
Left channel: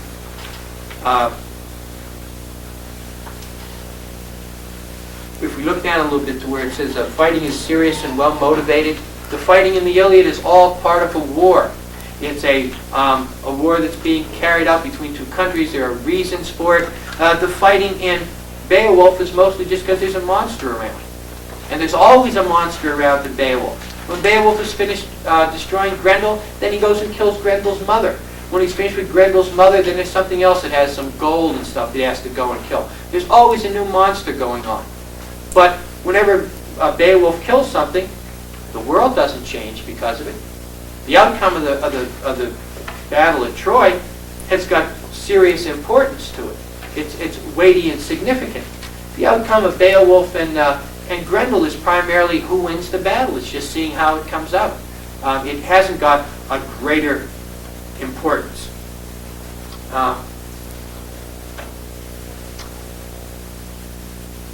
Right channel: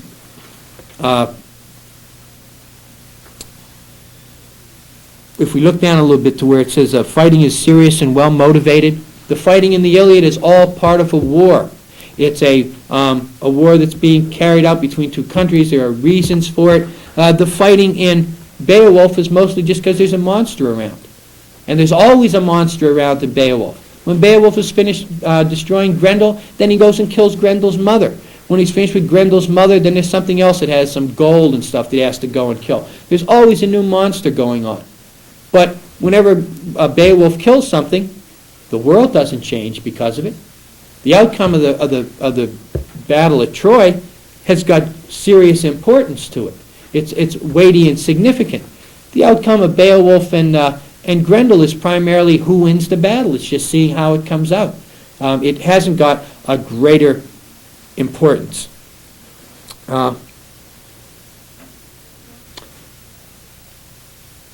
if we look down a little bit to where it says fighting is serious and well motivated, the fighting in the Iliad is all part of a war. It's a war that's being carried out between two countries. There are reasons for it. The fighting in Beowulf is mostly just because there's a monster around. And there's always a monster around to Beowulf. When Beowulf is finished destroying Grendel, then he goes and kills Grendel's mother. When he's finished with Grendel's mother, then there's something else that has some gold and stuff that he has to go and kill. There's always a new monster going on. But whenever Beowulf kills something, the world doesn't change because of it. The outcome of the battle at Troy has got serious importance to it. It's weighty and significant. The outcome of Beowulf and Grendel is primarily who wins the battle. It's just seeing how it comes out. It hasn't got a greater importance.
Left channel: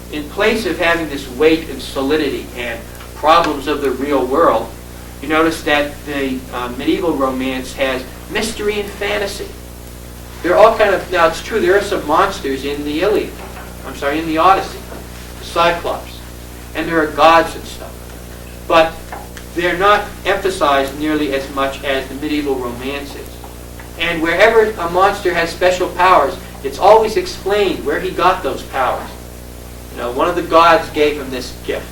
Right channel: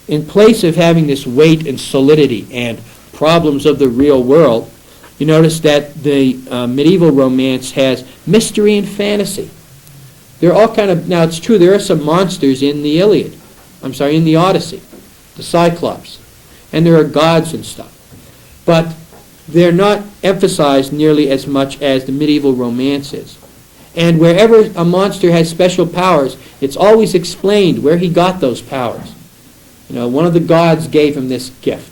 In place of having this weight and solidity and problems of the real world, you notice that the medieval romance has mystery and fantasy. There are all kind of, now it's true, there are some monsters in the Iliad. In the Odyssey, the Cyclops. And there are gods and stuff. But they're not emphasized nearly as much as the medieval romance is. And wherever a monster has special powers, it's always explained where he got those powers. One of the gods gave him this gift.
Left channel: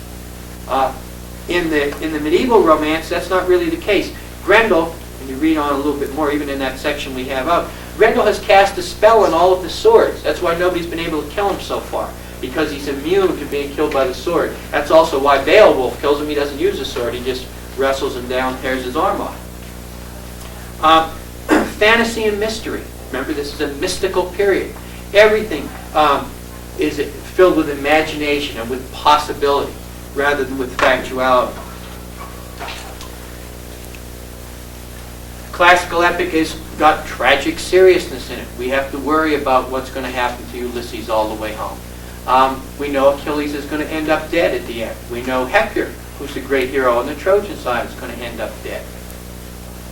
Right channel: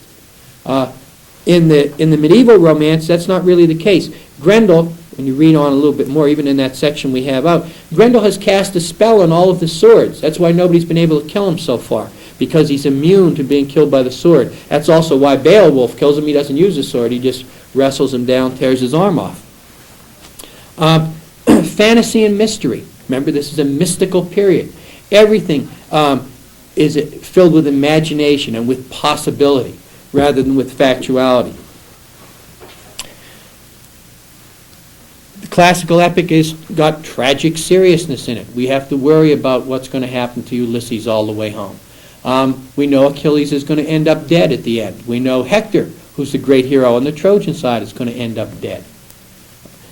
In the medieval romance, that's not really the case. Grendel, and you read on a little bit more, even in that section we have out, Grendel has cast a spell on all of the swords. That's why nobody's been able to kill him so far, because he's immune to being killed by the sword. That's also why Beowulf kills him. He doesn't use a sword. He just wrestles him down, tears his arm off. Fantasy and mystery. Remember, this is a mystical period. Everything is filled with imagination and with possibility rather than with factuality. The classical epic has got tragic seriousness in it. We have to worry about what's going to happen to Ulysses all the way home. We know Achilles is going to end up dead at the end. We know Hector, who's the great hero on the Trojan side, is going to end up dead.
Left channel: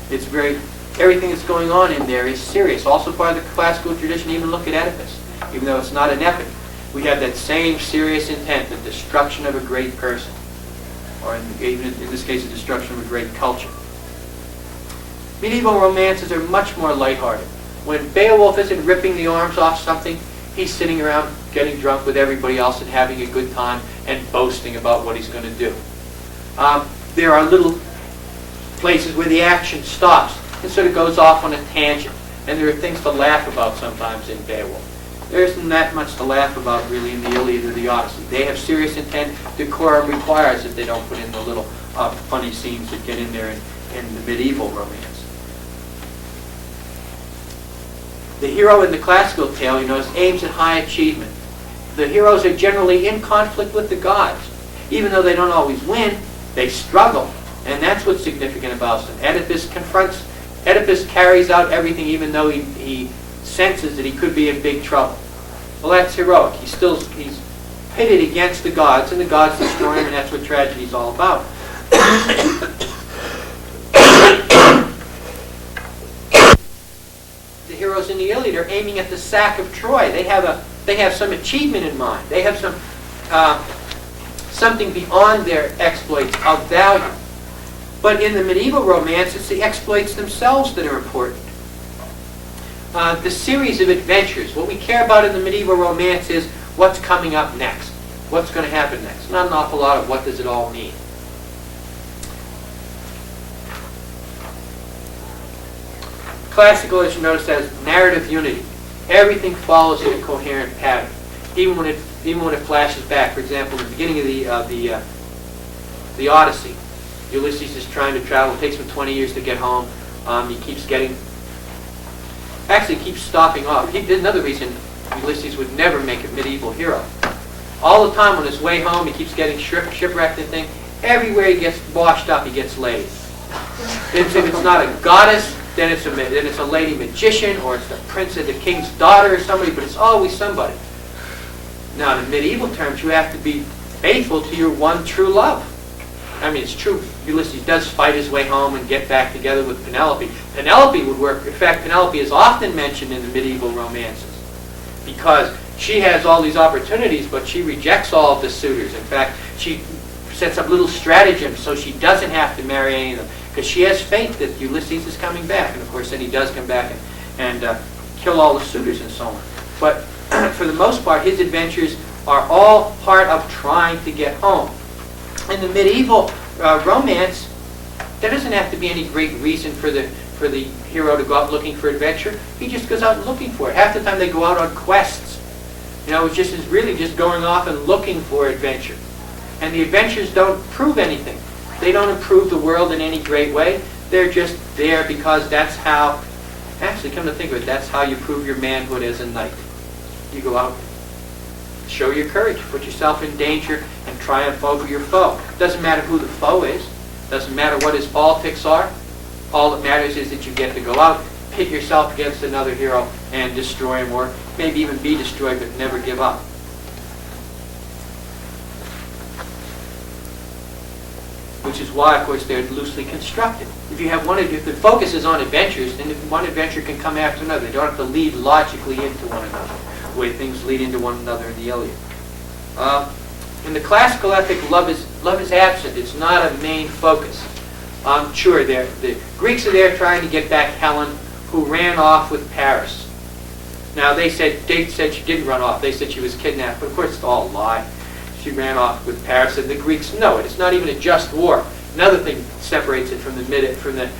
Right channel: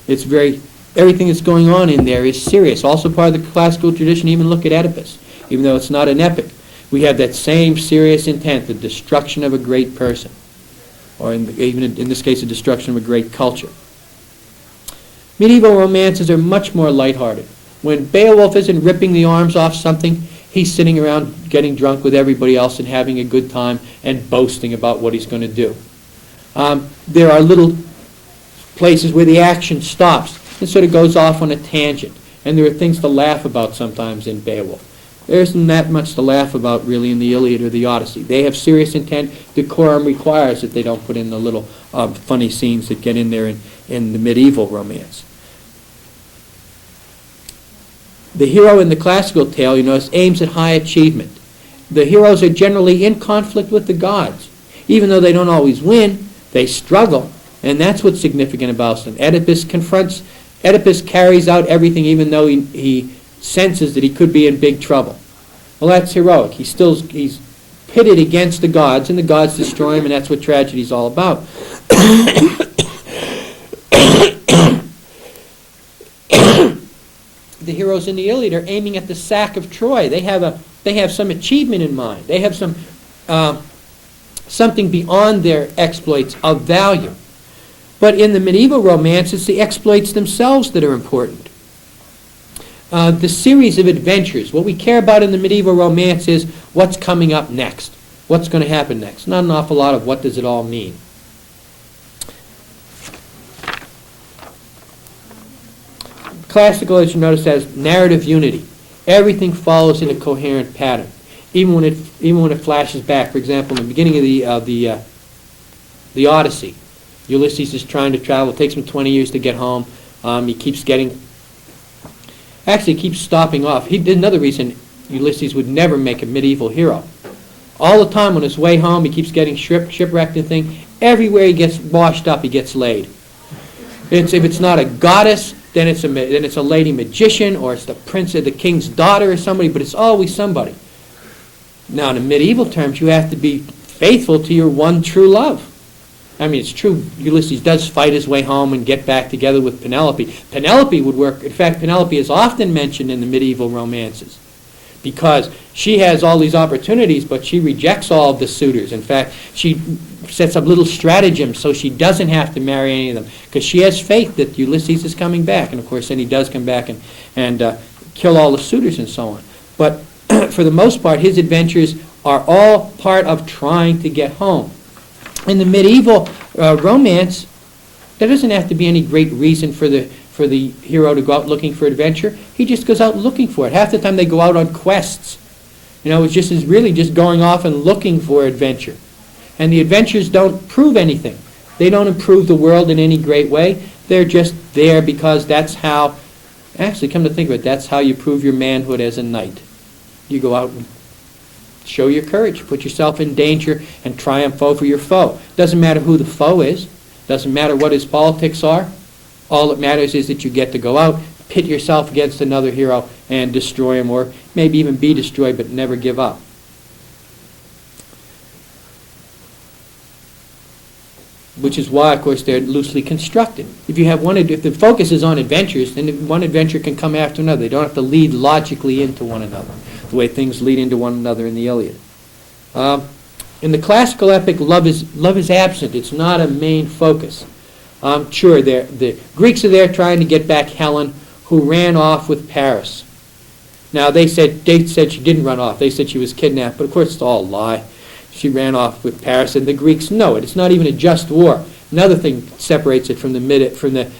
Everything that's going on in there is serious. Also part of the classical tradition, even look at Oedipus. Even though it's not an epic, we have that same serious intent, the destruction of a great person. Or even in this case, the destruction of a great culture. Medieval romances are much more lighthearted. When Beowulf isn't ripping the arms off something, he's sitting around getting drunk with everybody else and having a good time and boasting about what he's going to do. There are little places where the action stops. It sort of goes off on a tangent. And there are things to laugh about sometimes in Beowulf. There isn't that much to laugh about really in the Iliad or the Odyssey. They have serious intent. Decorum requires that they don't put in the little funny scenes that get in there in the medieval romance. The hero in the classical tale, aims at high achievement. The heroes are generally in conflict with the gods. Even though they don't always win, they struggle. And that's what's significant about them. Oedipus carries out everything even though he senses that he could be in big trouble. Well, that's heroic. He's pitted against the gods, and the gods destroy him, and that's what tragedy is all about. The heroes in the Iliad are aiming at the sack of Troy. They have some achievement in mind. They have something beyond their exploits of value. But in the medieval romance, it's the exploits themselves that are important. The series of adventures. What we care about in the medieval romance is what's coming up next. What's going to happen next. Not an awful lot of what does it all mean. Classical, as you notice, has narrative unity. Everything follows in a coherent pattern, even when it flashes back. For example, in the beginning of the Odyssey, Ulysses is trying to travel. It takes him 20 years to get home. He keeps stopping off. Another reason Ulysses would never make a medieval hero. All the time on his way home, he keeps getting shipwrecked and thing. Everywhere he gets washed up, he gets laid. If it's not a goddess, then it's a lady magician, or it's the prince of the king's daughter or somebody, but it's always somebody. Now, in medieval terms, you have to be faithful to your one true love. I mean, it's true, Ulysses does fight his way home and get back together with Penelope. Penelope would work. In fact, Penelope is often mentioned in the medieval romances because she has all these opportunities, but she rejects all of the suitors. In fact, she sets up little stratagems so she doesn't have to marry any of them because she has faith that Ulysses is coming back. And of course, then he does come back and kill all the suitors and so on. But for the most part, his adventures are all part of trying to get home. In the medieval romance, there doesn't have to be any great reason for the hero to go out looking for adventure. He just goes out looking for it. Half the time they go out on quests. It's really just going off and looking for adventure. And the adventures don't prove anything. They don't improve the world in any great way. They're just there because that's how, actually come to think of it, that's how you prove your manhood as a knight. You go out and show your courage, put yourself in danger, and triumph over your foe. Doesn't matter who the foe is. Doesn't matter what his politics are. All that matters is that you get to go out, pit yourself against another hero, and destroy him, or maybe even be destroyed, but never give up. Which is why, of course, they're loosely constructed. If the focus is on adventures, then one adventure can come after another. They don't have to lead logically into one another, the way things lead into one another in the Iliad. In the classical epic, love is absent. It's not a main focus. Sure, the Greeks are there trying to get back Helen, who ran off with Paris. Now, they said she didn't run off. They said she was kidnapped, but of course it's all a lie. She ran off with Paris, and the Greeks know it. It's not even a just war. Another thing separates it from the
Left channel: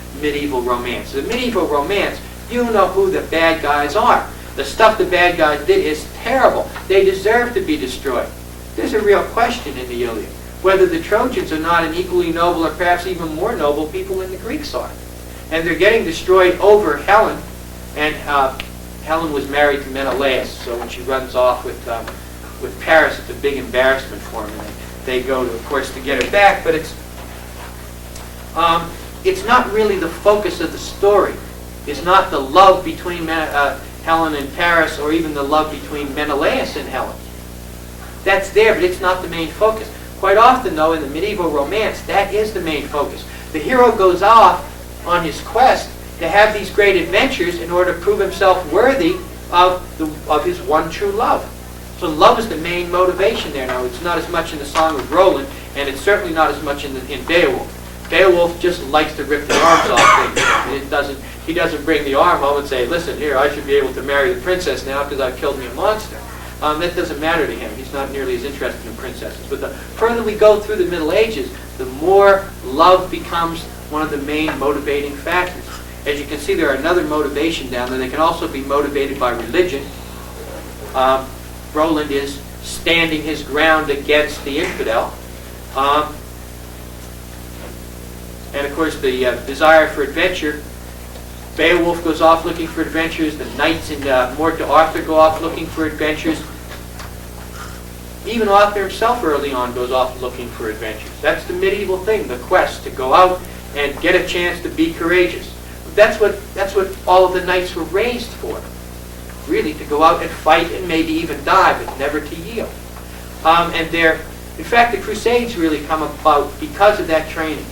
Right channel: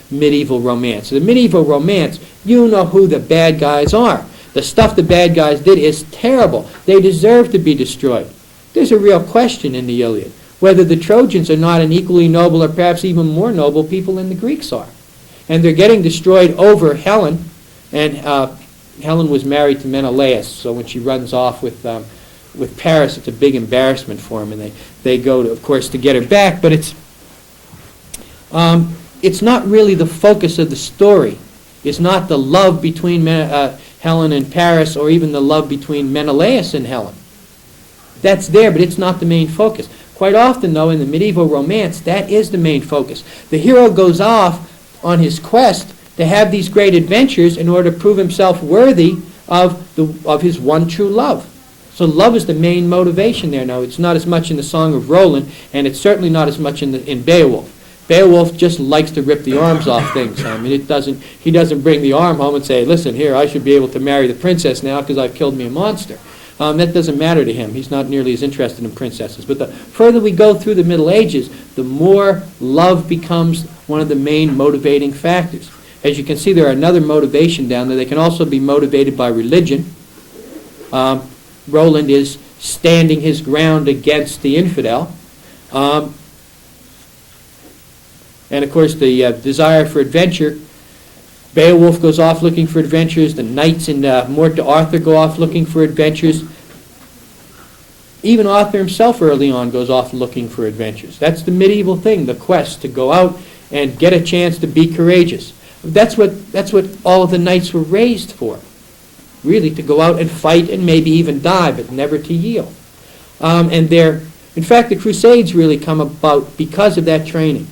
medieval romance. The medieval romance, you know who the bad guys are. The stuff the bad guys did is terrible. They deserve to be destroyed. There's a real question in the Iliad, whether the Trojans are not an equally noble or perhaps even more noble people than the Greeks are. And they're getting destroyed over Helen, and Helen was married to Menelaus, so when she runs off with Paris, it's a big embarrassment for them, and they go, of course, to get her back, but it's not really the focus of the story. It's not the love between Helen and Paris, or even the love between Menelaus and Helen. That's there, but it's not the main focus. Quite often, though, in the medieval romance, that is the main focus. The hero goes off on his quest to have these great adventures in order to prove himself worthy of his one true love. So love is the main motivation there. Now, it's not as much in the Song of Roland, and it's certainly not as much in Beowulf. Beowulf just likes to rip the arms off things. I mean, he doesn't bring the arm home and say, listen, here, I should be able to marry the princess now because I've killed me a monster. That doesn't matter to him. He's not nearly as interested in princesses. But the further we go through the Middle Ages, the more love becomes one of the main motivating factors. As you can see, there are another motivation down there. They can also be motivated by religion. Roland is standing his ground against the infidel. And of course, the desire for adventure. Beowulf goes off looking for adventures. The knights in Morte Arthur go off looking for adventures. Even Arthur himself early on goes off looking for adventures. That's the medieval thing, the quest, to go out and get a chance to be courageous. That's what all of the knights were raised for. Really, to go out and fight and maybe even die, but never to yield. In fact, the Crusades really come about because of that training.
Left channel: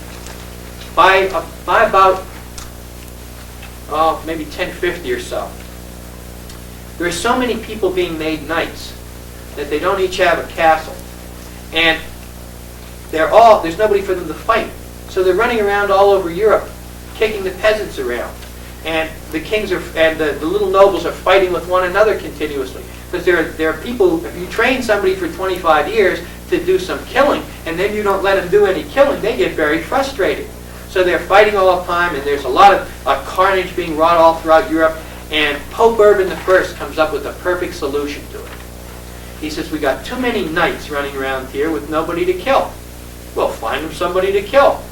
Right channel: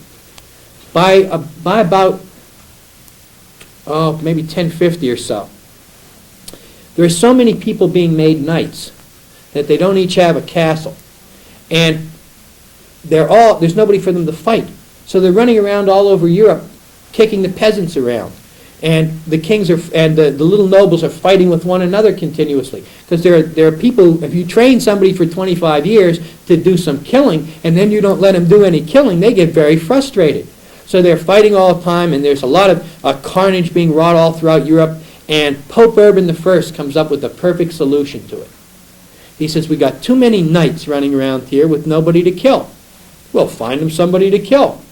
By about maybe 1050 or so, there are so many people being made knights that they don't each have a castle, and there's nobody for them to fight. So they're running around all over Europe, kicking the peasants around, and the kings and the little nobles are fighting with one another continuously. Because there are people, if you train somebody for 25 years to do some killing, and then you don't let them do any killing, they get very frustrated. So they're fighting all the time, and there's a lot of carnage being wrought all throughout Europe, and Pope Urban I comes up with the perfect solution to it. He says, we got too many knights running around here with nobody to kill. Well, find them somebody to kill.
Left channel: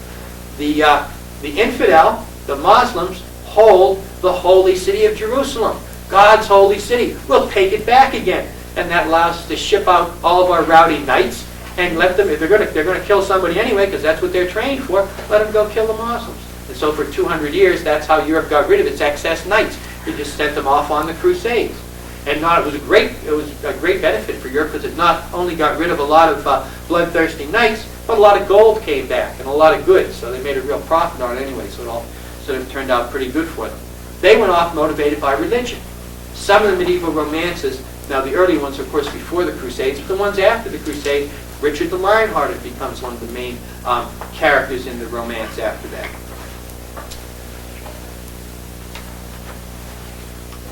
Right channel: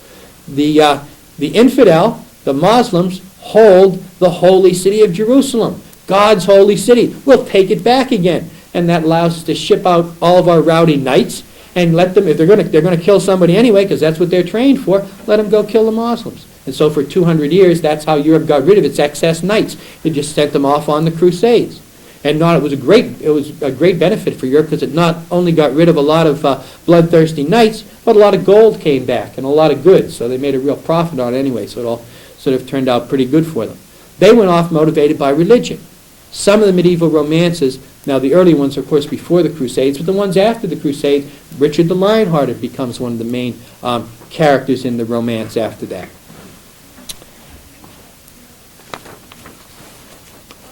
The infidel, the Muslims, hold the holy city of Jerusalem, God's holy city. We'll take it back again. And that allows us to ship out all of our rowdy knights and let them, if they're going to kill somebody anyway, because that's what they're trained for, let them go kill the Muslims. And so for 200 years, that's how Europe got rid of its excess knights. They just sent them off on the Crusades. And it was a great benefit for Europe, because it not only got rid of a lot of bloodthirsty knights, but a lot of gold came back and a lot of goods. So they made a real profit on it anyway. So it all sort of turned out pretty good for them. They went off motivated by religion. Some of the medieval romances, now the early ones, of course, before the Crusades, but the ones after the Crusade, Richard the Lionhearted becomes one of the main characters in the romance after that.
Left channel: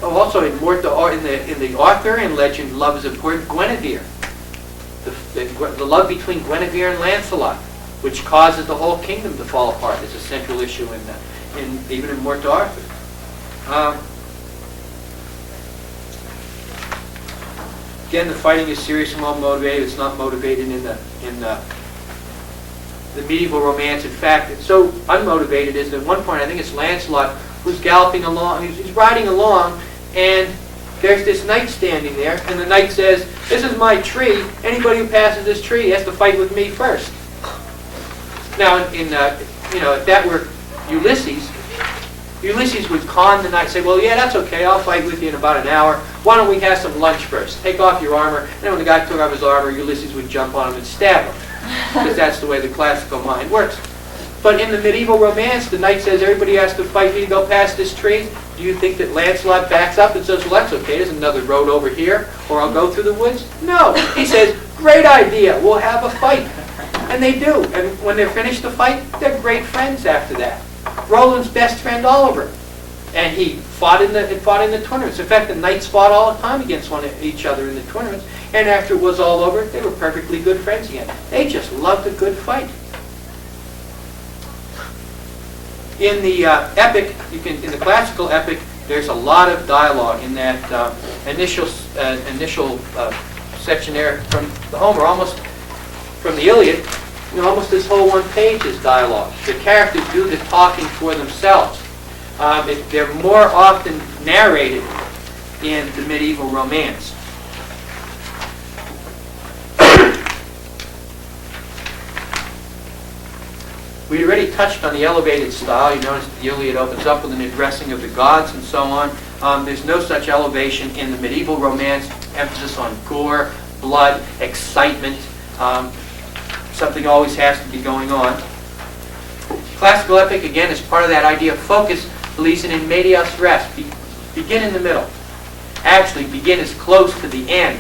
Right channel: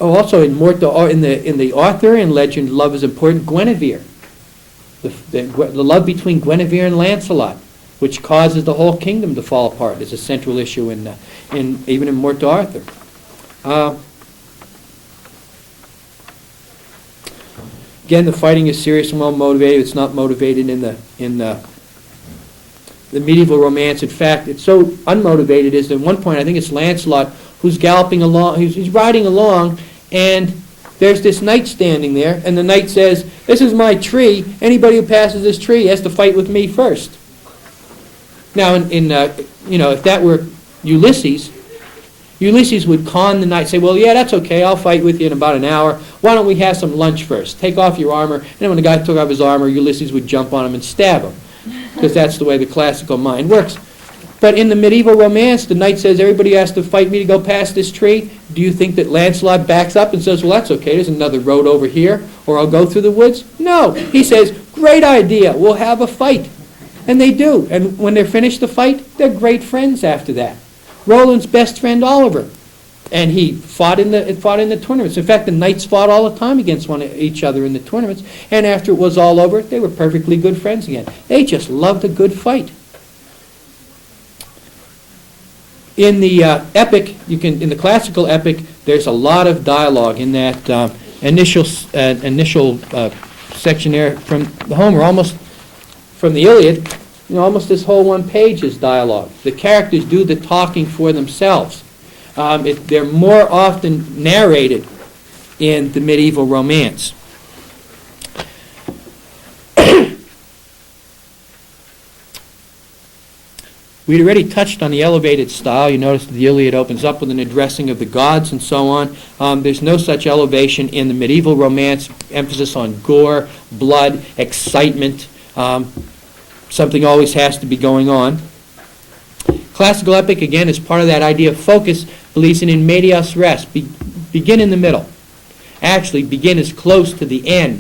Oh, also in the Arthurian legend, love is important. Guinevere, the love between Guinevere and Lancelot, which causes the whole kingdom to fall apart, is a central issue even in Morte Arthur. Again, the fighting is serious and well motivated. It's not motivated in the medieval romance. In fact, it's so unmotivated is at one point, I think it's Lancelot who's galloping along, he's riding along, and there's this knight standing there, and the knight says, "This is my tree. Anybody who passes this tree has to fight with me first." Now, if that were Ulysses would con the knight, say, "Well, yeah, that's okay. I'll fight with you in about an hour. Why don't we have some lunch first? Take off your armor." And then when the guy took off his armor, Ulysses would jump on him and stab him, because that's the way the classical mind works. But in the medieval romance, the knight says, "Everybody has to fight me to go past this tree." Do you think that Lancelot backs up and says, "Well, that's okay. There's another road over here, or I'll go through the woods"? No. He says, "Great idea. We'll have a fight." And they do. And when they're finished the fight, they're great friends after that. Roland's best friend, Oliver. And he fought in the tournaments. In fact, the knights fought all the time against each other in the tournaments. And after it was all over, they were perfectly good friends again. They just loved a good fight. In the epic, in the classical epic, there's a lot of dialogue in that initial section there from the Homer, almost from the Iliad. Almost this whole one page is dialogue. The characters do the talking for themselves. They're more often narrated in the medieval romance. We already touched on the elevated style. You notice the Iliad opens up with an addressing of the gods and so on. There's no such elevation in the medieval romance. Emphasis on gore, blood, excitement. Something always has to be going on. Classical epic, again, is part of that idea of focus, policing in medias res. Begin in the middle. Actually, begin as close to the end,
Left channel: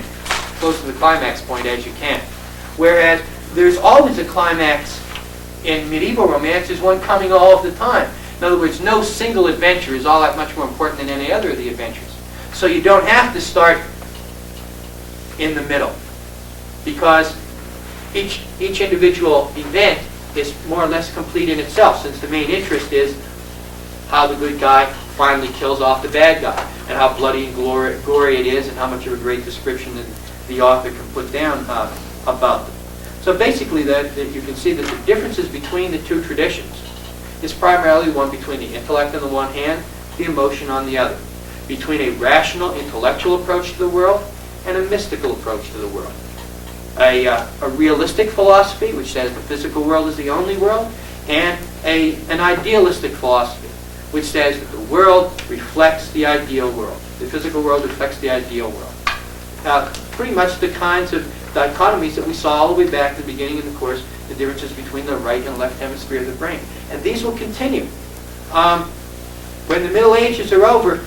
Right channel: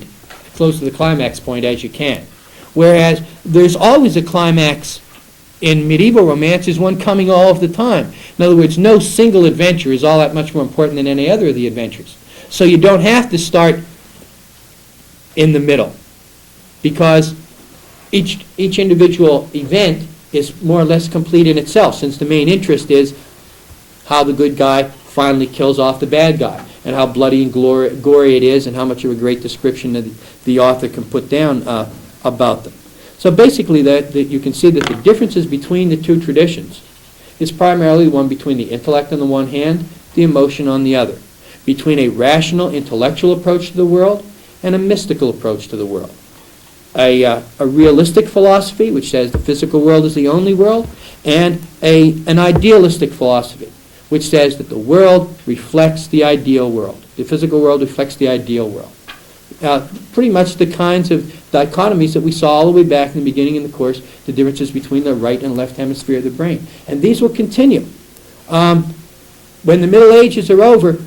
close to the climax point as you can. Whereas there's always a climax in medieval romance is one coming all of the time. In other words, no single adventure is all that much more important than any other of the adventures. So you don't have to start in the middle, because each individual event is more or less complete in itself, since the main interest is how the good guy finally kills off the bad guy, and how bloody and gory it is, and how much of a great description that the author can put down about them. So basically, that you can see that the differences between the two traditions is primarily one between the intellect on the one hand, the emotion on the other, between a rational, intellectual approach to the world and a mystical approach to the world. A realistic philosophy, which says the physical world is the only world, and an idealistic philosophy, which says that the world reflects the ideal world. The physical world reflects the ideal world. Pretty much the kinds of dichotomies that we saw all the way back in the beginning of the course, the differences between the right and left hemisphere of the brain. And these will continue. When the Middle Ages are over,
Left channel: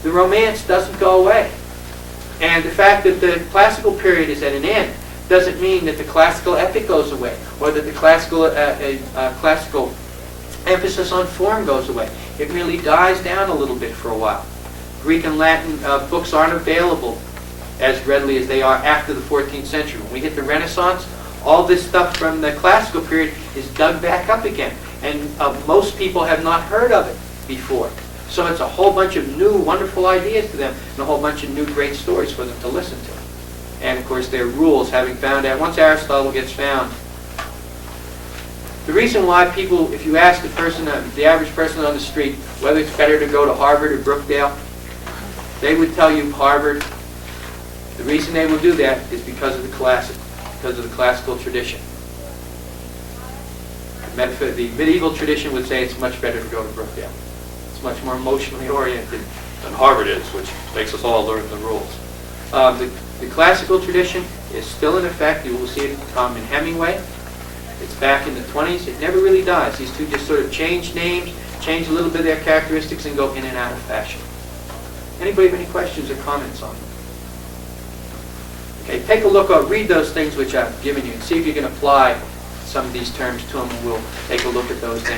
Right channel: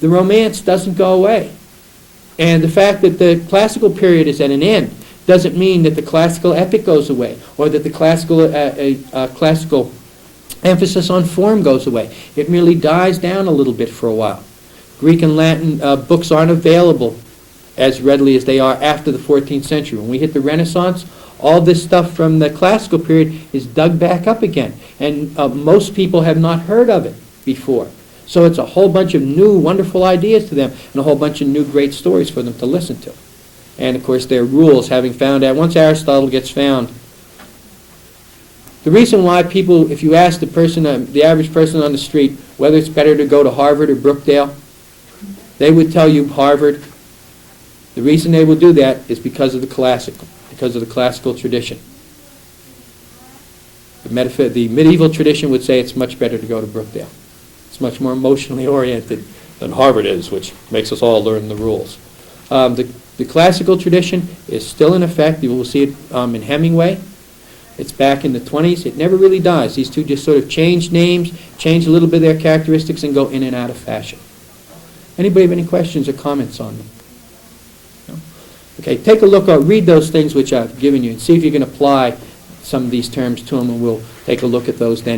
the romance doesn't go away. And the fact that the classical period is at an end doesn't mean that the classical epic goes away, or that the classical emphasis on form goes away. It merely dies down a little bit for a while. Greek and Latin books aren't available as readily as they are after the 14th century. When we hit the Renaissance, all this stuff from the classical period is dug back up again, and most people have not heard of it before. So it's a whole bunch of new, wonderful ideas to them, and a whole bunch of new, great stories for them to listen to. And of course, their rules, having found out, once Aristotle gets found, the reason why people, if you ask the average person on the street, whether it's better to go to Harvard or Brookdale, they would tell you Harvard. The reason they will do that is because of the classical tradition. The medieval tradition would say it's much better to go to Brookdale. It's much more emotionally oriented than Harvard is, which makes us all learn the rules. The classical tradition is still in effect. You will see it in Hemingway. It's back in the 20s. It never really dies. These two just sort of change names, change a little bit of their characteristics, and go in and out of fashion. Anybody have any questions or comments on them? Okay, take a look, read those things which I've given you, and see if you can apply some of these terms to them, and we'll take a look at those then.